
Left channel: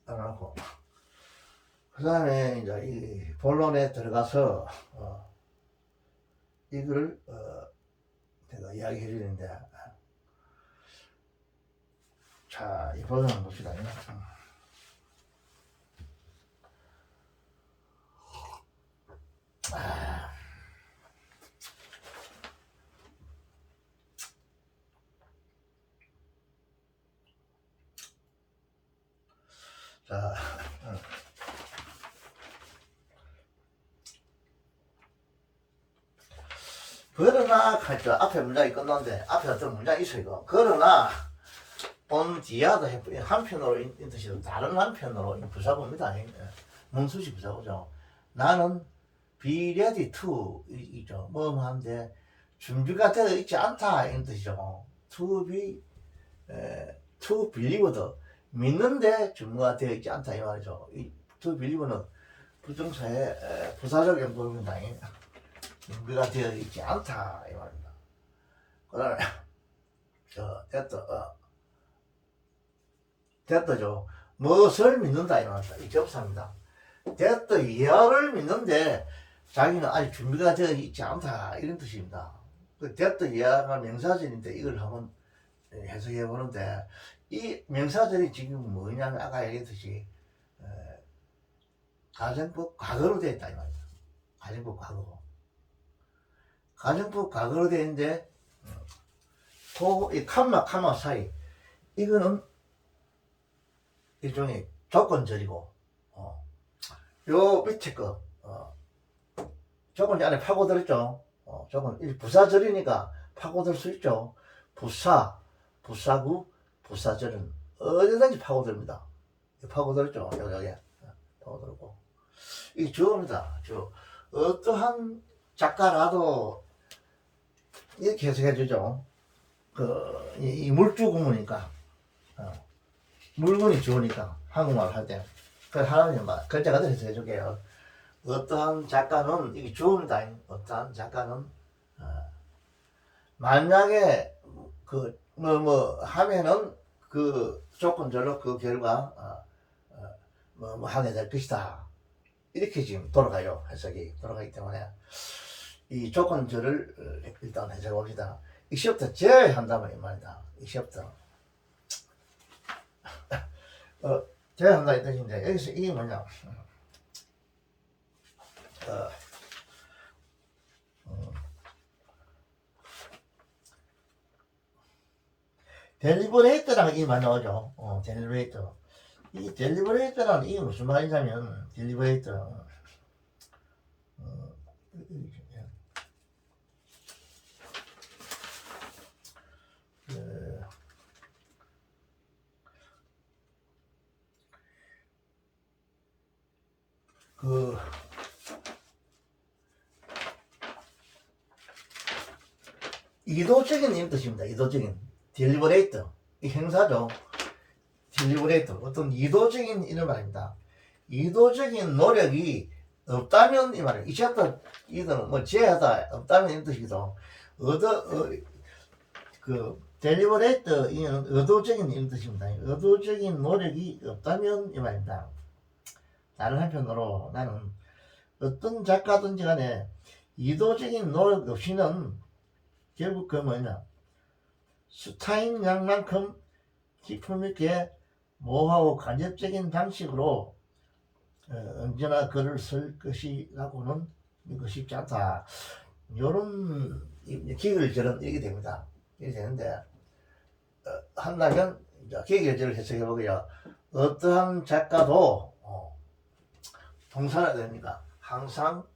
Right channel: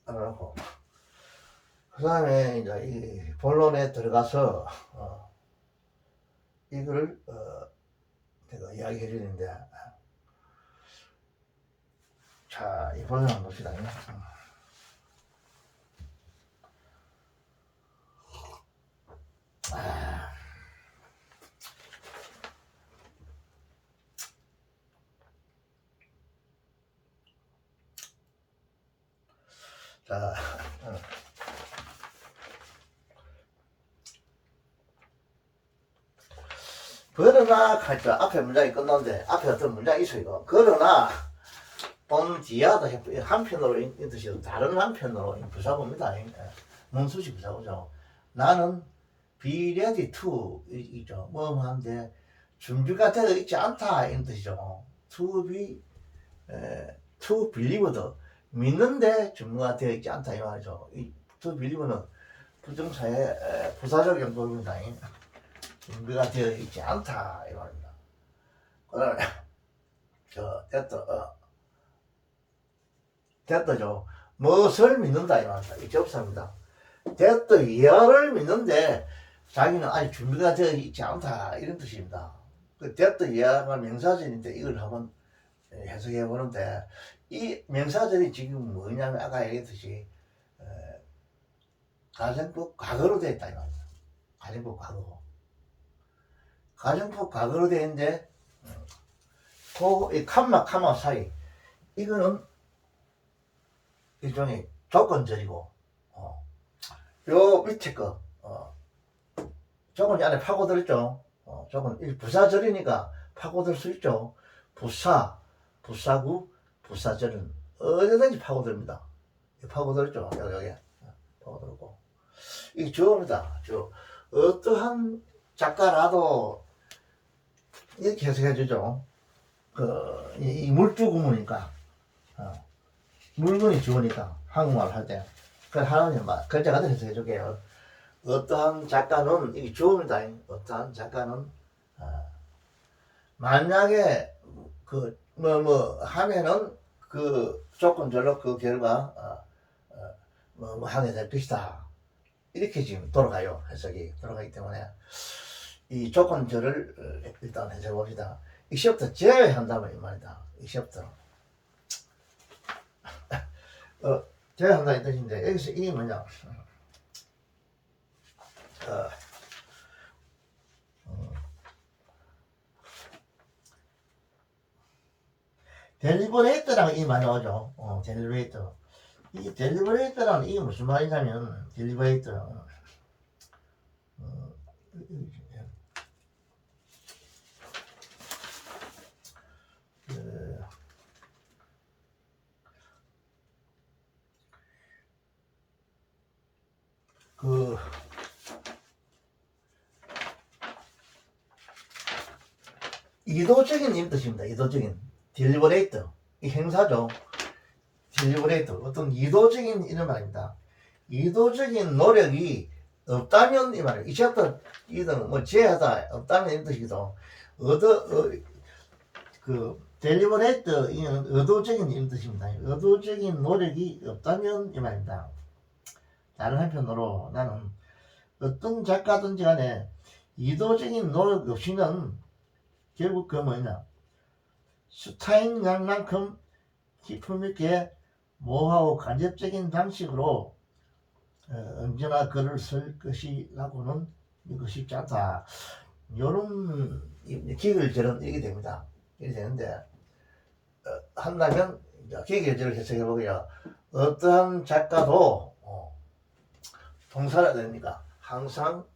알아놓고. 그 다음에 이제 이 본론에 들어가서 이걸 제가 이야기해 주는데, 자, 이 본론 한번 봅시다. 자, 그러나 할때 앞에 문장이 끝나는데 앞에 어떤 문장이 있어요. 그러나 본 뒤야도 한편으로 뜻이 다른 한편으로 부사고입니다. 문수식 부사고죠. 나는 be ready to 있죠. 뭐하는데 준비가 되어 있지 않다 이런 뜻이죠. to believe도 믿는데 준비가 되어 있지 않다 이 말이죠. 이 to believe는 부정사의 부사적 용도입니다. 준비가 되어 있지 않다 이 말입니다. 오늘 됐다죠. 무엇을 믿는다 이 말입니다. 이 접사입니다. 됐다 이하를 믿는데 자기는 아직 준비가 되어 있지 않다 이런 뜻입니다. 그 됐다 이하가 명사절인데 이걸 한번 해석해 보는데, 이 명사절이 지금 뭐냐면 아까 얘기했듯이 가정법 과거로 되어 있다 이 말이야. 가정법 과거. 가정법 과거로 되어 있는데 이 칸마 사이 이거는 일종의 조건절이고 요 밑에 거 조건이 안에 파고들었죠. 조건 부사절이니까 파고들 수 있죠. 부사구, 부사절은 어디든지 파고듭니다. 파고들죠. 여기 파고들고 이게 주어입니다. 주어. 어떠한 작가라도 이렇게 해석해 주죠. 이 물주 구문이니까 물건이 주어니까 한국말 할 때 하나님 말 글자 그대로 해석해 줄게요. 어떠한 작가는 이게 주어입니다. 어떠한 작가는 만약에 하면은 그 조건절로 그 결과 하게 될 것이다. 이렇게 지금 돌아가요. 해석이 돌아가기 때문에 이 조건절을 일단 해석해 봅시다. 이 시부터 제외한다면 이 말이다. 이 시부터 제외한다 이 뜻인데 여기서 이게 뭐냐? 델리버레이터라는 게 많이 나오죠. 델리버레이터. 이 델리버레이터라는 이게 무슨 말이냐면 델리버레이터. 이도적인 뜻입니다. 이도적인 딜리버레이터 이 행사죠. 딜리버레이터 어떤 이도적인 이런 말입니다. 이도적인 노력이 없다면 이 말이에요. 이제부터 이거는 뭐 제하다 없다면 이런 뜻이기도 델리버레이터 이는 의도적인 이런 뜻입니다. 의도적인 노력이 없다면 이 말입니다. 다른 한편으로 나는 어떤 작가든지 간에 이도적인 노력 없이는 결국 그 뭐냐 스타인 양만큼 기품 있게 모호하고 간접적인 방식으로 언제나 글을 쓸 것이라고는 믿고 싶지 않다. 요런 기결절은 이렇게 됩니다. 이렇게 되는데 한다면 기결절을 해석해 보고요. 어떠한 작가도 동사가 됩니까? 항상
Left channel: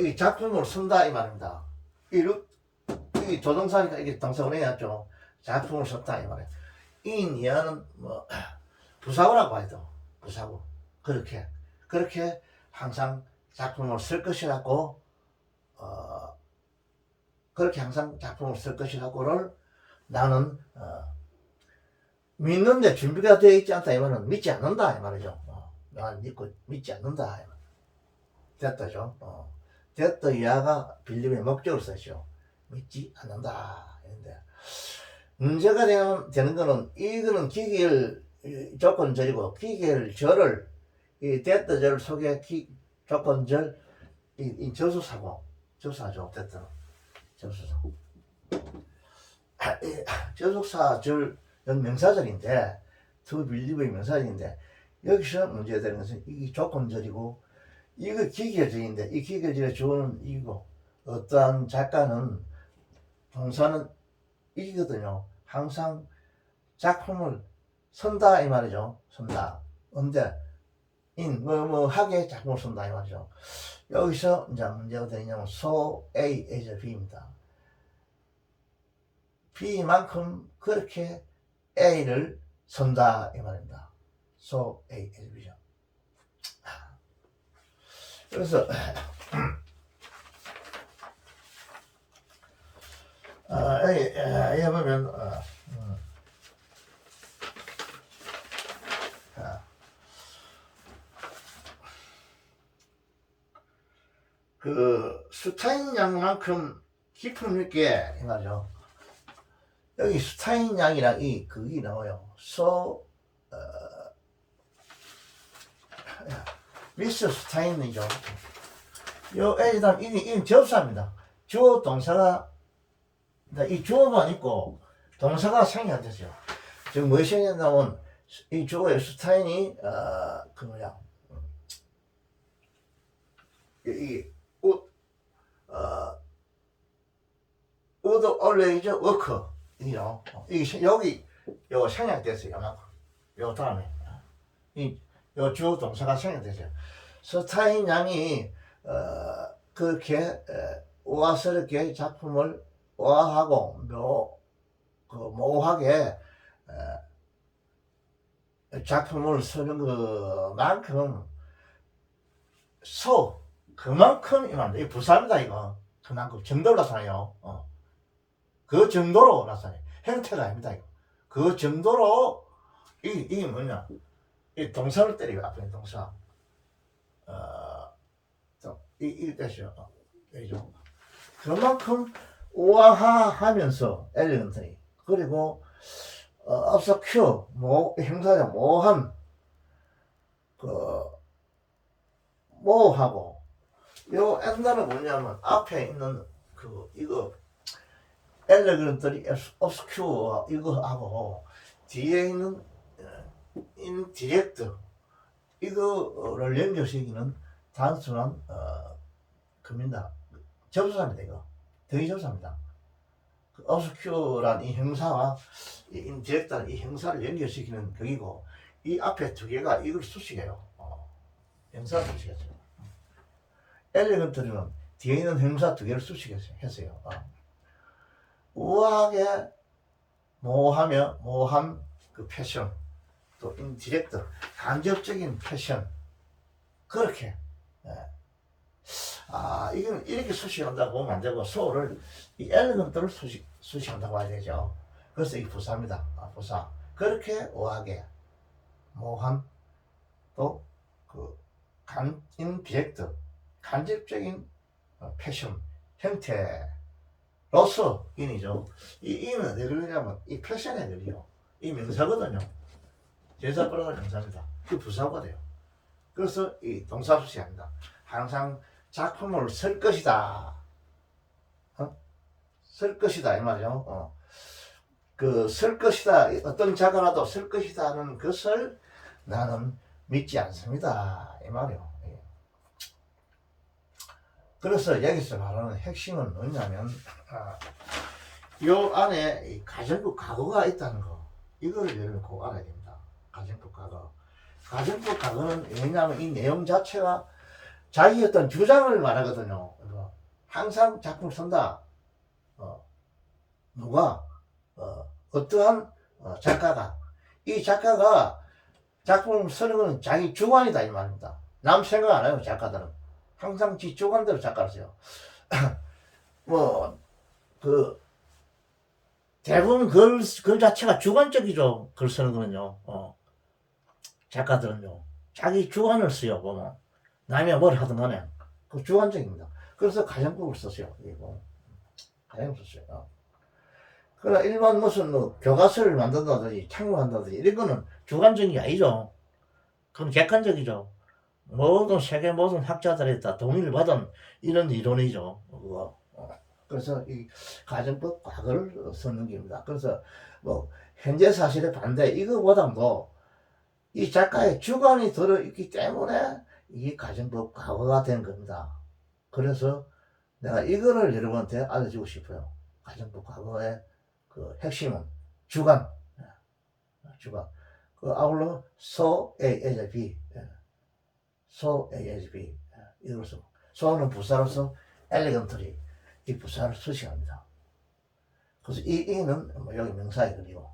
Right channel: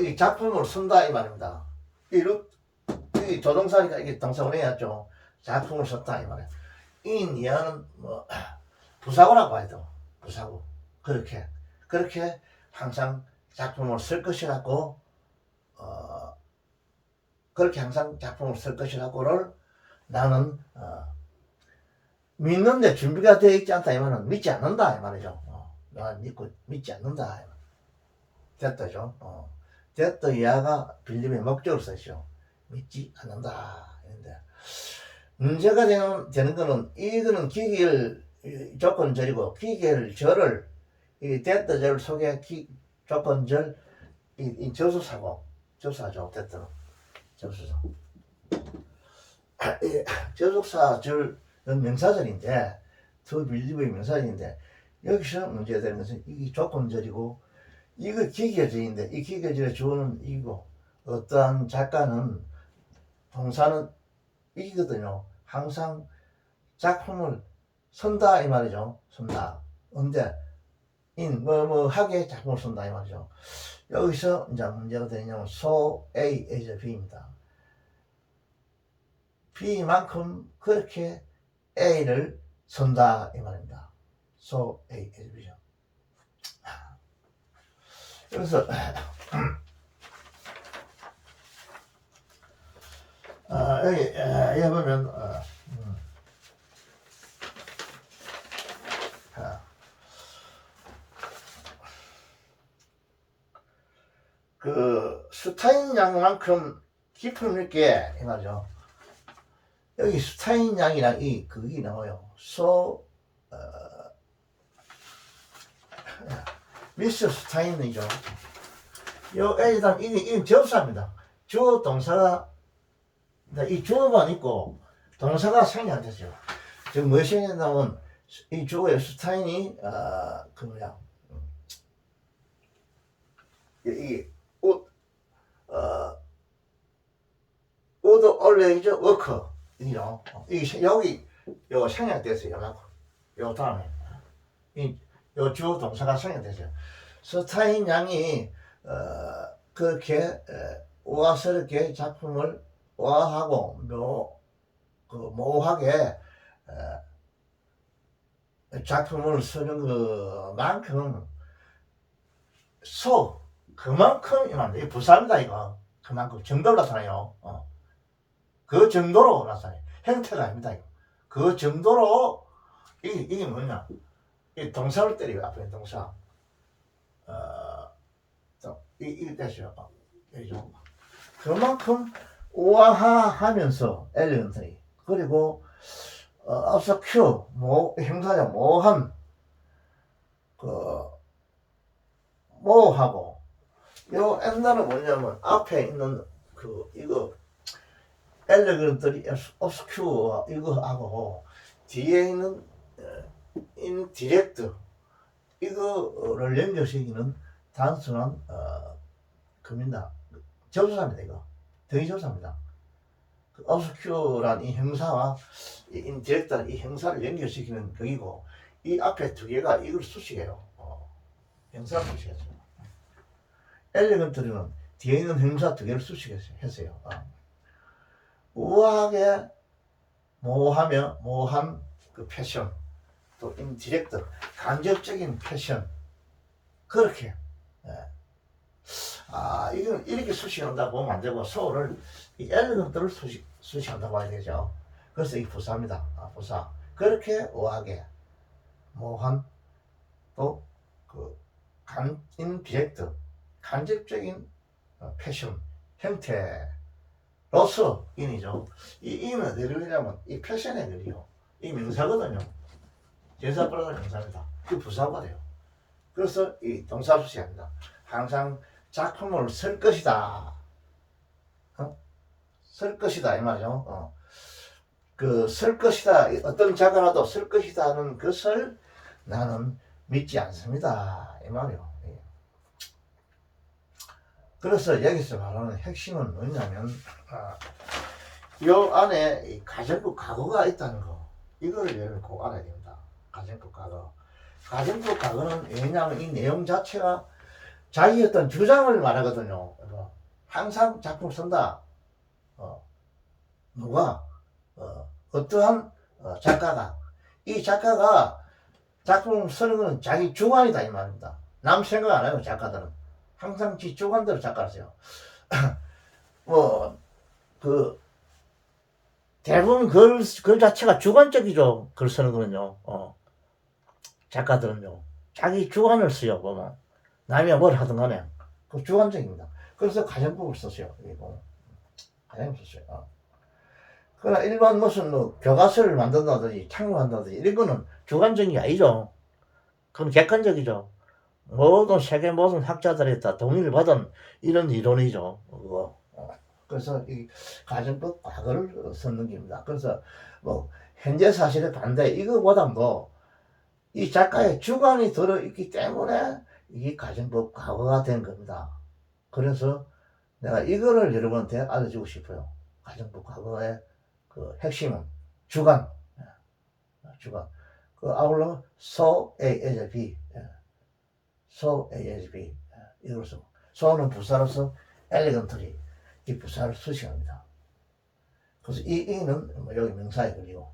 이 작품을 쓴다 이 말입니다. 이 조동사니까 이게 동사가 해야죠. 작품을 썼다 이 말이에요. 인 이하는 부사구라고 해도 부사구 그렇게 항상 작품을 쓸 것이라고 그렇게 항상 작품을 쓸 것이라고를 나는 믿는데 준비가 되어 있지 않다 이 말은 믿지 않는다 이 말이죠. 난 믿지 않는다 됐다죠. 됐다 이하가 빌립의 목적을 썼죠. 믿지 않는다. 이런데 문제가 되는 거는 이거는 기계열 조건절이고 기계열절을 이 됐다절 속에 조건절 이 접수사고 접수사죠. 됐다는 접수사. 접수사절 명사절인데 더 빌립의 명사절인데 여기서 문제가 되는 것은 이 조건절이고 이거 기계절인데 이 기계절의 주어는 이고 어떠한 작가는 동사는 이거든요. 항상 작품을 쓴다 이 말이죠. 쓴다. 언제 하게 작품을 쓴다 이 말이죠. 여기서 이제 문제가 되냐면 so A as B입니다. B만큼 그렇게 A를 쓴다 이 말입니다. so A as B죠. 그래서 여기 보면 그 스타인 양만큼 깊음 있게 이 말이죠. 여기 스타인 양이랑 그게 나와요. 미스터 스타인이죠. 요 A다음 이 접사입니다. 주어 동사가 이 주어만 있고 동사가 생략됐어요. 지금 무엇이 생겼냐면 이 주어의 슈타인이 그 뭐야 이옷 would always work 이죠. 여기 요 생략됐어요. 요만큼. 요 다음에 요 주어 동사가 생략됐어요. 스타인 양이 그렇게 우아스럽게 작품을 우아하고 모호하게 작품을 쓰는 그만큼 그만큼이면 이 부사입니다. 이거 그만큼 정도로 나타나요. 그 정도로 나타나요. 행태가 아닙니다. 이거. 그 정도로 이게 뭐냐? 이 동사를 때리고 앞에 동사. 이 뜻이요. 그죠? 그만큼 우아하면서 엘리건트리 그리고 obscure 형사자 모호한 모호하고 요 엔단은 뭐냐면 앞에 있는 이거 엘레건트리 obscure 이거하고 뒤에 있는 인디렉트 이거를 연결시키는 단순한 금입니다. 접수사입니다. 이거 대조사입니다. obscure란 이 형사와 이 인디렉트란 이 형사를 연결시키는 거이고 이 앞에 두 개가 이걸 수식해요. 형사를 수식했어요. 엘레건트리는 뒤에 있는 형사 두 개를 수식했어요. 우아하게 모호한 그 패션 또 인디렉트 간접적인 패션 그렇게 이건 이렇게 수식한다고 보면 안 되고 소를 이 엘레건트를 수식한다고 봐야 되죠. 그래서 이 부사입니다. 부사 그렇게 우아하게 모호한 또 인디렉트 간접적인 패션 형태로서 인이죠. 이 인은 어디를 그리냐면 이 패션에 그리요. 이 명사거든요. 제사 플러스 명사입니다. 그 부사가 돼요. 그래서 이 동사 수식합니다. 항상 작품을 쓸 것이다. 쓸 것이다 이 말이죠. 쓸 것이다. 어떤 작가라도 쓸 것이다는 것을 나는 믿지 않습니다. 이 말이요. 그래서 여기서 말하는 핵심은 뭐냐면 요 안에 이 가정부 과거가 있다는 거 이거를 여러분 꼭 알아야 됩니다. 가정부 과거. 가정부 과거는 왜냐하면 이 내용 자체가 자기 어떤 주장을 말하거든요. 항상 작품을 쓴다. 누가 어떠한 작가가 이 작가가 작품을 쓰는 것은 자기 주관이다 이 말입니다. 남 생각 안 해요. 작가들은 항상 지 주관대로 작가를 써요. 대부분 글 자체가 주관적이죠. 글 쓰는 거는요. 작가들은요. 자기 주관을 써요. 보면 남이 뭘 하든 간에 그 주관적입니다. 그래서 가정법을 썼어요. 가정법을 썼어요. 그러나 일반 무슨 교과서를 만든다든지 창조한다든지 이런 거는 주관적인 게 아니죠. 그건 객관적이죠. 세계 모든 학자들에 다 동의를 받은 이런 이론이죠. 그래서 이 가정법 과거를 썼는 겁니다. 그래서 현재 사실의 반대 이거보다도 이 작가의 주관이 들어있기 때문에 이게 가정법 과거가 된 겁니다. 그래서 내가 이거를 여러분한테 알려주고 싶어요. 가정법 과거의 핵심은 주관. 아울러 so as b. so as b. 이것으로 so는 부사로서 elegantly 이 부사를 수식합니다. 그래서 이는 여기 명사에 걸리고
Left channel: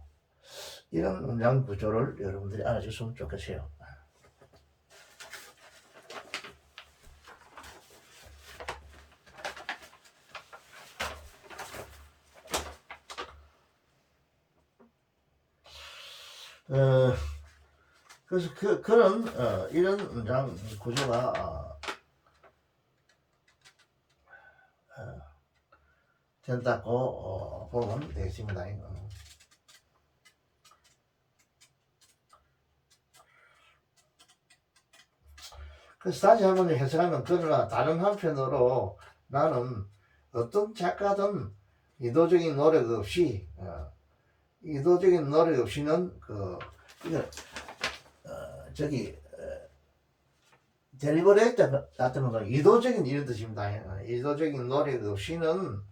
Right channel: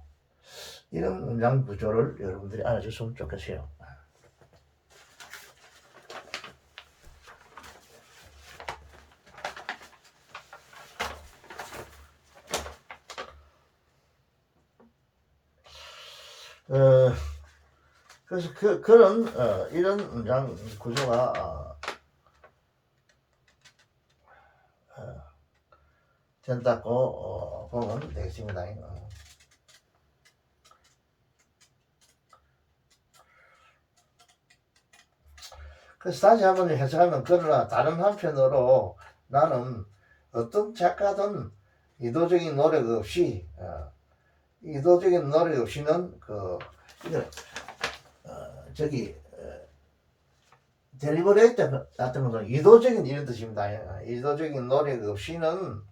이런 문장 구조를 여러분들이 알아줬으면 좋겠어요. 그래서 그런 이런 문장 구조가 된다고 보면 되겠습니다. 그래서 다시 한번 해석하면 그러나 다른 한편으로 나는 어떤 작가든 의도적인 노력 없이 의도적인 노력 없이는 이거 저기 델리버레이터 같은 것은 의도적인 이런 뜻입니다. 의도적인 노력 없이는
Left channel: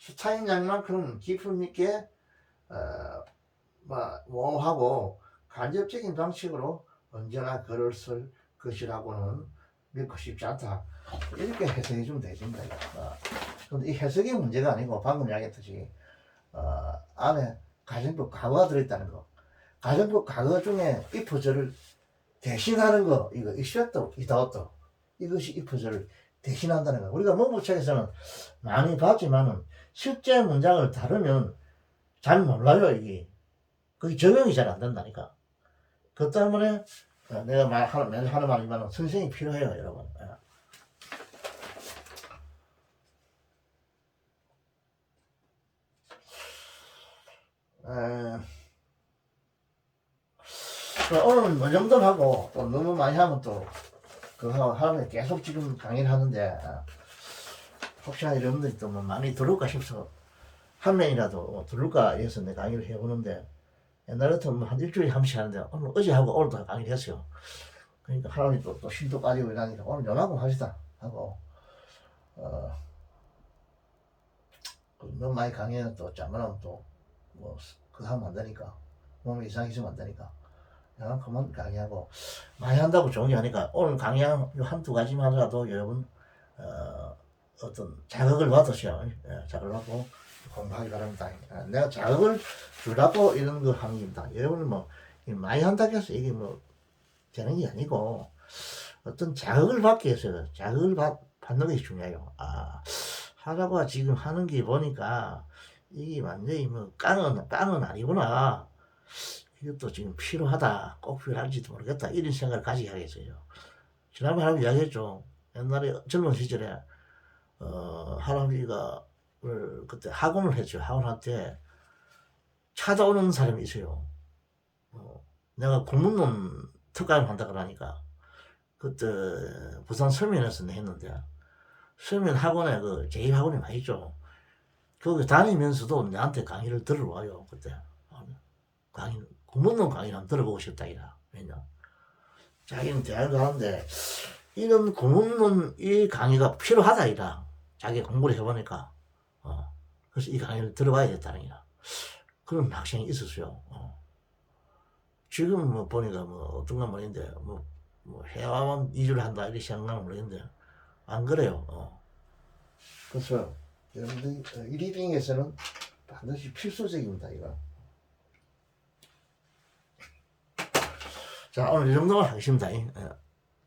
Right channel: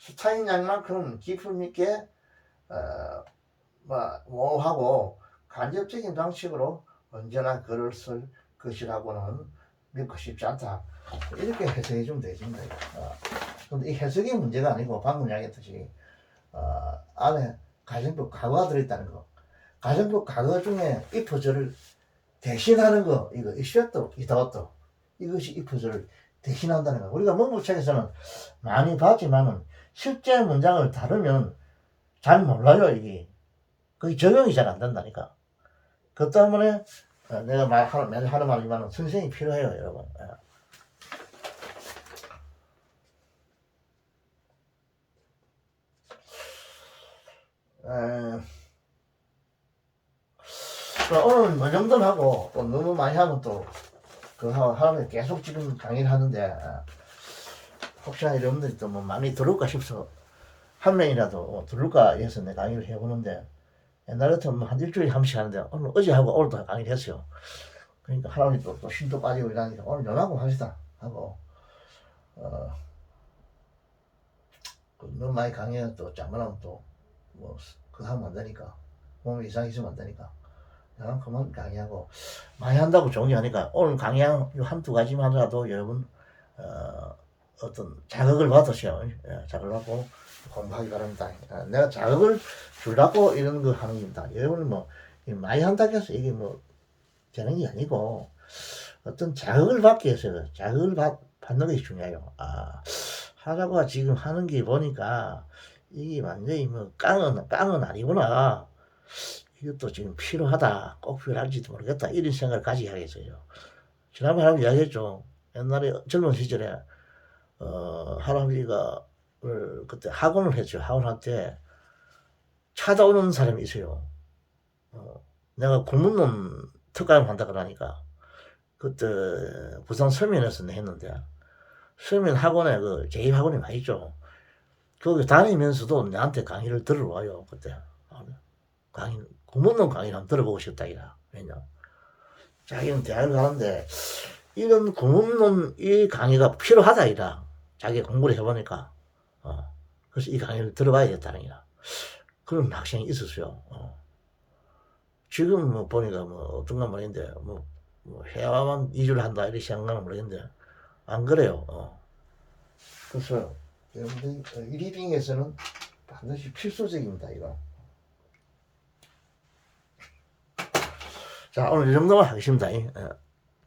스타인 양만큼 기품 있게 모호하고 간접적인 방식으로 언제나 글을 쓸 것이라고는 믿고 싶지 않다. 이렇게 해석해 주면 되십니다. 근데 이 해석이 문제가 아니고 방금 이야기했듯이 안에 가정법 과거가 들어있다는 거. 가정법 과거 중에 if절을 대신하는 거, 이거 이슈도 이다웠도 이것이 if절을 대신한다는 거. 우리가 문부책에서는 많이 봤지만은 실제 문장을 다루면 잘 몰라요. 이게 그게 적용이 잘 안 된다니까. 그 때문에 내가 매일 하는 말이지만 선생이 필요해요, 여러분. 오늘 뭐 정도 하고 너무 많이 하면 또 하면 계속 지금 강의를 하는데 혹시나 여러분들이 또 뭐 많이 들을까 싶어서 한 명이라도 들을까 해서 내가 강의를 해보는데 옛날 같으면 한 일주일에 한 번씩 하는데 오늘 어제 하고 오늘도 강의를 했어요. 그러니까 할아버지 또 신도 빠지고 이러니까 오늘 요나고 합시다 하고 너무 많이 강의는 또 잘못하면 또 뭐 그거 하면 안 되니까 몸이 이상해지면 안 되니까 그냥 그만 강의하고 많이 한다고 좋은 게 아니까 오늘 강의한 한두 가지만 하더라도 여러분 어떤 자극을 받으셔. 자극을 받고 공부하기 바랍니다. 내가 자극을 주려고 이런 거 하는 겁니다. 여러분 뭐 많이 한다고 해서 이게 뭐 되는 게 아니고 어떤 자극을 받기 위해서 자극을 받는 것이 중요해요. 하라고 지금 하는 게 보니까 이게 완전히 뭐 깡은 아니구나. 이것도 지금 필요하다. 꼭 필요할지도 모르겠다. 이런 생각을 가지게 하겠어요. 지난번에 할아버지 이야기했죠. 옛날에 젊은 시절에 할아버지가 그때 학원을 했죠. 학원할 때 찾아오는 사람이 있어요. 내가 공문론 특강 한다 그러니까 그때 부산 서면에서 했는데 서면 학원에 그 제1학원이 많이 있죠. 거기 다니면서도 나한테 강의를 들어와요. 그때 강의 공문론 강의를 한번 들어보고 싶다 이라. 왜냐 자기는 대학을 가는데 이런 공문론 이 강의가 필요하다 이라. 자기가 공부를 해보니까 그래서 이 강의를 들어봐야겠다는 이라. 그런 학생이 있었어요. 지금 뭐 보니까 뭐 어떤가 모르겠는데 뭐 해야만 2주를 한다 이렇게 생각하면 모르겠는데 안 그래요. 그래서 여러분들 리딩에서는 반드시 필수적입니다 이거. 자 오늘 이 정도만 하겠습니다.